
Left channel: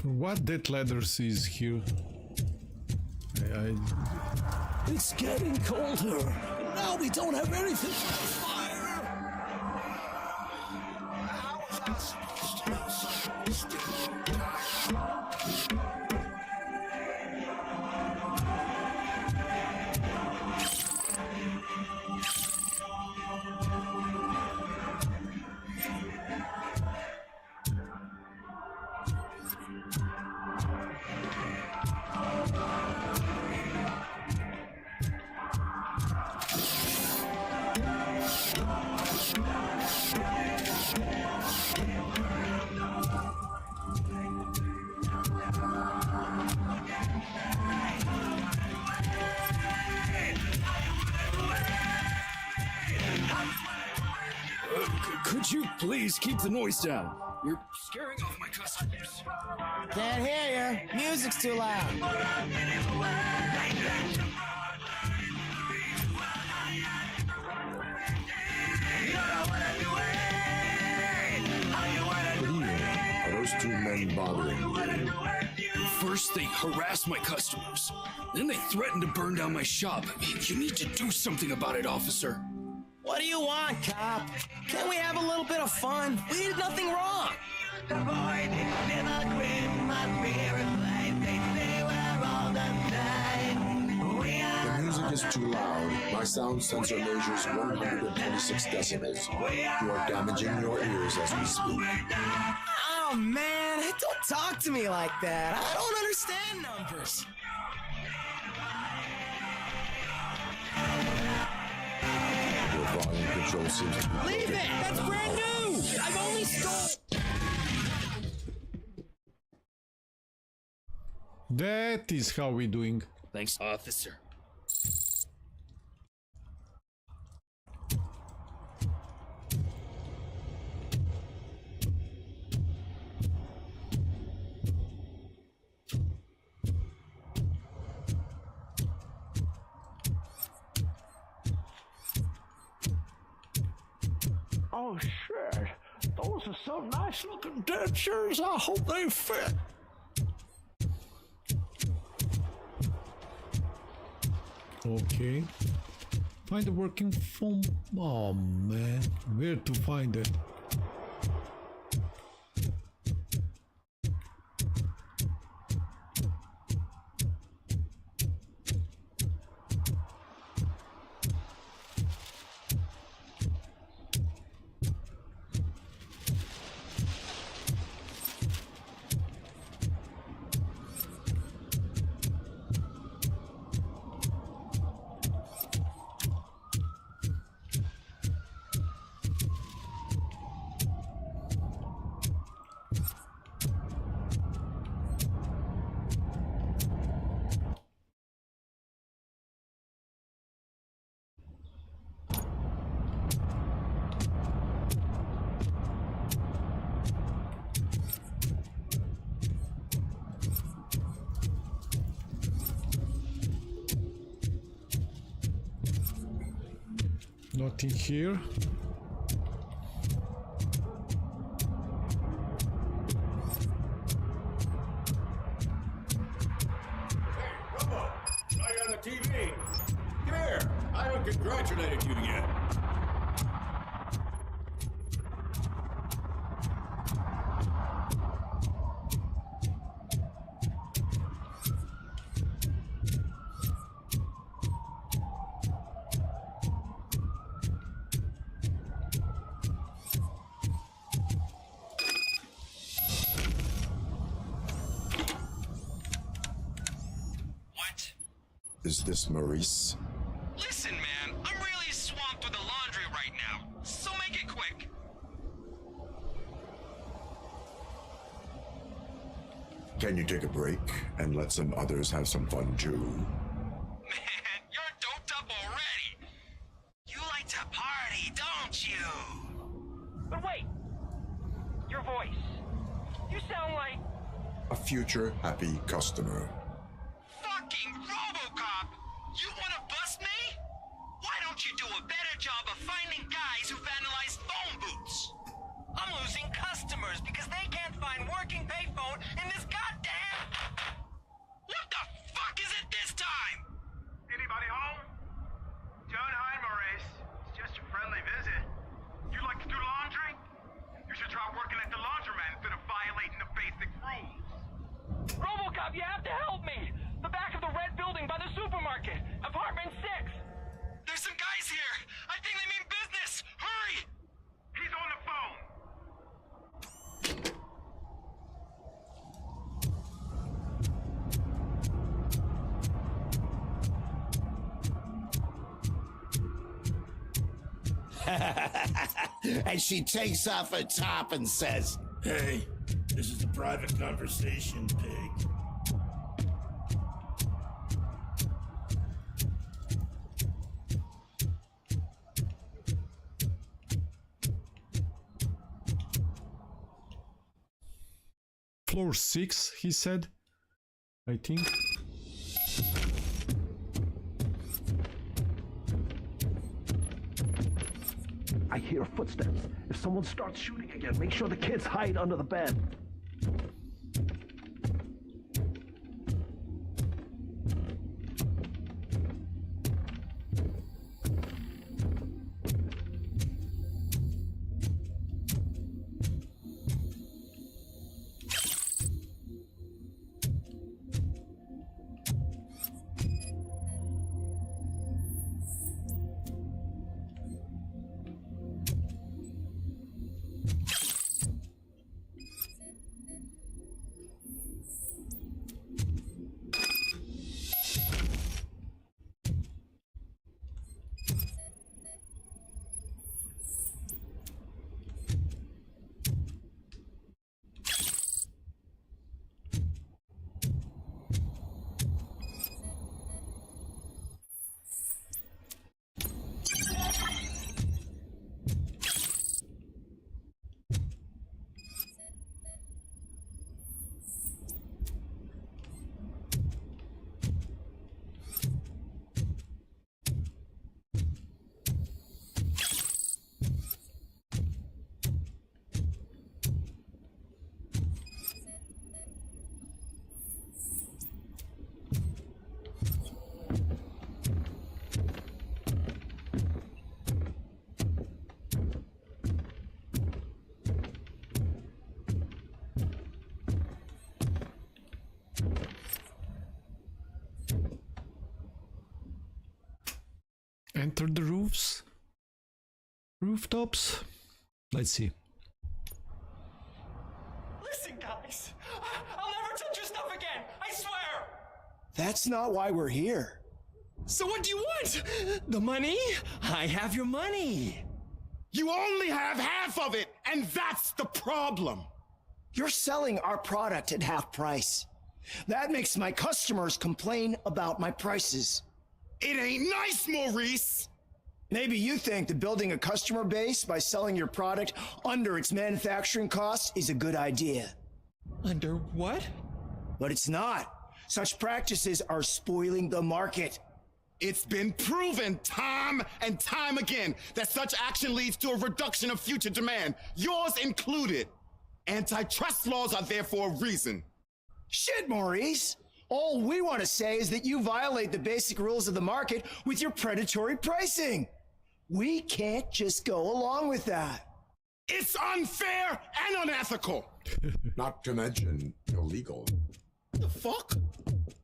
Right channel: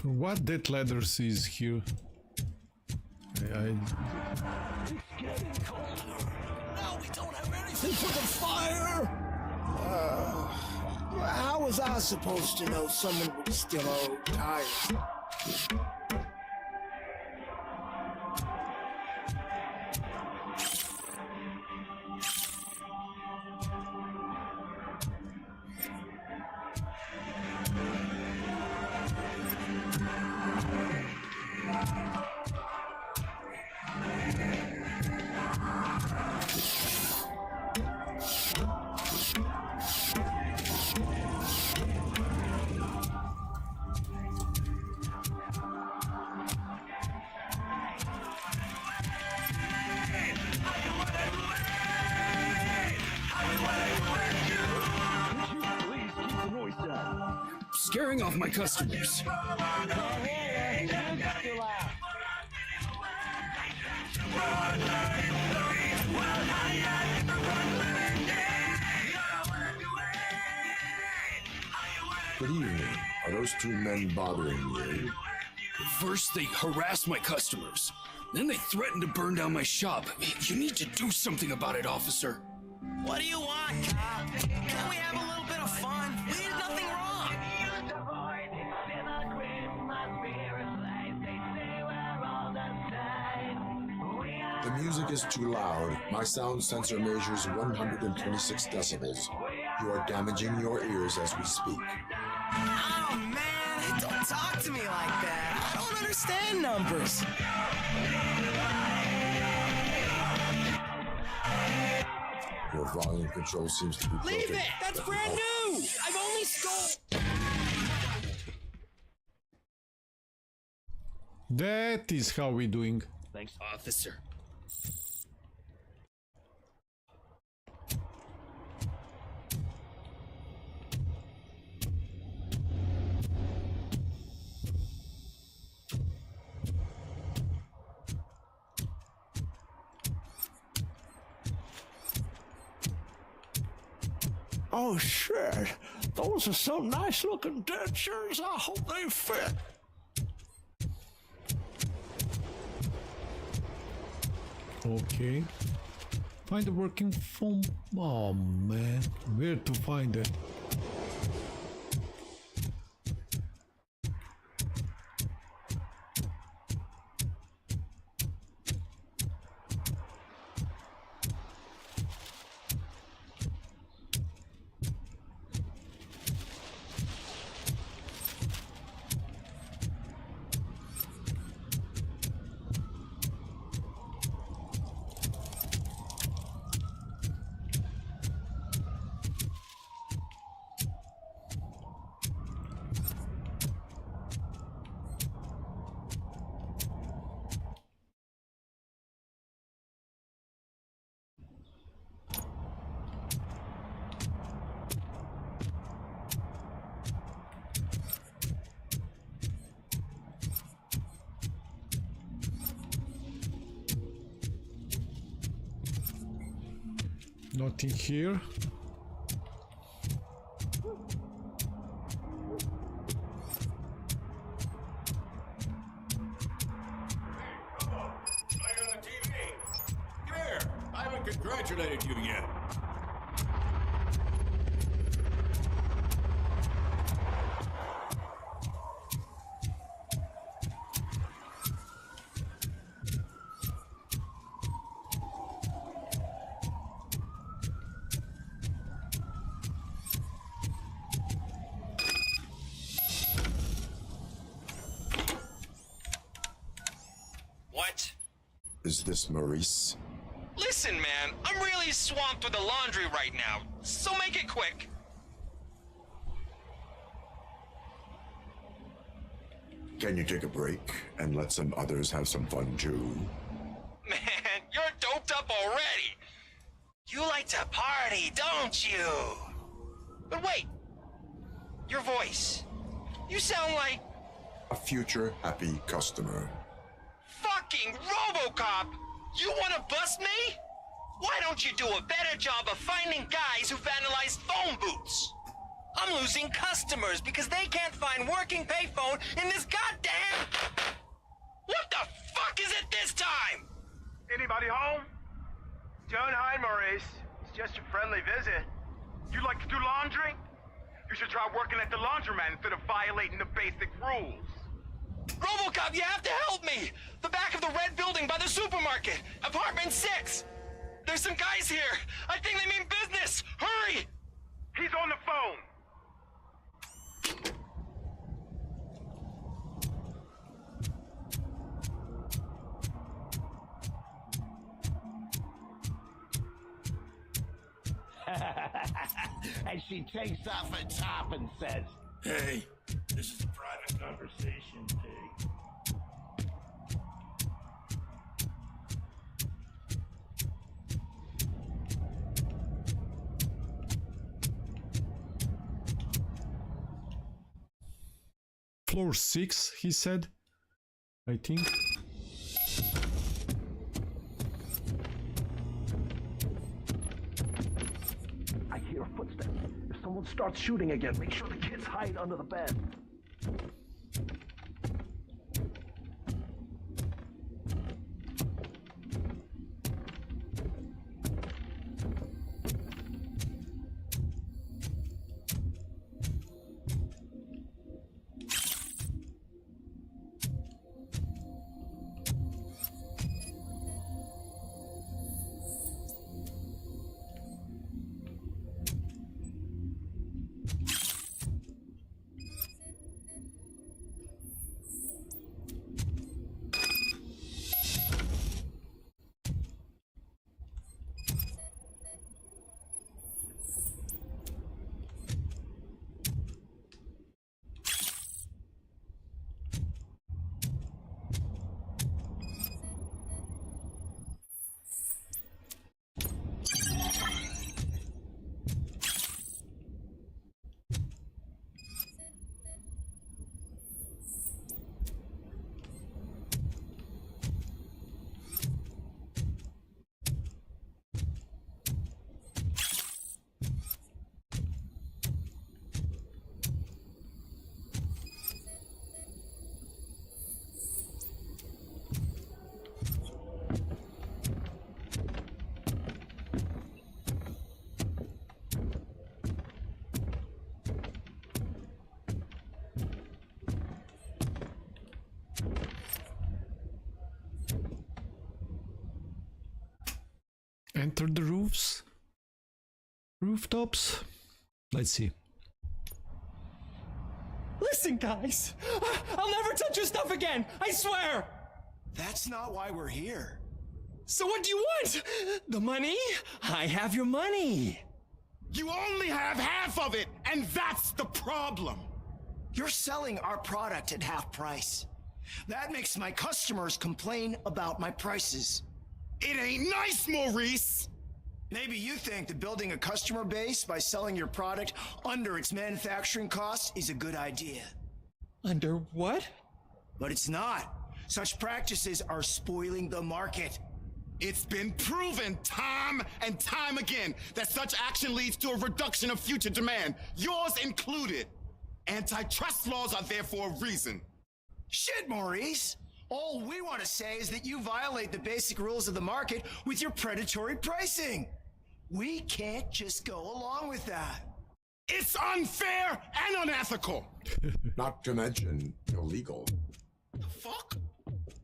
What that ladder is here? It's getting colder. Now we don't have anything for the fire. How was I supposed to know someone was still old tired? Down. You're scaring off my customers. Can't hear you. Music's too loud. Good evening. Are those 2 men bothering you? First, they harass my customers. Then they threaten to burn down my shop. You need to do something about it, officer. What do you want, cop? Can't we have a little bit of fun? We did nothing wrong. The music is too loud. My sound sensor measures 126 decibels. You are damaging your ears as we speak. Oh, man, don't talk to me like that. I don't understand numbers. Your volume control seems to be broken. Leave it! That's brand new! I've only stole... That is how we doing. Thanks, officer. Oh, shit. Those are some nice-looking dentures. I hope they fit. Okay. Find a working phone. Oh, man. Where to find it? Nothing here. Right on the TV. Come here. I haven't congratulated you yet. What? Is this Maurice? Listen, man, I'm really swamped with the laundry right now, so make it quick. Can you take a break and let some others have some fun too? Man, you're doped up already. You like to party, don't you? But wait, your voice. You sound like A future happy customer. fucking Robocop. You want to bust me? Why don't you do a better job of finding guys who vandalize phone booths? I'm losing customers because they can't find working payphone in this goddamn... What the fuck is it this time? Anybody home? Don't hide, Maurice. It's just a friendly visit. You like to do laundry? You should try working at the laundromat instead of violating the basic rules. Robocop, you have to help me! The back of the red building by the supermarket, apartment 6. There's some guys here. I think they mean business. Hurry! He's on the phone. And she takes off her top and says, Hey, this is a private conversation, pig. Floor 6, he said. I think. I hear footsteps. If someone starts shooting again, make sure the kids hide under the bed. Enter the rooftops. Let's see. Listen, guys. I'll never touch your stuff again. I swear. That's not why we're here. So what do you want? The money? I have your money. You only have half of it, and that's the problem. You're selling our product at half price. That makes my customers complain about my prices. It ain't nice, Maurice! Maybe you think that building a customer base by selling your product under its manufacturing costs is a good idea. Under what? But it's not. Such practices are spoiling the market. It's been proven time and time again that such action leads to a reduction of future demand, yours included. Antitrust laws are there for a reason. Shit, Maurice! All we want to say is that you violate the basic rules of the market with your predatory pricing. We can't just go along with that. It's unfair and unethical! Not to mention illegal. The fuck?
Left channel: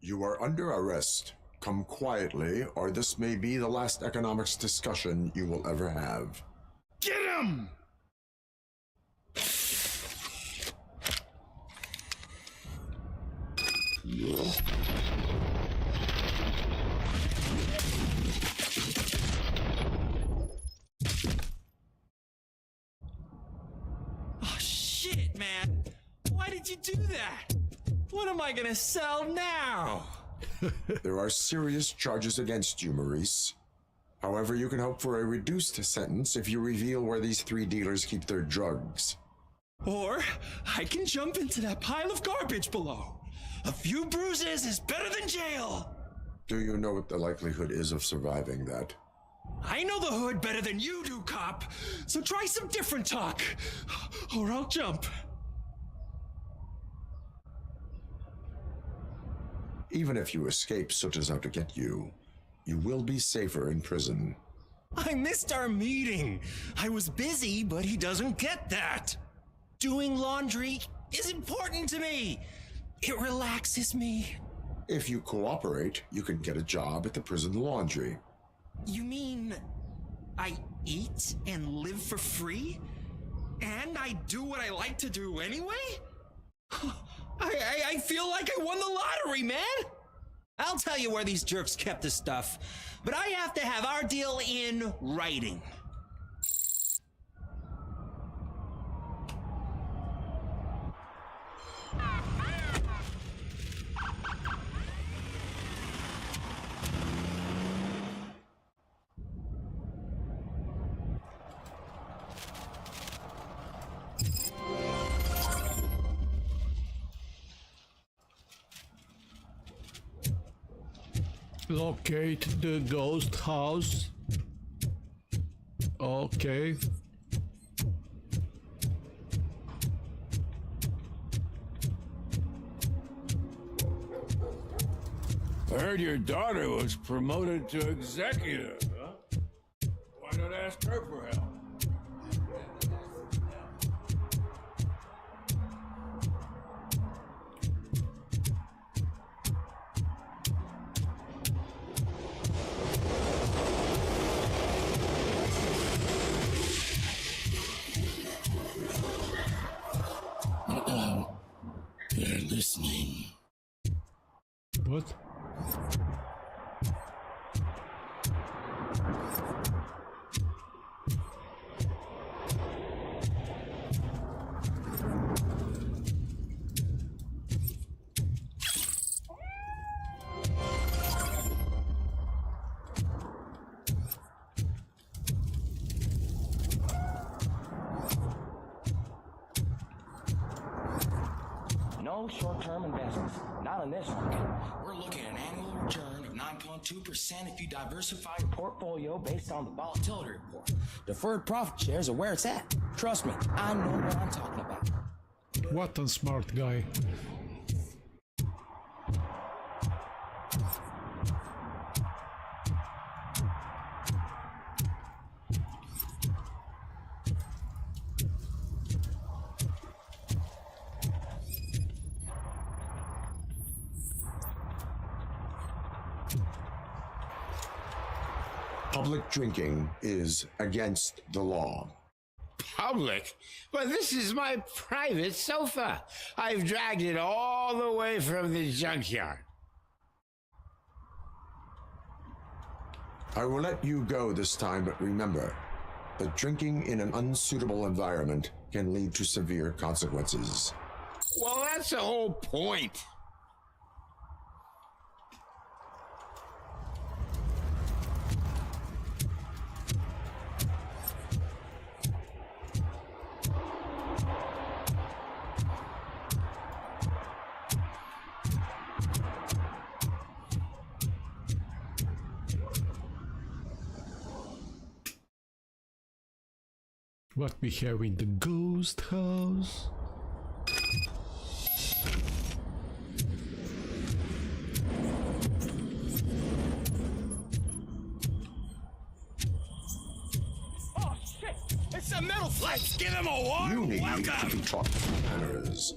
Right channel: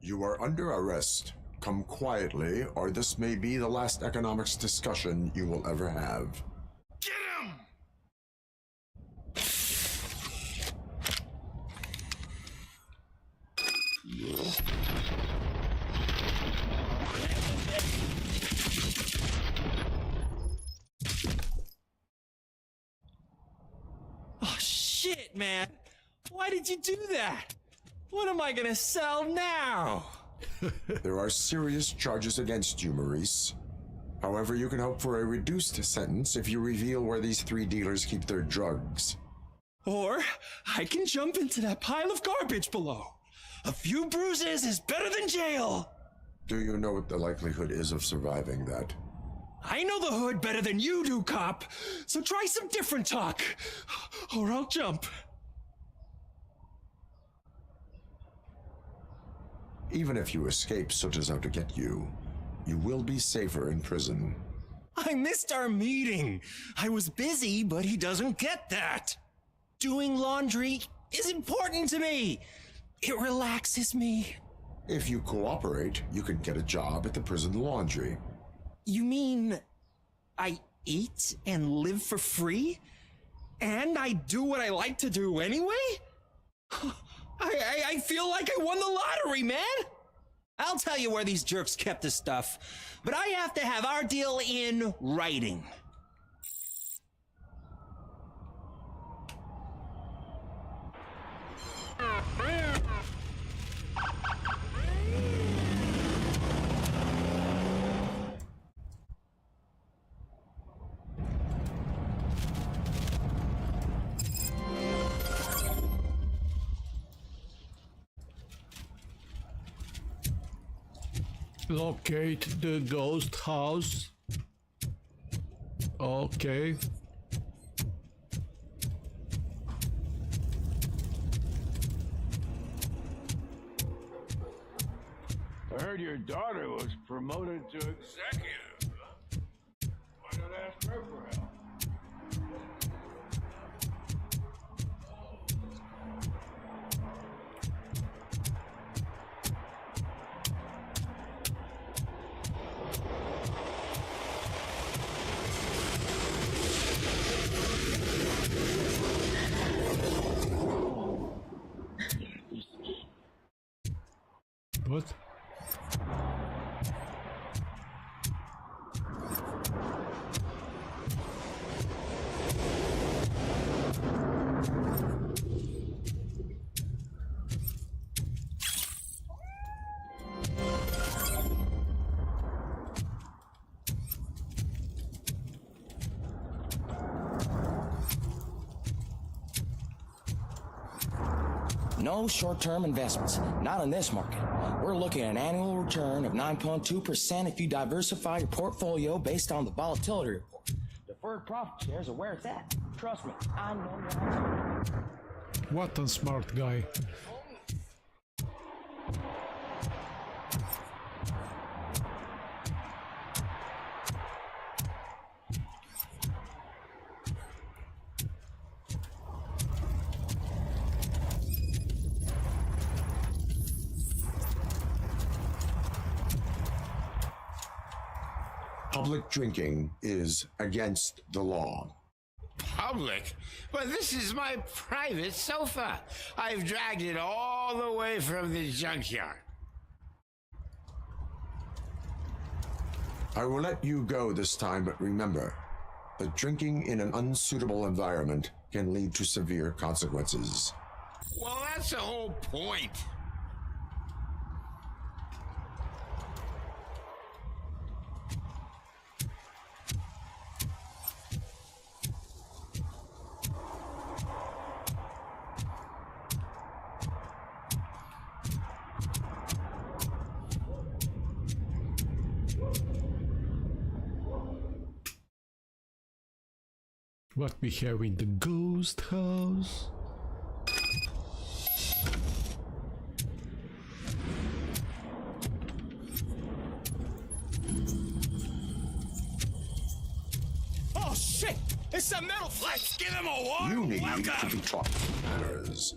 You are under arrest. Come quietly, or this may be the last economics discussion you will ever have. Get him! Oh, shit, man. Why did you do that? What am I gonna sell now? There are serious charges against you, Maurice. However, you can hope for a reduced sentence if you reveal where these 3 dealers keep their drugs. Or I can jump into that pile of garbage below. A few bruises is better than jail. Do you know what the likelihood is of surviving that? I know the hood better than you do, cop. So try some different talk, or I'll jump. Even if you escape Soot is out to get you, you will be safer in prison. I missed our meeting. I was busy, but he doesn't get that. Doing laundry is important to me. It relaxes me. If you cooperate, you can get a job at the prison laundry. You mean I eat and live for free? And I do what I like to do anyway? I feel like I won the lottery, man! I'll tell you where these jerks kept the stuff, but I have to have our deal in writing. Locate the ghost house. Okay. I heard your daughter was promoted to executive, huh? Why not ask her for help? They're listening. What? No short-term investments, not in this market. We're looking at an annual return of 9.2% if you diversify your portfolio based on the volatility report. Deferred profit shares are where it's at. Trust me, I know what I'm talking about. What a smart guy. Public drinking is against the law. Public? But this is my private sofa. I've dragged it all the way from the junkyard. I will let you go this time, but remember that drinking in an unsuitable environment can lead to severe consequences. Well, that's the whole point. What we have in the ghost house? Oh shit! It's a metal flight! Let's give him a warm You need welcome! to be taught manners.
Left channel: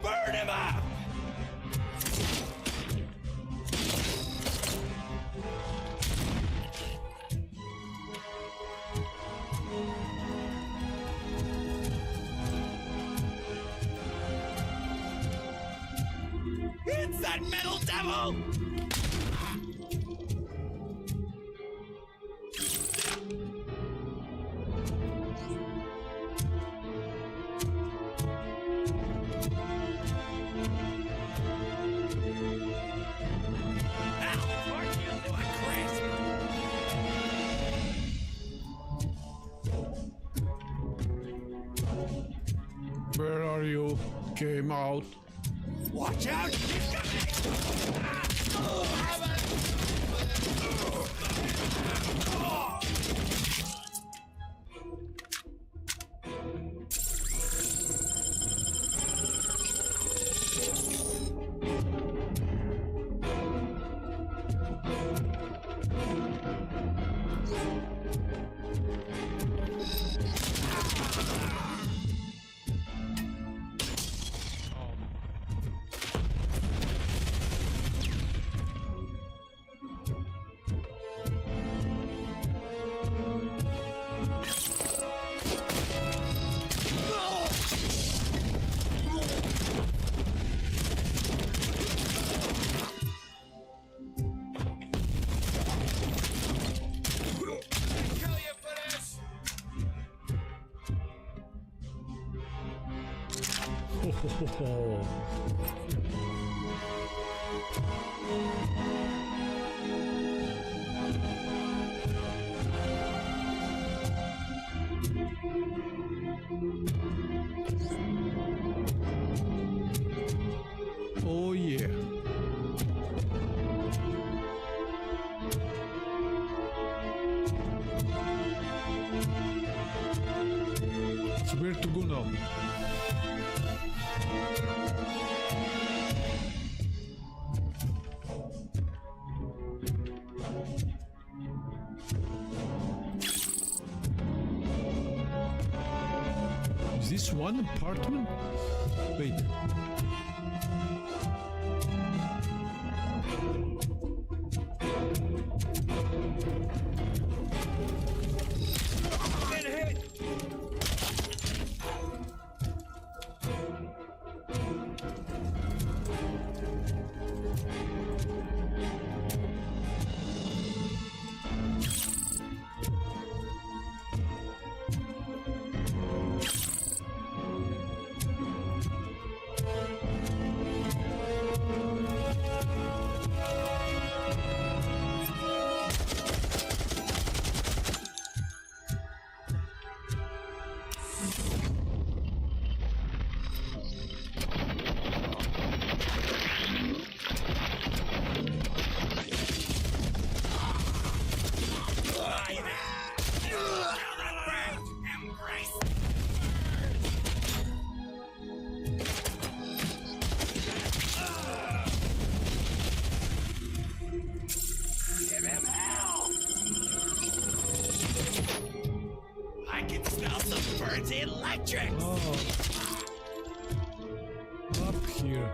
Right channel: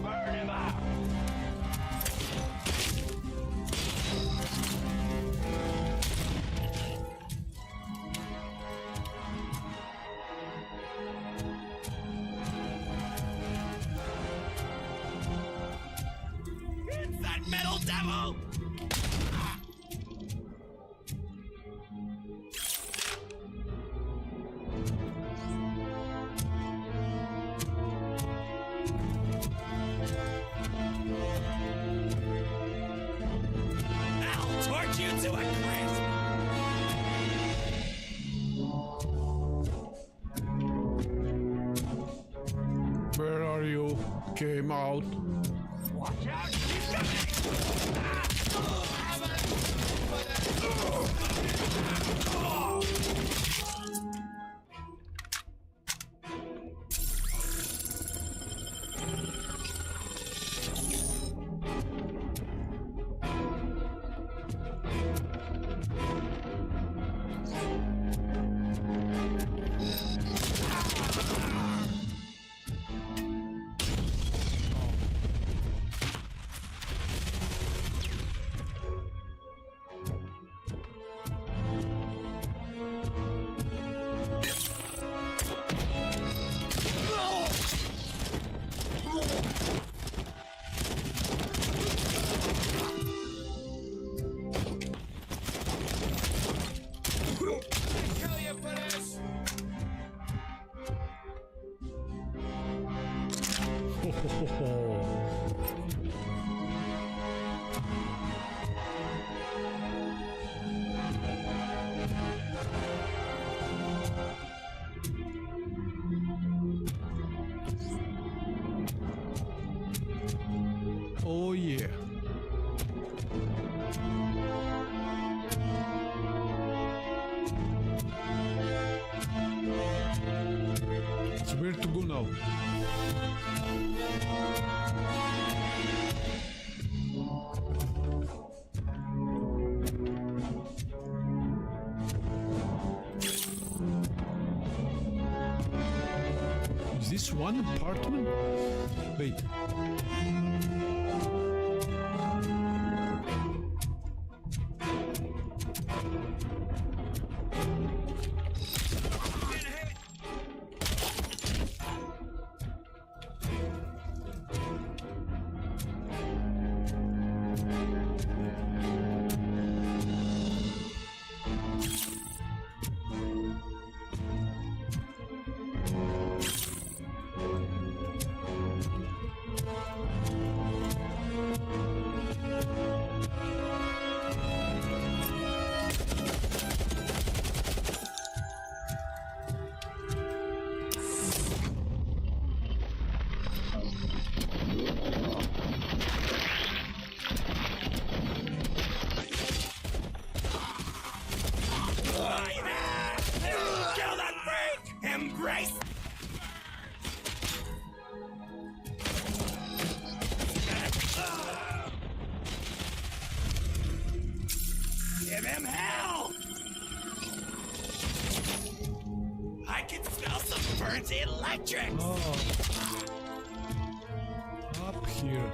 Burn him up! It's that metal devil! I'll torch you to a crisp! Where are you? Came out. Watch out! He's coming! Kill you for this! Ho, ho, ho, ho. Oh yeah. So where to go now? Is this one apartment? Wait. Been hit! Kill that freak! Embrace! Give him hell! I can smell some burnt electrics! Oh. Up here.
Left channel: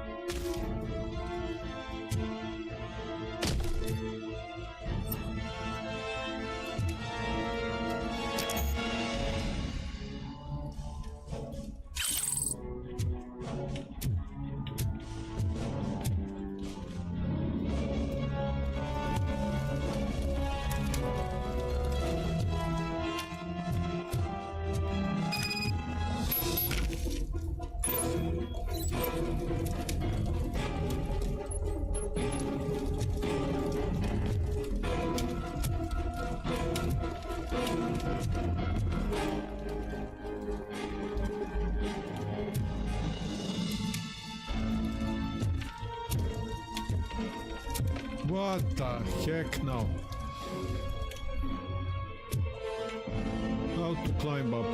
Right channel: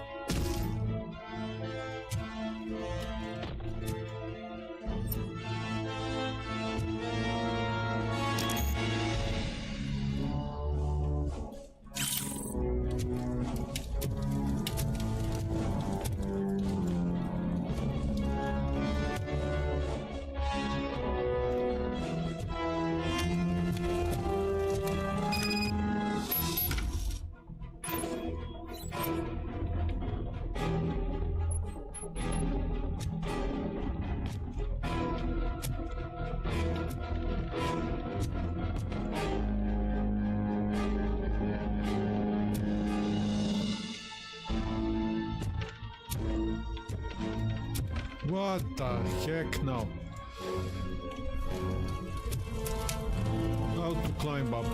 What the heck now? How to climb up?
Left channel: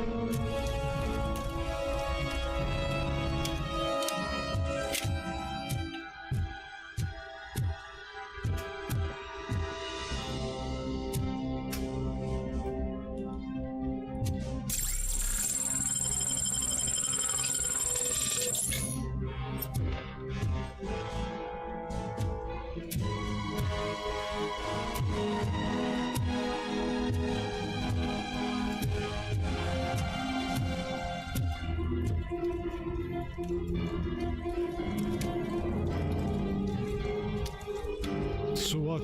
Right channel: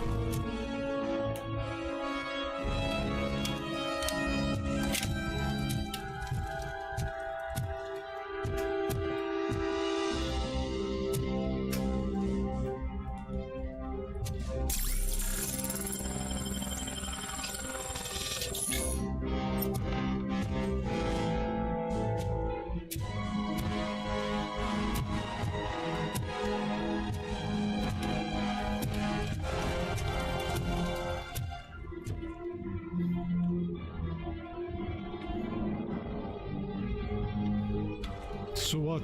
So what?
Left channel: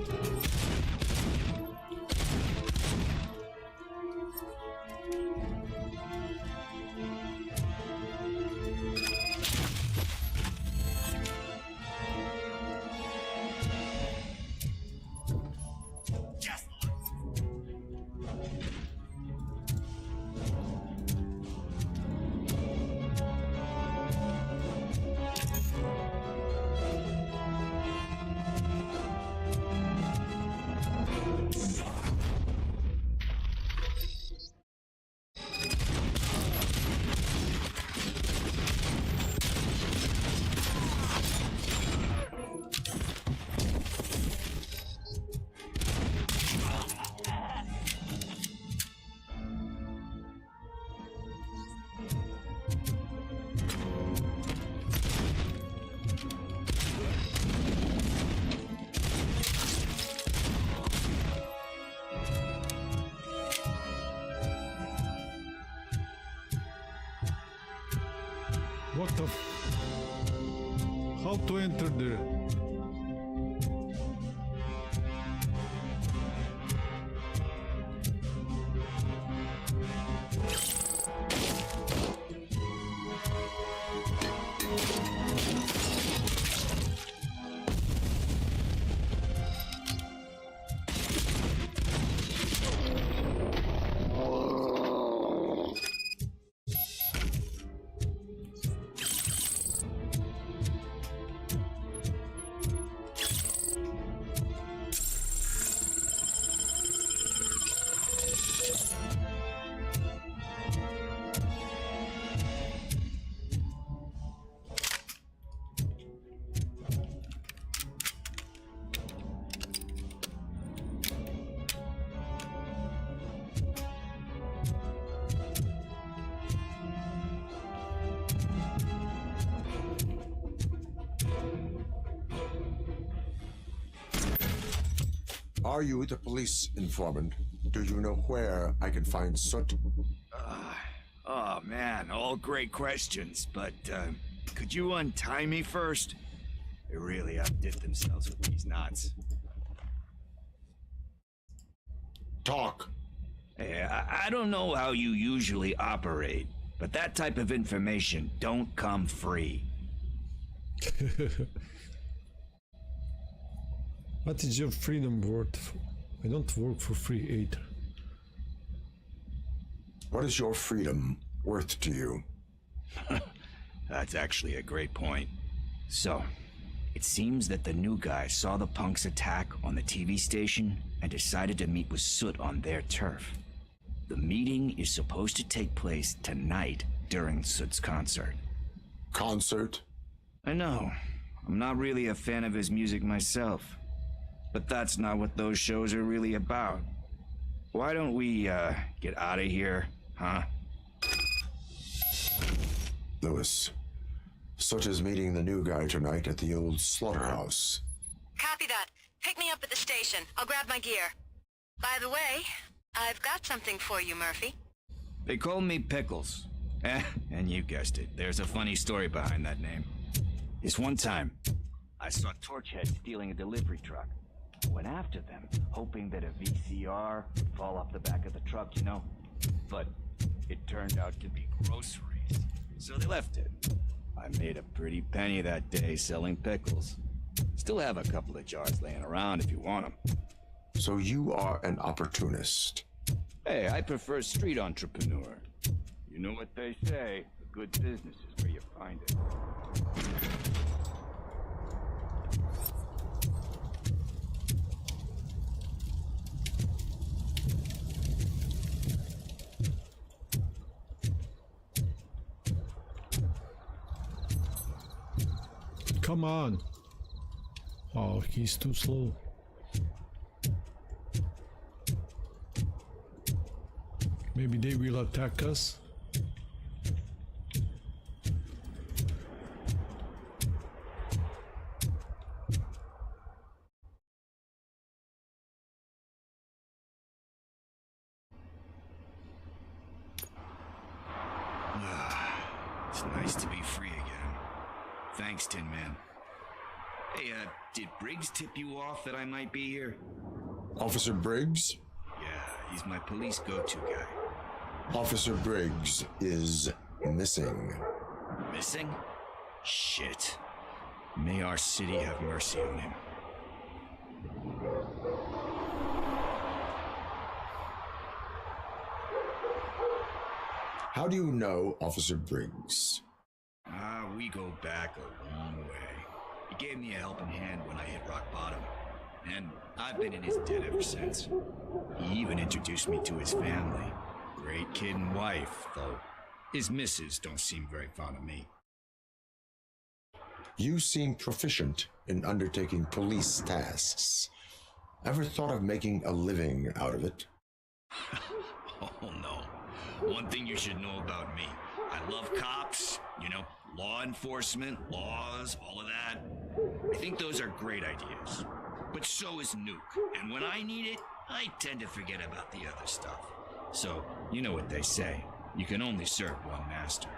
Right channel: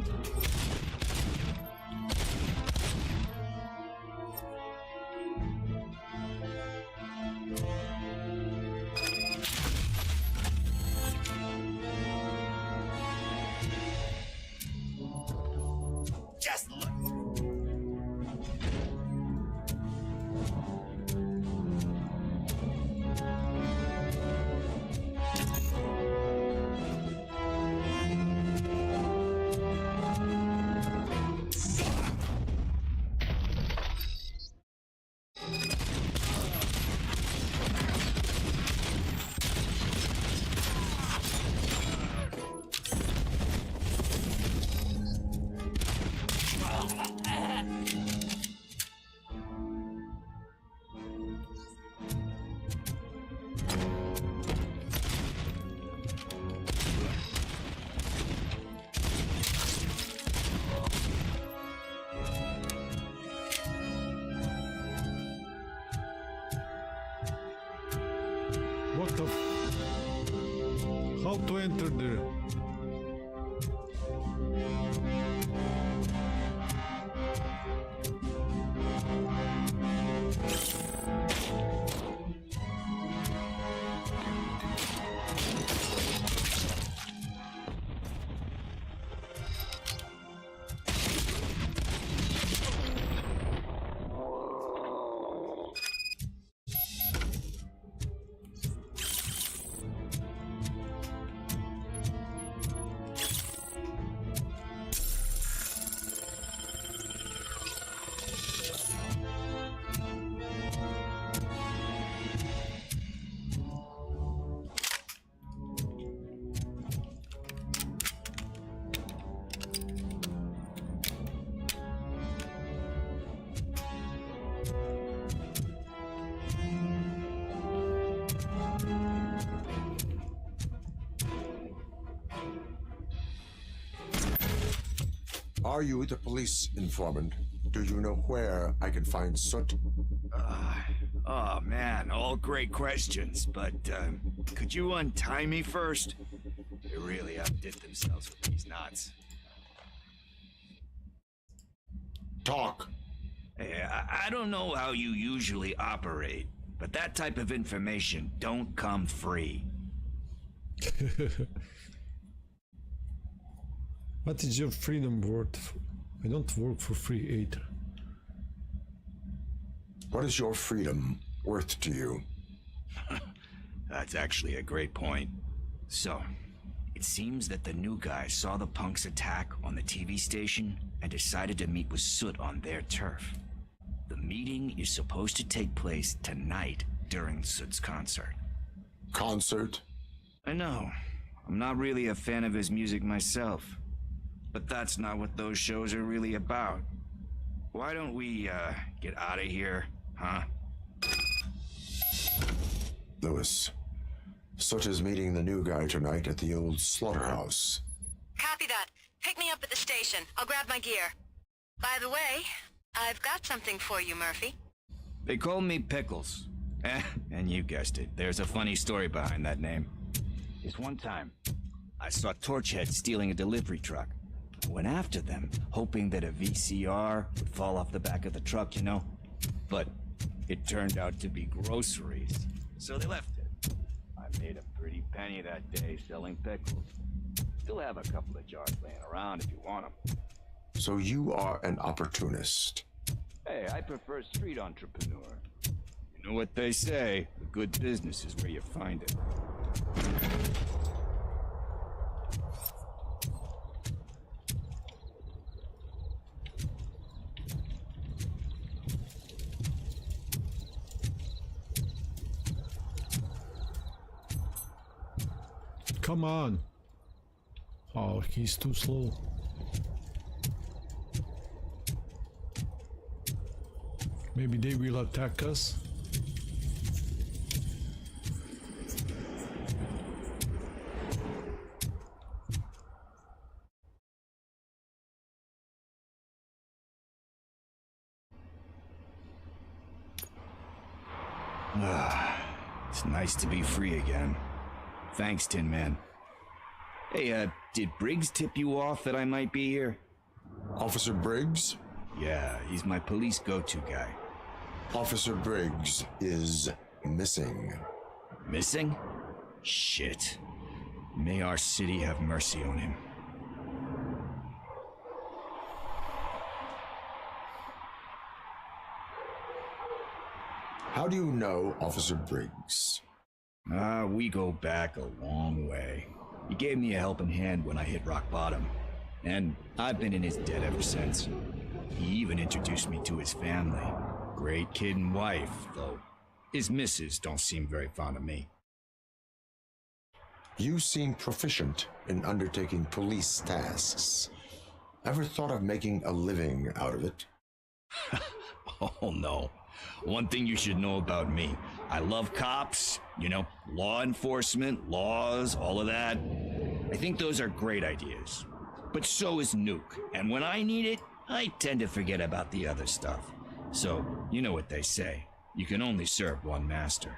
Just look. What the? How to enter there? Are you the police informant? Do you know where I can find Soot? Oh man, all great questions, but could you untie me first? They really outdid themselves with these knots. Talk. Hey, I don't know how you usually operate, but that type of information don't come free. What is your freedom worth? I don't work for free either. What is your freedom worth to you? That's actually a great point. So, it seems that the new guy saw the punks' attack on the TV station and decided to meet with Soot on their turf. The meeting is supposed to take place tonight during Soot's concert. Concert? I know. I'm not really a fan of his music myself. But that's not what those shows are really about. Why don't we, get out of here, huh? Lewis, Soot is meeting the new guy tonight at the old slaughterhouse. Copy that. Pick me up at the station. I'll grab my gear. By the way, I've got something for you, Murphy. They call me Pickles. And you guessed it. There's a funny story behind that name. This one time, I saw Torchhead stealing a delivery truck. Went after them, hoping that a VCR would fall off the back of the truck, you know? But it turned out to be groceries, so they left it. I made a pretty penny that day selling pickles. Still have a couple of jars laying around if you want them. So you are an opportunist. Hey, I prefer street entrepreneur. You know what they say, a good business is where you find it. come on. Oh, he's too slow. Maybe they will attack us. It's nice to be free again. Thanks, Tin Man. Hey, did Briggs tip you off that I might be here? Officer Briggs? Yeah, he's my police go-to guy. Officer Briggs is missing. Missing? Shit. May our city have mercy on him. How do you know Officer Briggs? We go back a long way. He gave me a helping hand when I hit rock bottom, and I've been in his debt ever since. He even introduced me to his family. Great kid and wife, though his missus don't seem very fond of me. You seem proficient in undertaking police tasks. Ever thought of making a living out of it? Oh no. One thing you should know about me. I love cops, you know, law enforcement, laws, all of that. I think those are great ideas. But so is Nuke, and when I need it, I tend to forget about the other stuff. So, you know what they say. You can only serve one master.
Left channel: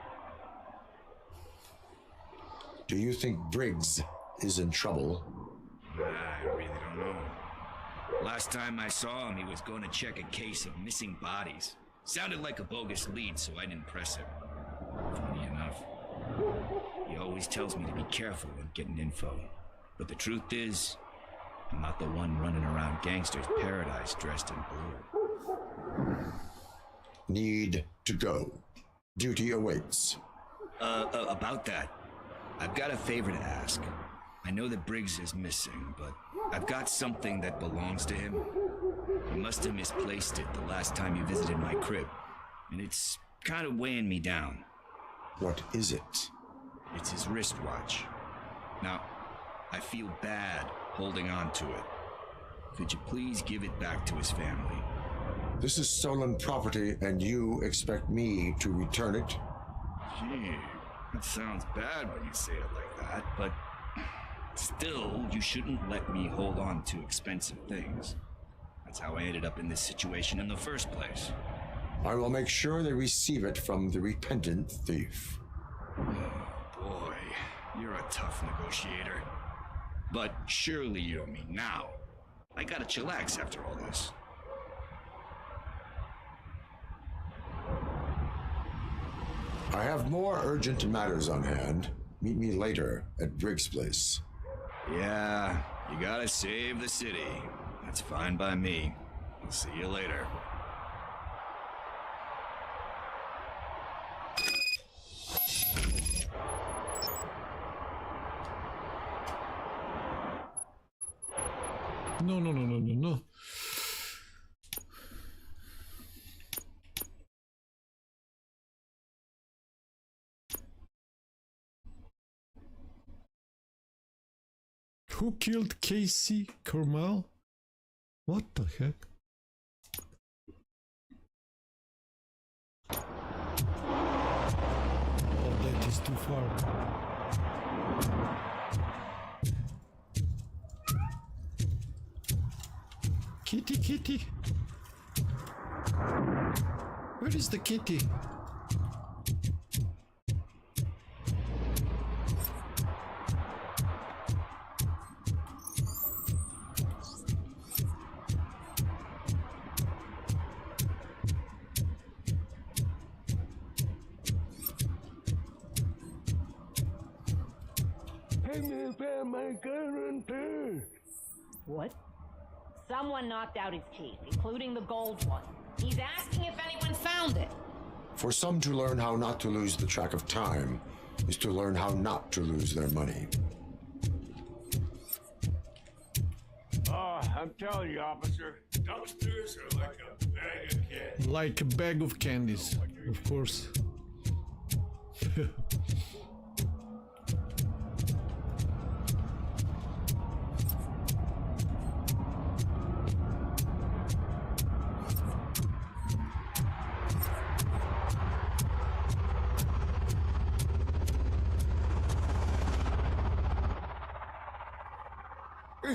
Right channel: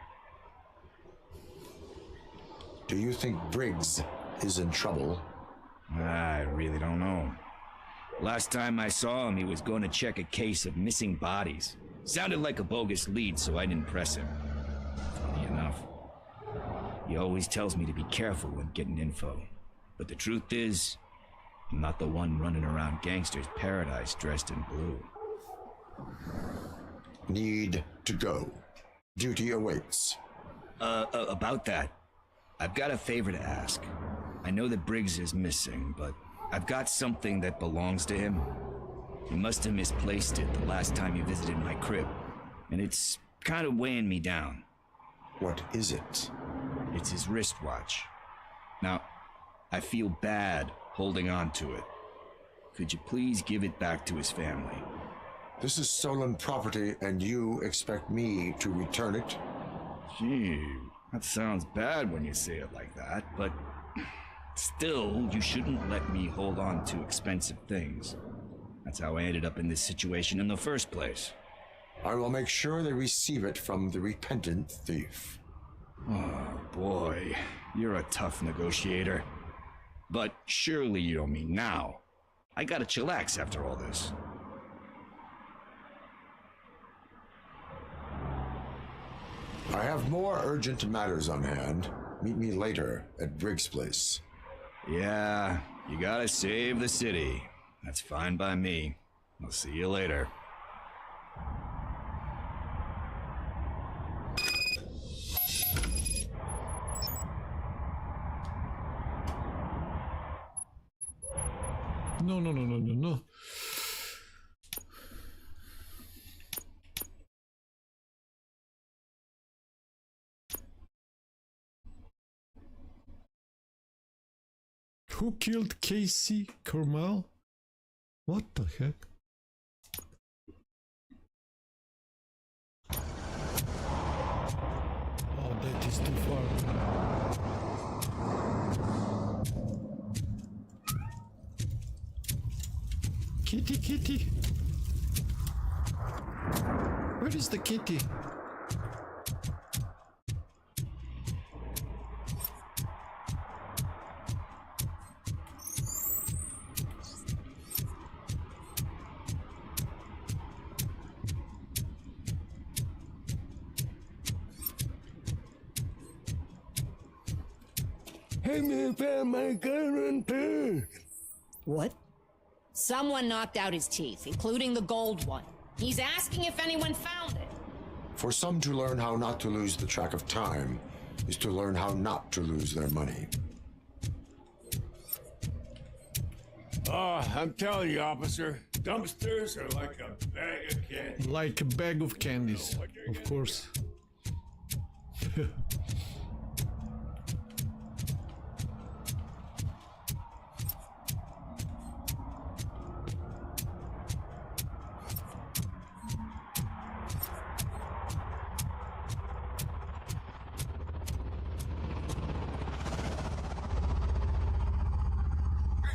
Do you think Briggs is in trouble? I really don't know. Last time I saw him, he was going to check a case of missing bodies. Sounded like a bogus lead, so I didn't press him. Funny enough. He always tells me to be careful when getting info. But the truth is, I'm not the one running around gangster's paradise dressed in blue. Need to go. Duty awaits. About that, I've got a favor to ask. I know that Briggs is missing, but I've got something that belongs to him. He must have misplaced it the last time he visited my crib, and it's kind of weighing me down. What is it? It's his wristwatch. Now, I feel bad holding on to it. Could you please give it back to his family? This is stolen property, and you expect me to return it? Gee, that sounds bad when you say it like that, but still, you shouldn't let me hold on to expensive things. That's how I ended up in this situation in the first place. I will make sure they receive it from the repentant thief. Oh, boy. You're a tough negotiator. But surely you don't mean now. I gotta chillax after all this. I have more urgent matters on hand. Meet me later at Briggs' place. Yeah, you gotta save the city. That's fine by me. I'll see you later. No. Who killed Casey Cormal? What the heck? Oh, that is too far. Kitty, kitty. Where is the kitty? What? Someone knocked out his teeth, including the gold one. He's asking if anyone found it. For some to learn how not to lose the track of time is to learn how not to lose their money. Oh, I'm telling you, officer, dumpsters are like a bag of candy. Like a bag of candies, of course.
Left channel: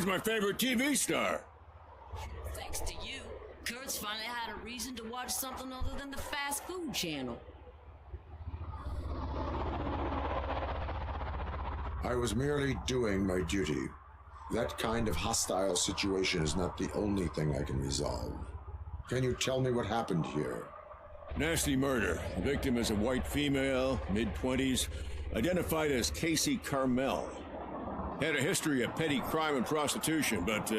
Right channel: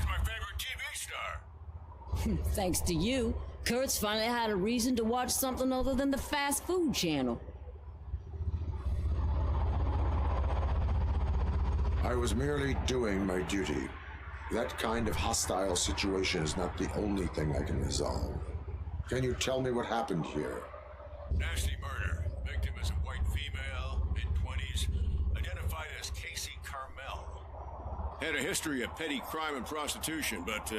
He's my favorite TV star. Thanks to you, Kurt's finally had a reason to watch something other than the fast food channel. I was merely doing my duty. That kind of hostile situation is not the only thing I can resolve. Can you tell me what happened here? Nasty murder. The victim is a white female, mid-20s, identified as Casey Carmel. Had a history of petty crime and prostitution, but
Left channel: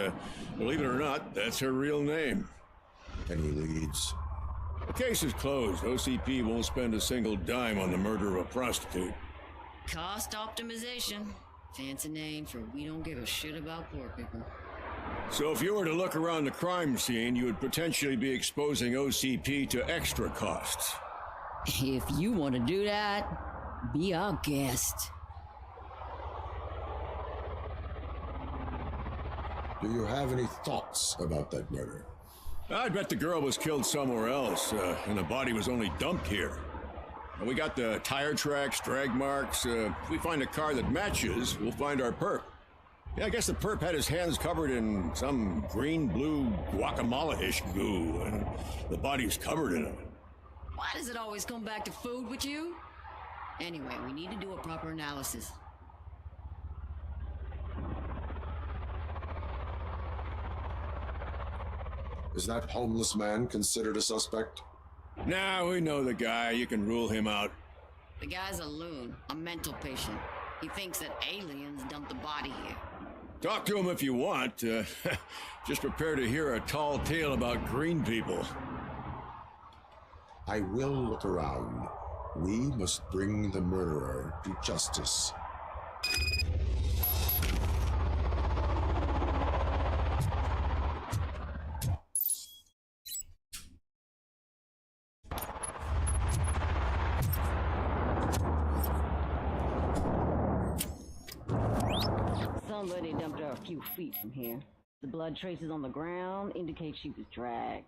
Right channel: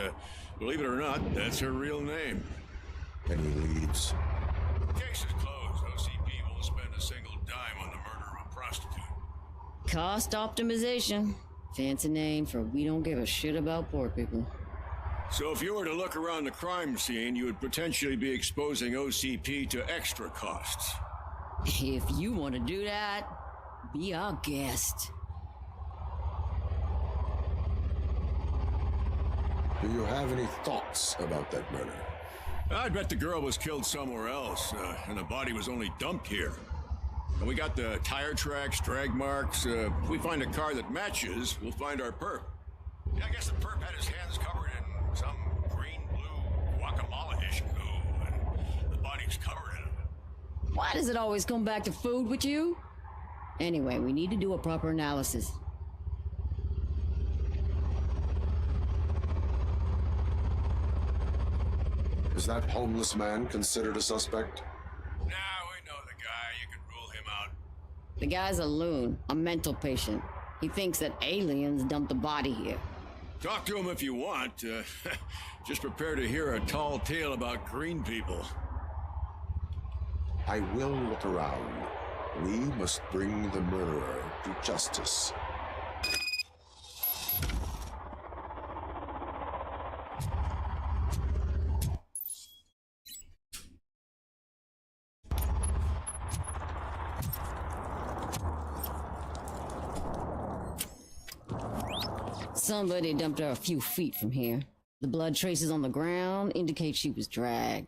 believe it or not, that's her real name. Any leads? The case is closed. OCP won't spend a single dime on the murder of a prostitute. Cost optimization. Fancy name for we don't give a shit about poor people. So if you were to look around the crime scene, you would potentially be exposing OCP to extra costs. If you want to do that, be our guest. Do you have any thoughts about that murder? I bet the girl was killed somewhere else, and the body was only dumped here. And we got the tire tracks, drag marks. If we find a car that matches, we'll find our perp. Yeah, I guess the perp had his hands covered in some green-blue guacamole-ish goo. The body's covered in it. Why does it always come back to food with you? Anyway, we need to do a proper analysis. Is that homeless man considered a suspect? Nah, we know the guy. You can rule him out. The guy's a loon, a mental patient. He thinks that aliens dumped the body here. Talk to him if you want. Just prepare to hear a tall tale about green people. I will look around. We must bring the murderer to justice. Somebody dumped her a few feet from here. The blood traces on the ground indicate she was dragged.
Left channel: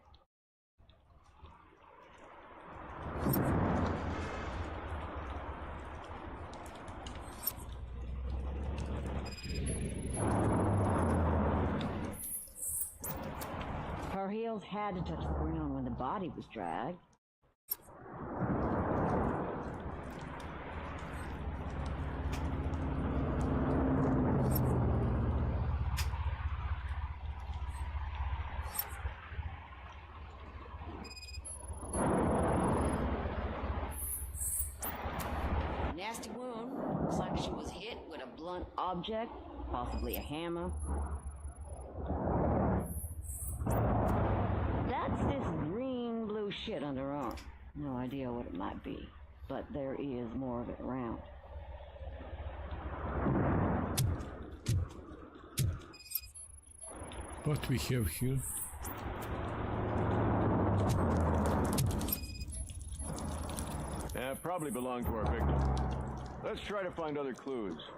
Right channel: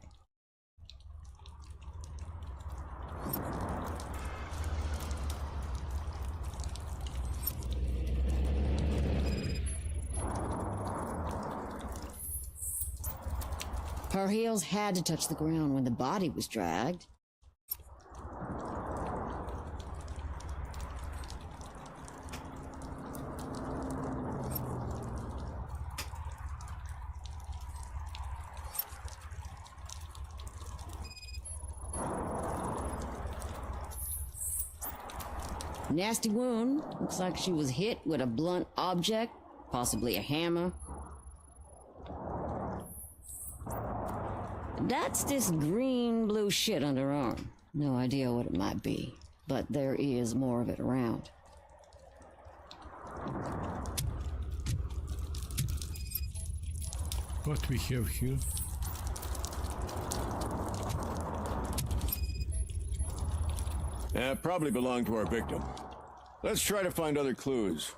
Her heels had to touch the ground when the body was dragged. Nasty wound. Looks like she was hit with a blunt object, possibly a hammer. That's this green-blue shit under her arm. No idea what it might be, but there is more of it around. What we have here? Probably belonged to our victim. Let's try to find other clues.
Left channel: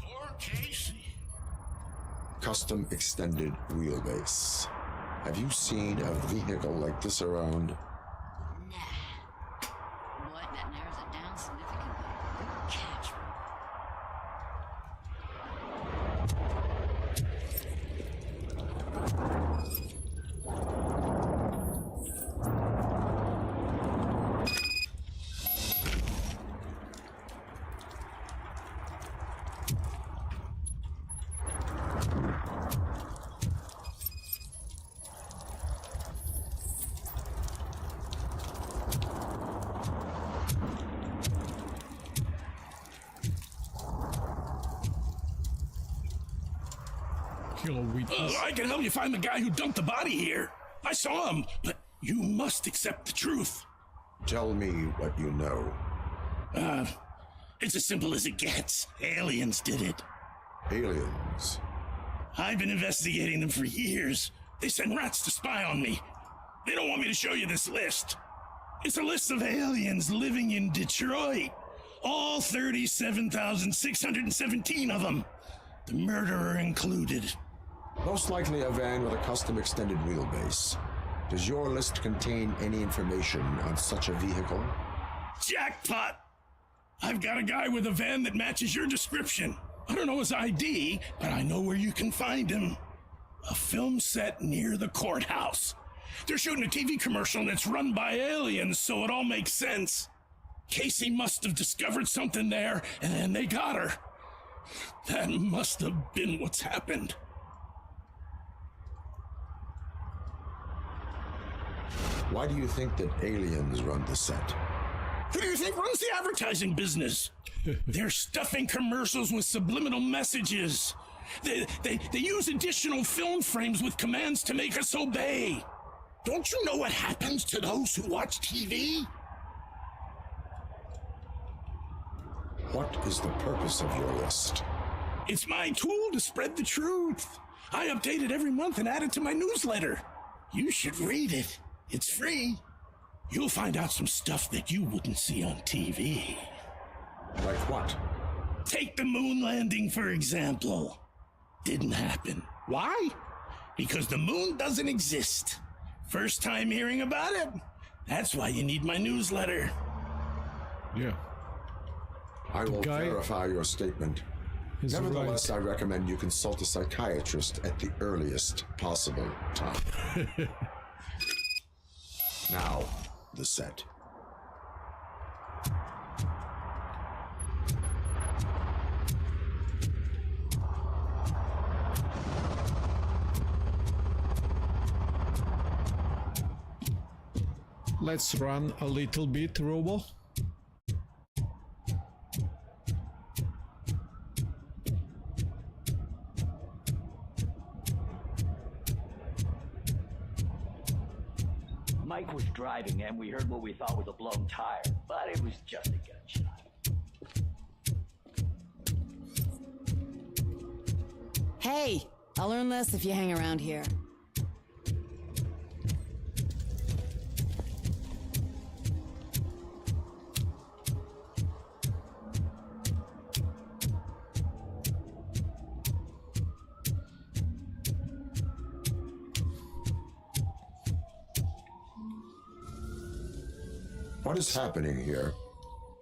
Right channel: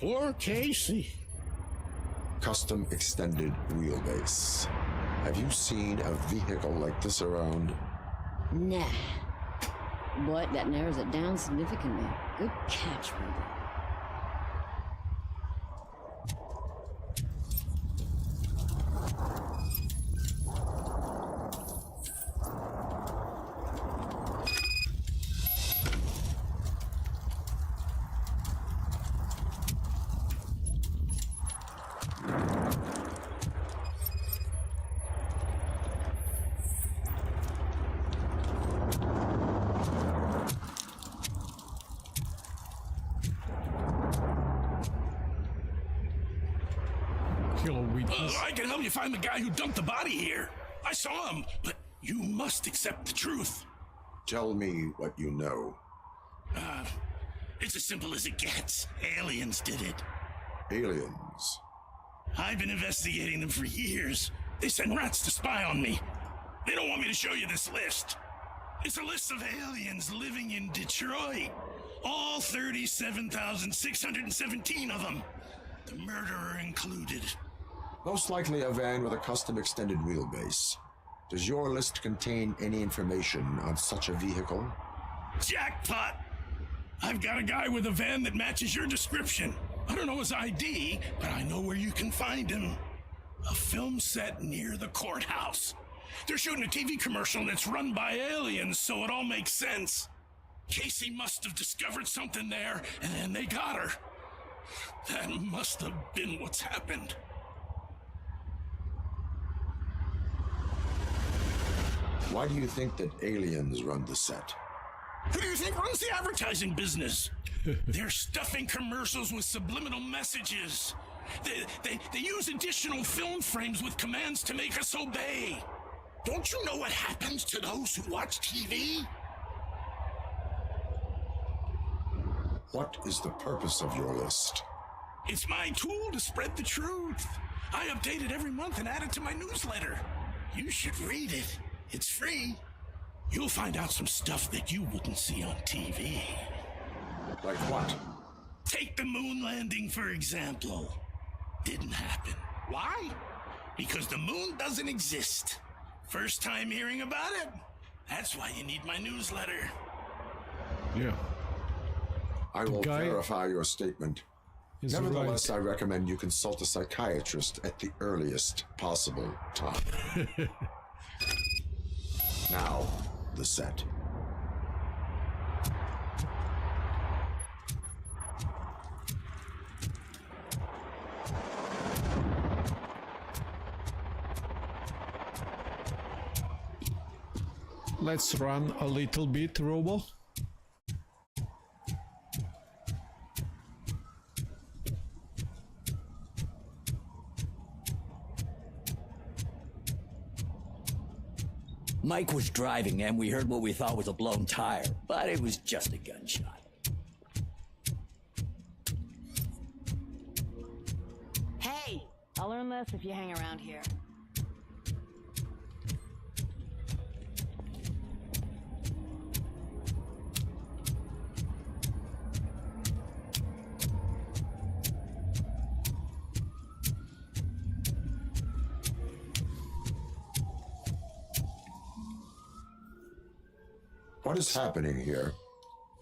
Poor Casey. Custom extended wheelbase. Have you seen a vehicle like this around? Nah. But that narrows it down significantly. Good catch, Robert. I can help you find the guy who dumped the body here. I saw him, but you must accept the truth. Tell me what you know. It's as simple as it gets. Aliens did it. Aliens? I've been investigating them for years. They send rats to spy on me. They don't want me to show you this list. It's a list of aliens living in Detroit. All 37,617 of them. The murderer included. Most likely a van with a custom extended wheelbase. Does your list contain any information on such a vehicle? Jackpot! I've got a guy with a van that matches your description. I don't know his ID, but I know where you can find him. A film set near the courthouse. They're shooting a TV commercial and it's run by aliens, so it all makes sense. Casey must have discovered something there, and they got her. That must have been what's happened. Why do you think that aliens run the set? Who do you think runs the advertising business? They're stuffing commercials with subliminal messages. They use additional film frames with commands to make us obey. Don't you know what happens to those who watch TV? What is the purpose of your list? It's my tool to spread the truth. I update it every month and add it to my newsletter. You should read it. It's free. You'll find out some stuff that you wouldn't see on TV. Like what? Take the moon landing, for example. Didn't happen. Why? Because the moon doesn't exist. First time hearing about it? That's why you need my newsletter. Yeah. I will verify your statement. Nevertheless, I recommend you consult a psychiatrist at the earliest possible time. Now, the set. Let's run a little bit, Robo. Mike was driving and we heard what we thought was a blown tire, but it was just a gunshot. Hey, I'll learn less if you hang around here. What is happening here?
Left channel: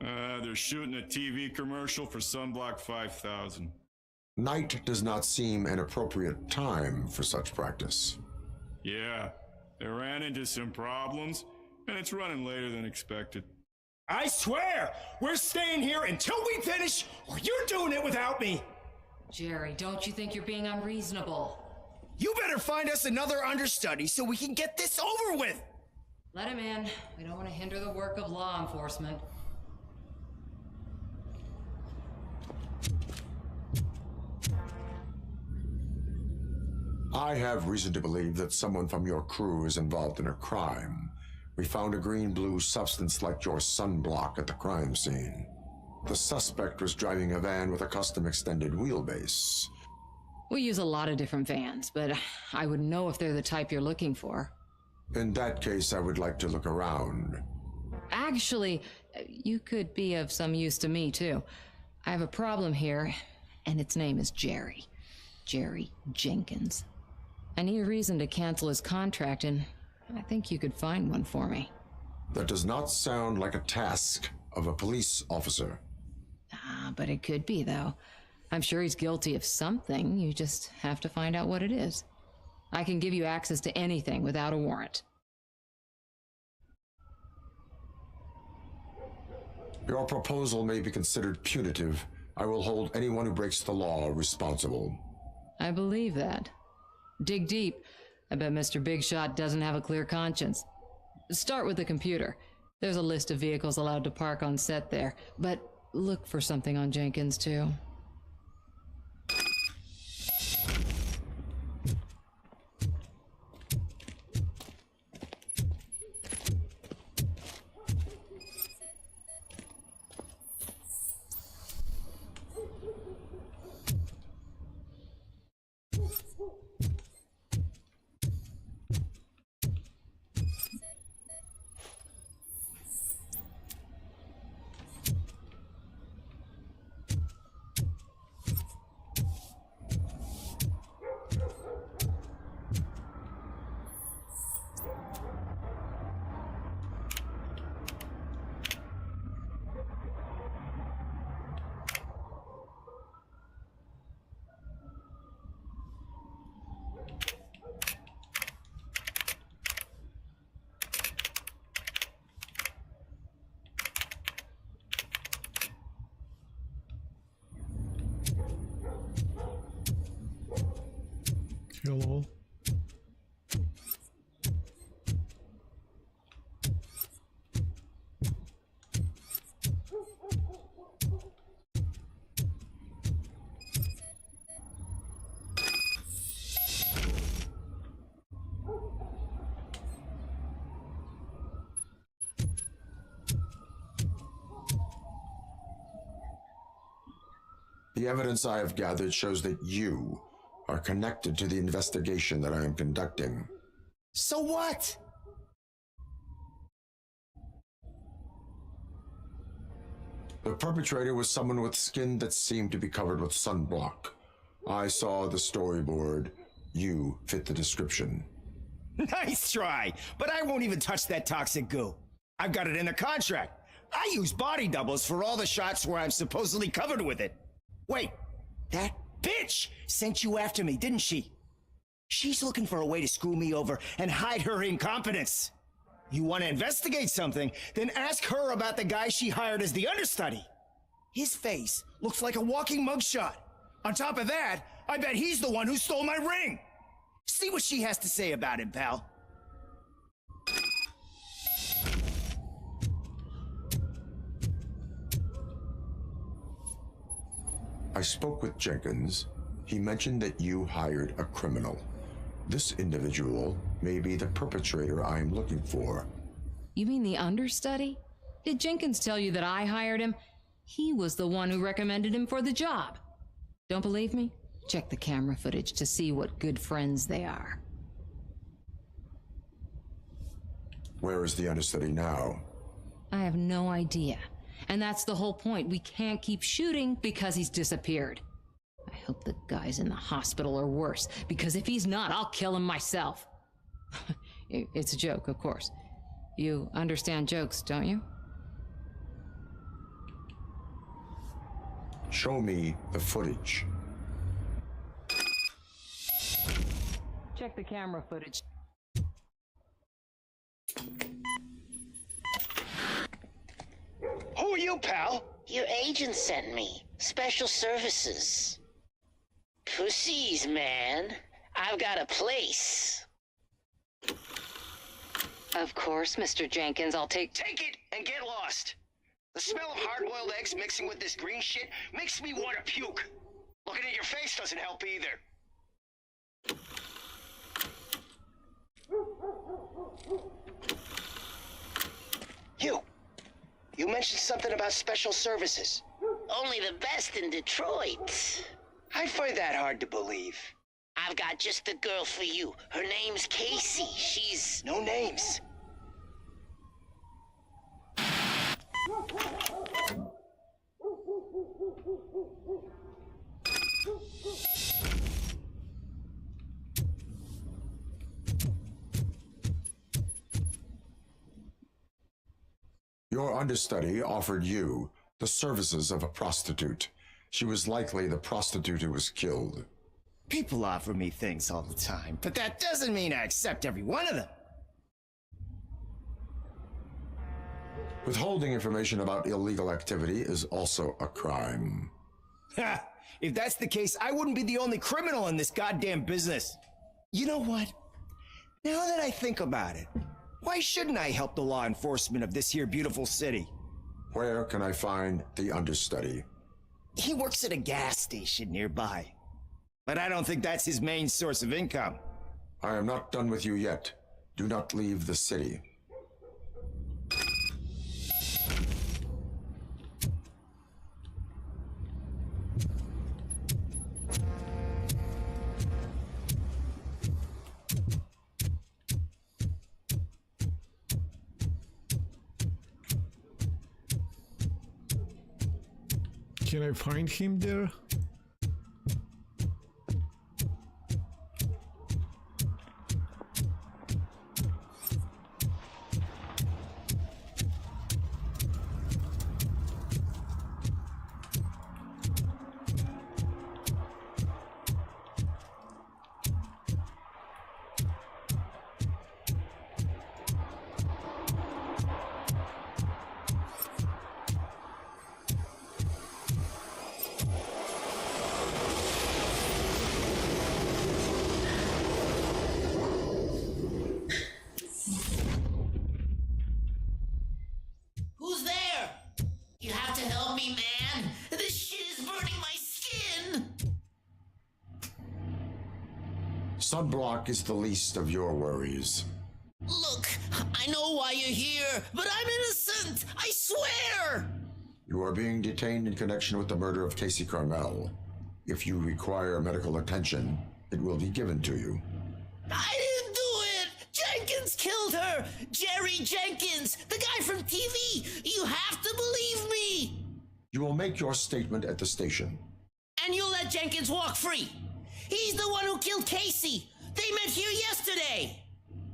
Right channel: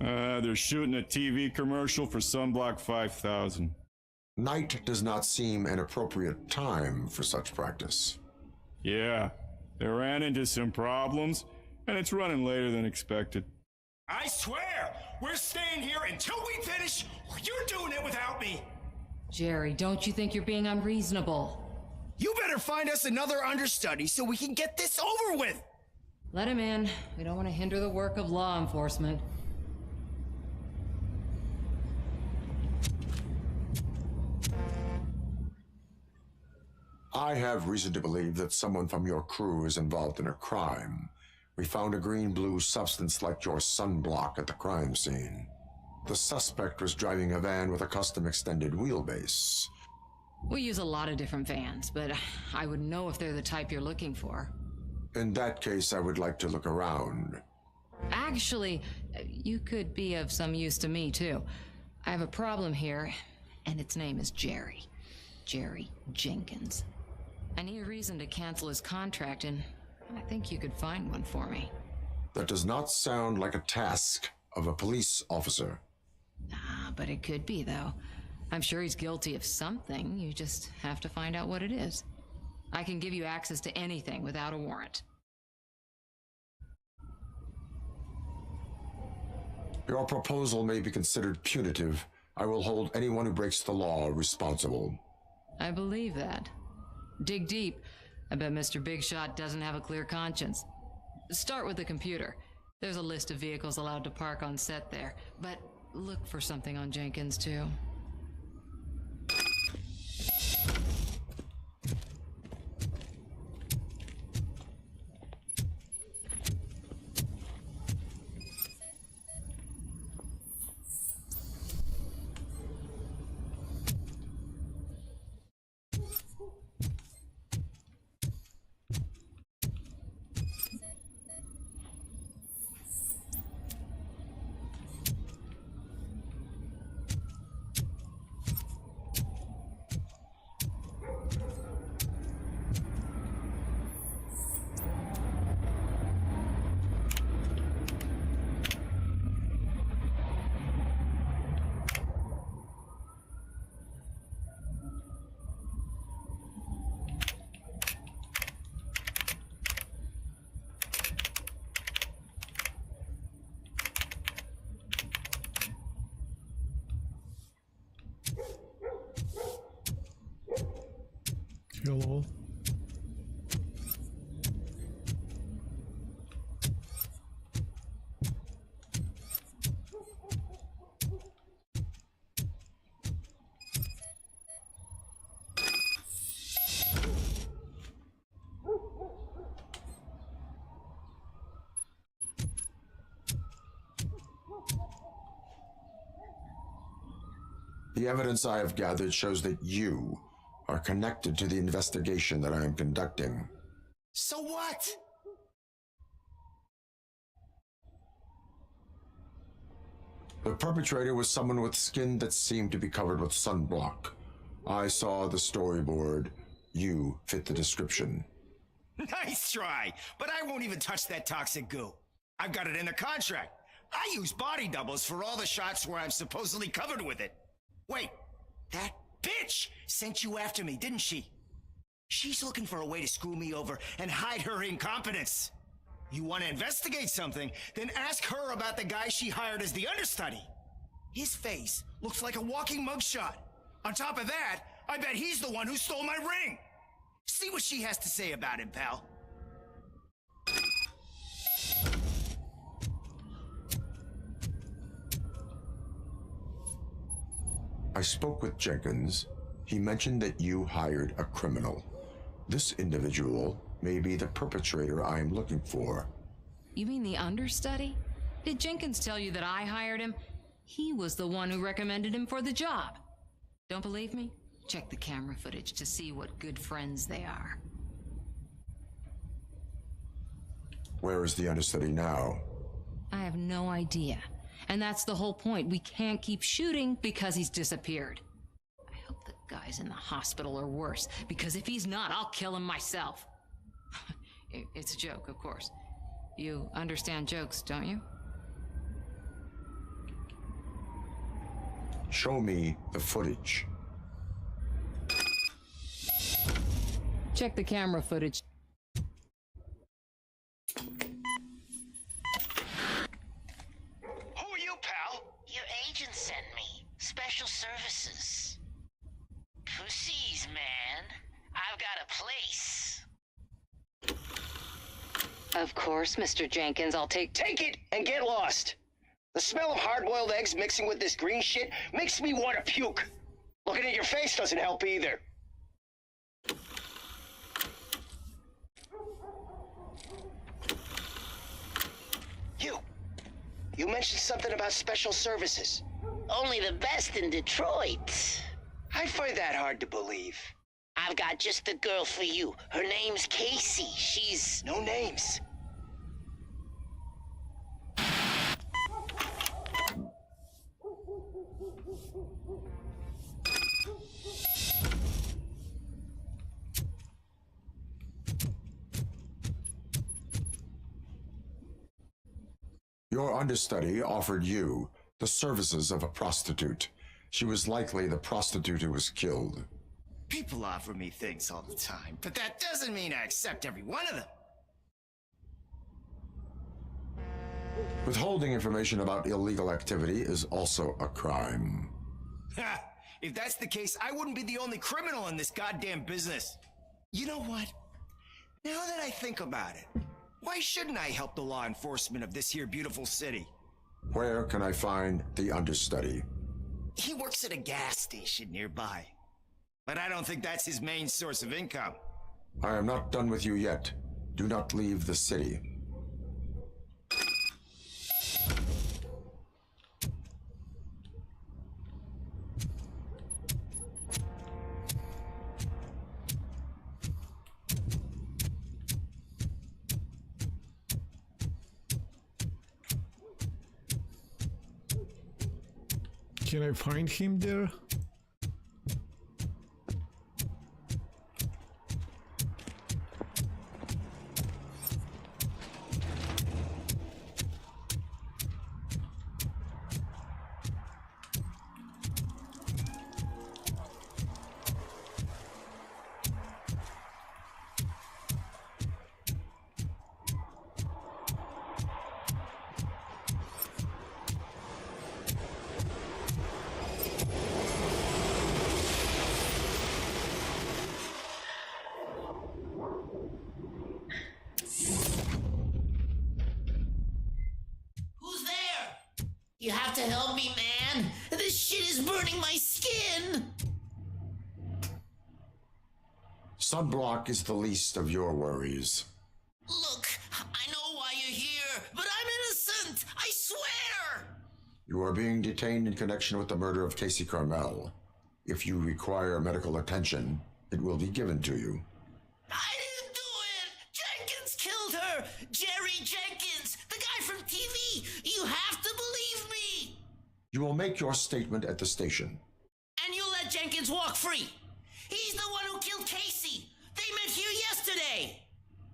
They're shooting a TV commercial for Sunblock 5000. Night does not seem an appropriate time for such practice. Yeah, they ran into some problems, and it's running later than expected. I swear, we're staying here until we finish, or you're doing it without me. Jerry, don't you think you're being unreasonable? You better find us another understudy so we can get this over with. Let him in. We don't want to hinder the work of law enforcement. I have reason to believe that someone from your crew is involved in a crime. We found a green-blue substance like your sunblock at the crime scene. The suspect was driving a van with a custom extended wheelbase. We use a lot of different vans, but I wouldn't know if they're the type you're looking for. In that case, I would like to look around. Actually, you could be of some use to me, too. I have a problem here, and its name is Jerry. Jerry Jenkins. I need a reason to cancel his contract, and I think you could find one for me. That does not sound like a task of a police officer. But it could be, though. I'm sure he's guilty of something. You just have to find out what it is. I can give you access to anything without a warrant. Your proposal may be considered punitive. I will hold anyone who breaks the law responsible. I believe that. Dig deep. I bet Mr. Big Shot doesn't have a clear conscience. Start with the computer. There's a list of vehicles allowed to park on set there, but look for something on Jenkins, too. Hello. The evidence I have gathered shows that you are connected to the investigation that I am conducting. So what? The perpetrator was someone with skin that seemed to be covered with sunblock. I saw the storyboard. You fit the description. Nice try, but I won't even touch that toxic goo. I've got it in the contract. I use body doubles for all the shots where I'm supposedly covered with it. Wait, that bitch sent you after me, didn't she? She's looking for a way to screw me over and hide her incompetence. You want to investigate something, then ask her about the guy she hired as the understudy. His face looks like a walking mugshot. On top of that, I bet he's the one who stole my ring. See what she has to say about him, pal. I spoke with Jenkins. He mentioned that you hired a criminal. This individual may be the perpetrator I am looking for. You mean the understudy? Did Jenkins tell you that I hired him? He was the one who recommended him for the job. Don't believe me? Check the camera footage to see what good friends they are. Where is the understudy now? I have no idea. And that's the whole point. We can't keep shooting because he's disappeared. I hope the guy's in the hospital or worse, because if he's not, I'll kill him myself. It's a joke, of course. You understand jokes, don't you? Show me the footage. Check the camera footage. Who are you, pal? Your agent sent me. Special services. Pussies, man. I've got a place. Of course, Mr. Jenkins, I'll take it and get lost. The smell of hard-boiled eggs mixing with this green shit makes me want to puke. Looking at your face doesn't help either. You mentioned something about special services. Only the best in Detroit. I find that hard to believe. I've got just the girl for you. Her name's Casey. She's... No names. Your understudy offered you the services of a prostitute. She was likely the prostitute who was killed. People offer me things all the time, but that doesn't mean I accept every one of them. Withholding information about illegal activity is also a crime. Ha! If that's the case, I wouldn't be the only criminal in this goddamn business. You know what? Now that I think about it, why shouldn't I help the law enforcement of this here beautiful city? Where can I find the understudy? He works at a gas station nearby. But I don't think that's his main source of income. I am not done with you yet. Do not leave the city. Can I find him there? You have to help me, man. This shit is burning my skin. Sunblock is the least of your worries. Look, I know why you're here, but I'm innocent. I swear. You are being detained in connection with the murder of Casey Carmel. If you require medical attention, it will be given to you. I didn't do it. Jenkins killed her. Jerry Jenkins, the guy from TV. You have to believe me. You will make your statement at the station. And you'll let Jenkins walk free. He's the one who killed Casey. They met here yesterday.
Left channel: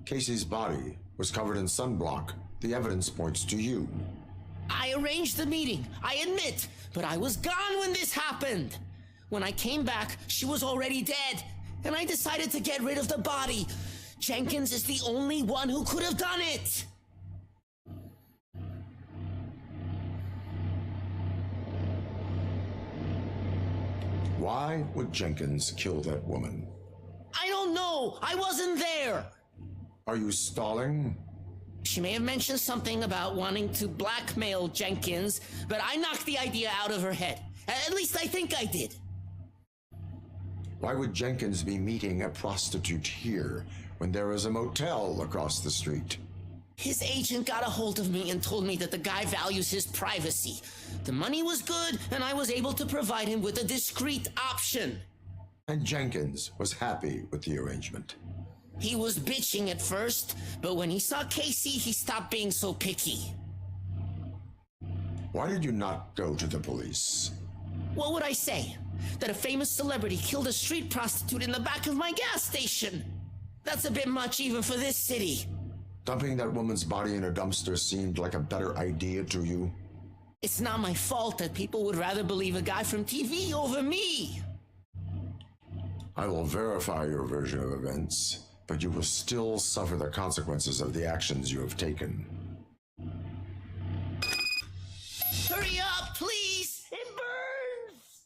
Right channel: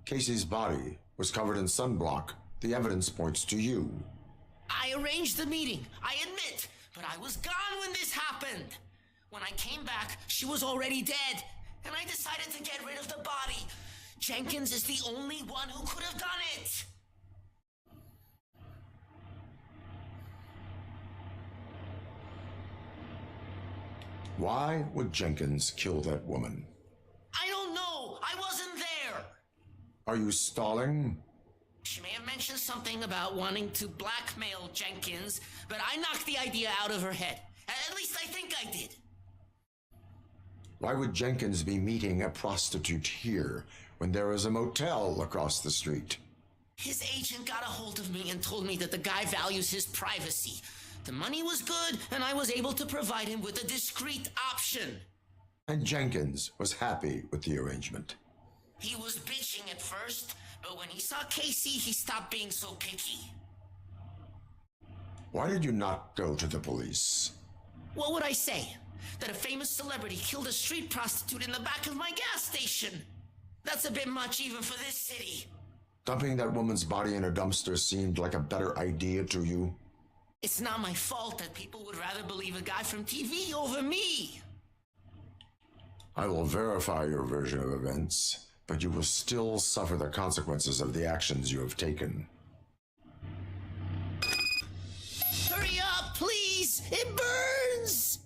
Casey's body was covered in sunblock. The evidence points to you. I arranged the meeting, I admit, but I was gone when this happened. When I came back, she was already dead, and I decided to get rid of the body. Jenkins is the only one who could have done it. Why would Jenkins kill that woman? I don't know. I wasn't there. Are you stalling? She may have mentioned something about wanting to blackmail Jenkins, but I knocked the idea out of her head. At least I think I did. Why would Jenkins be meeting a prostitute here when there is a motel across the street? His agent got a hold of me and told me that the guy values his privacy. The money was good, and I was able to provide him with a discreet option. And Jenkins was happy with the arrangement. He was bitching at first, but when he saw Casey, he stopped being so picky. Why did you not go to the police? What would I say? That a famous celebrity killed a street prostitute in the back of my gas station? That's a bit much even for this city. Dumping that woman's body in a dumpster seemed like a better idea to you? It's not my fault that people would rather believe a guy from TV over me. I will verify your version of events, but you will still suffer the consequences of the actions you have taken. Hurry up, please! It burns!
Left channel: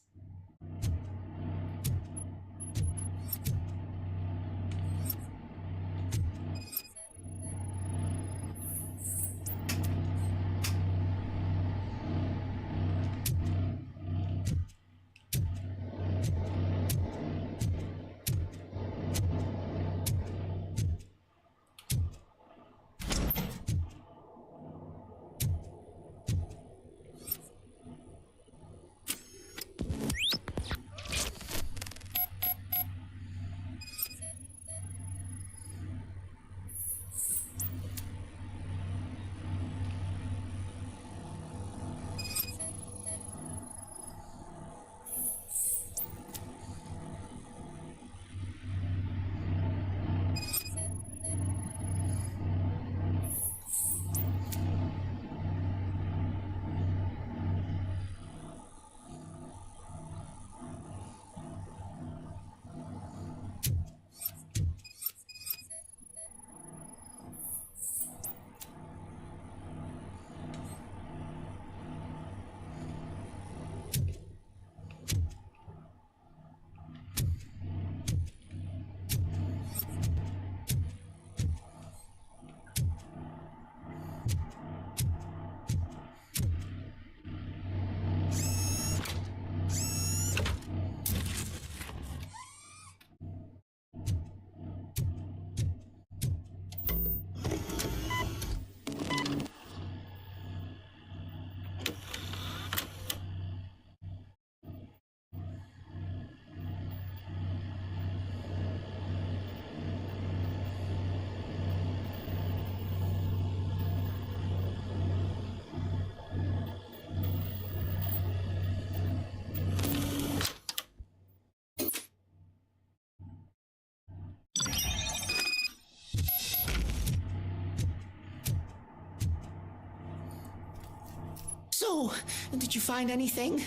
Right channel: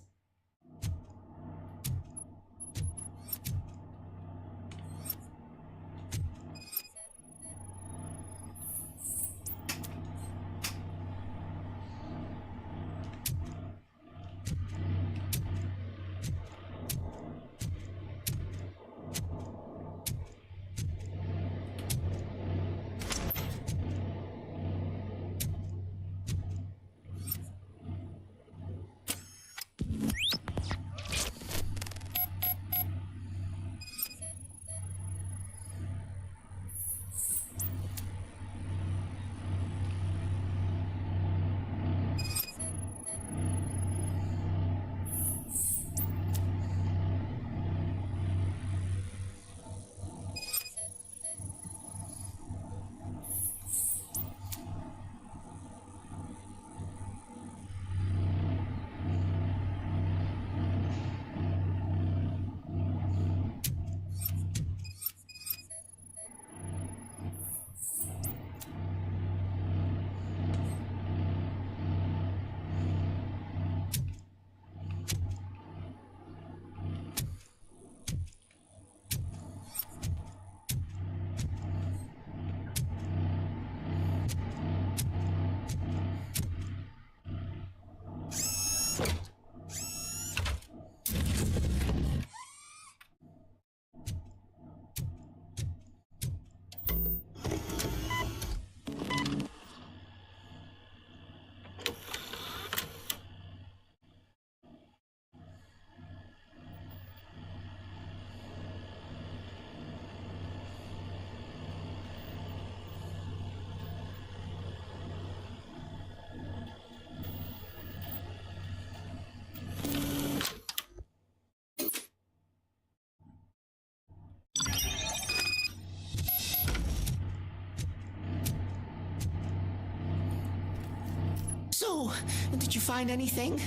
So, did you find anything?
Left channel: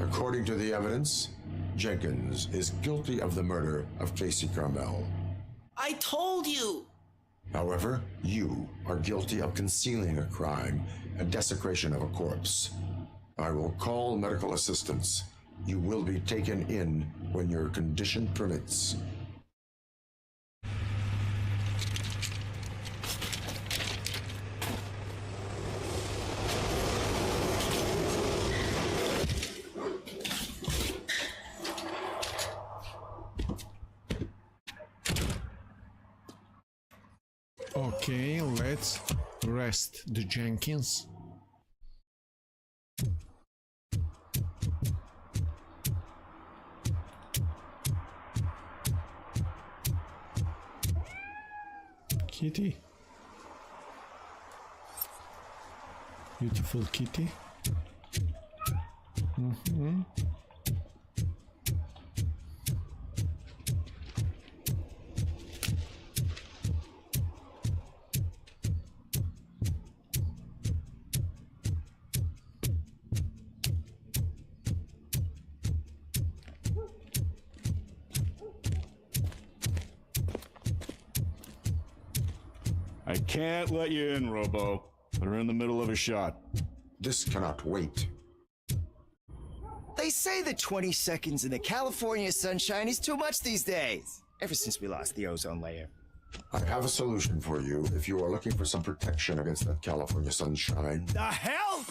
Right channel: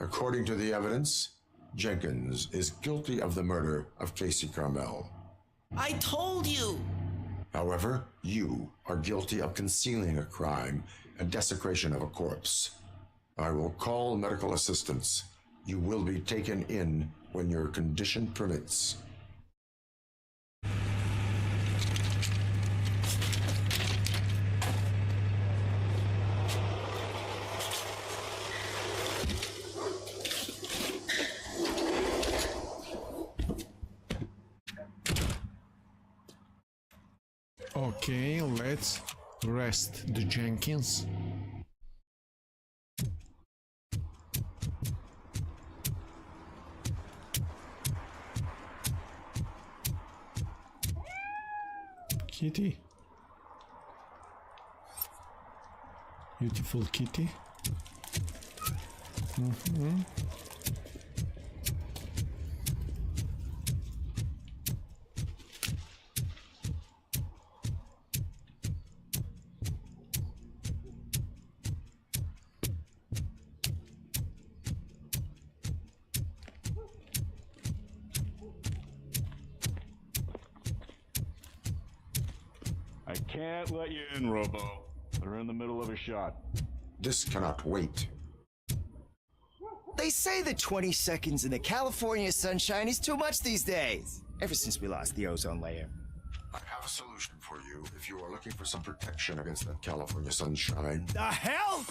According to the evidence, Jenkins is guilty of the murder of Casey Carmel. I told you! However, you are guilty of concealing a crime and desecration of a corpse. I will call medical assistance. You will be taken in when your condition permits. Okay, let's arrest the Jenkins. Kitty. Beautiful kitty. I can't let you in, Robo. We're in the middle of a shot. This cannot wait. They say that 20 seconds in the California sunshine is too much these days. Ever since we lost the ozone layer. I have a solution for you if you are looking for some protection against that California sunshine. The hell?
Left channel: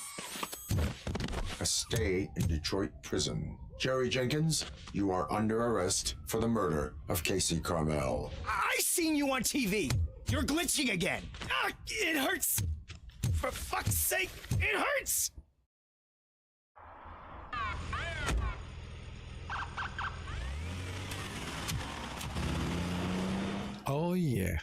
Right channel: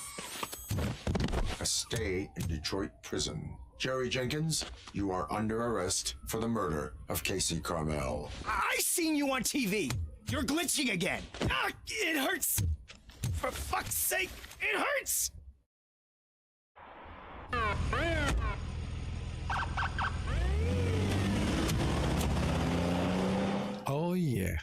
A stay in Detroit prison. Jerry Jenkins, you are under arrest for the murder of Casey Carmel. I seen you on TV. You're glitching again. Ah, it hurts. For fuck's sake, it hurts. Oh yeah.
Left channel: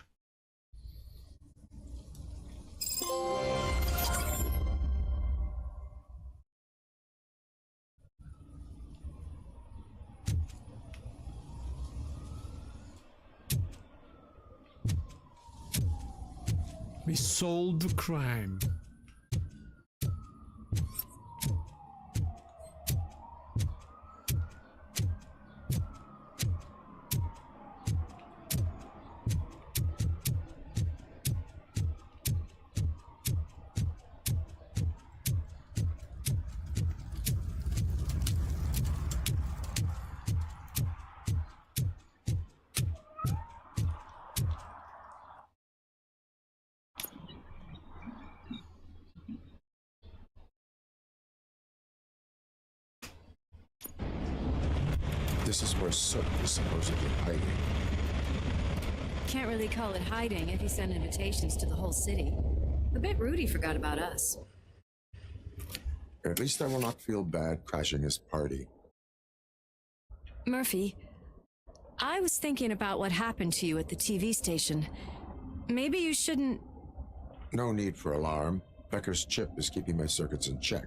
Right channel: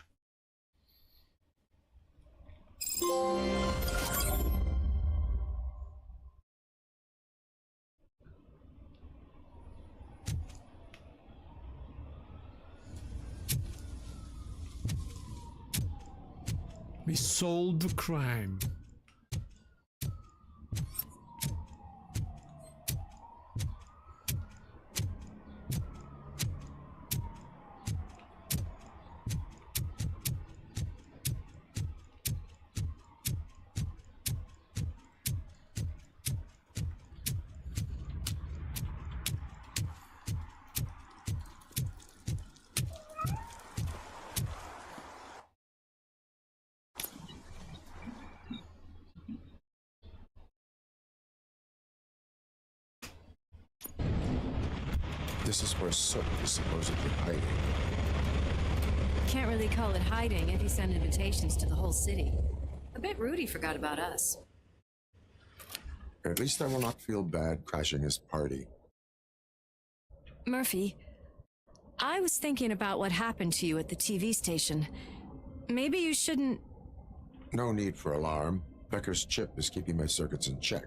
We solved the crime. This is where Soot is supposedly hiding. Can't really call it hiding if you send invitations to the whole city. A bit rude he forgot about us. At least I will not feel bad crashing his party. Murphy, I was thinking about what happened to you at the TV station. Maybe you shouldn't... No need for alarm. Becker's chip is keeping my circuits in check.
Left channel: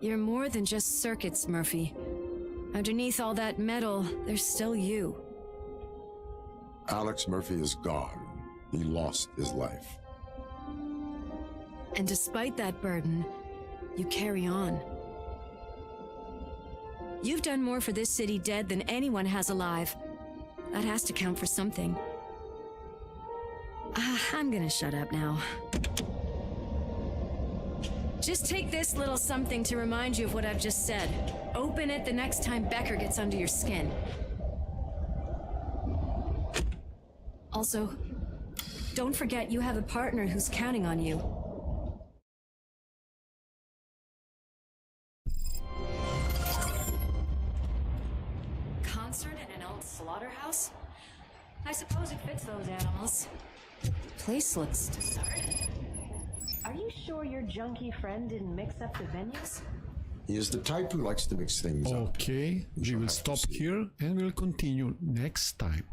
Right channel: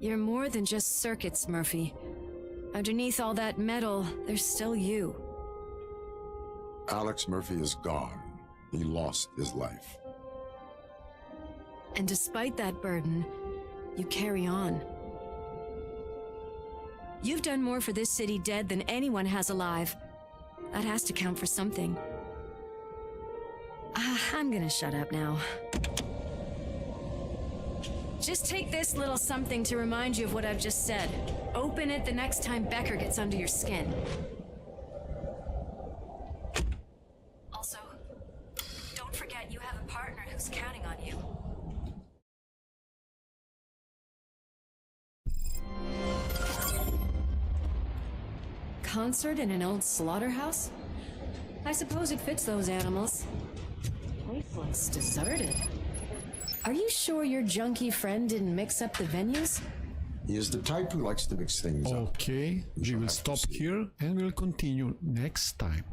You're more than just circuits, Murphy. Underneath all that metal, there's still you. Alex Murphy is gone. He lost his life. And despite that burden, you carry on. You've done more for this city dead than anyone has alive. That has to count for something. I'm gonna shut up now. Just take this little something to remind you of what I've just said. Open it the next time Becker gets under your skin. Also, don't forget you have a partner who's counting on you. Concert in an old slaughterhouse? I suppose it fits those animals. The place looks deserted. Are you sure your junkie friend didn't mix up the venues? He is the type who likes to mix things up. Okay, we will stop here and we'll continue next time.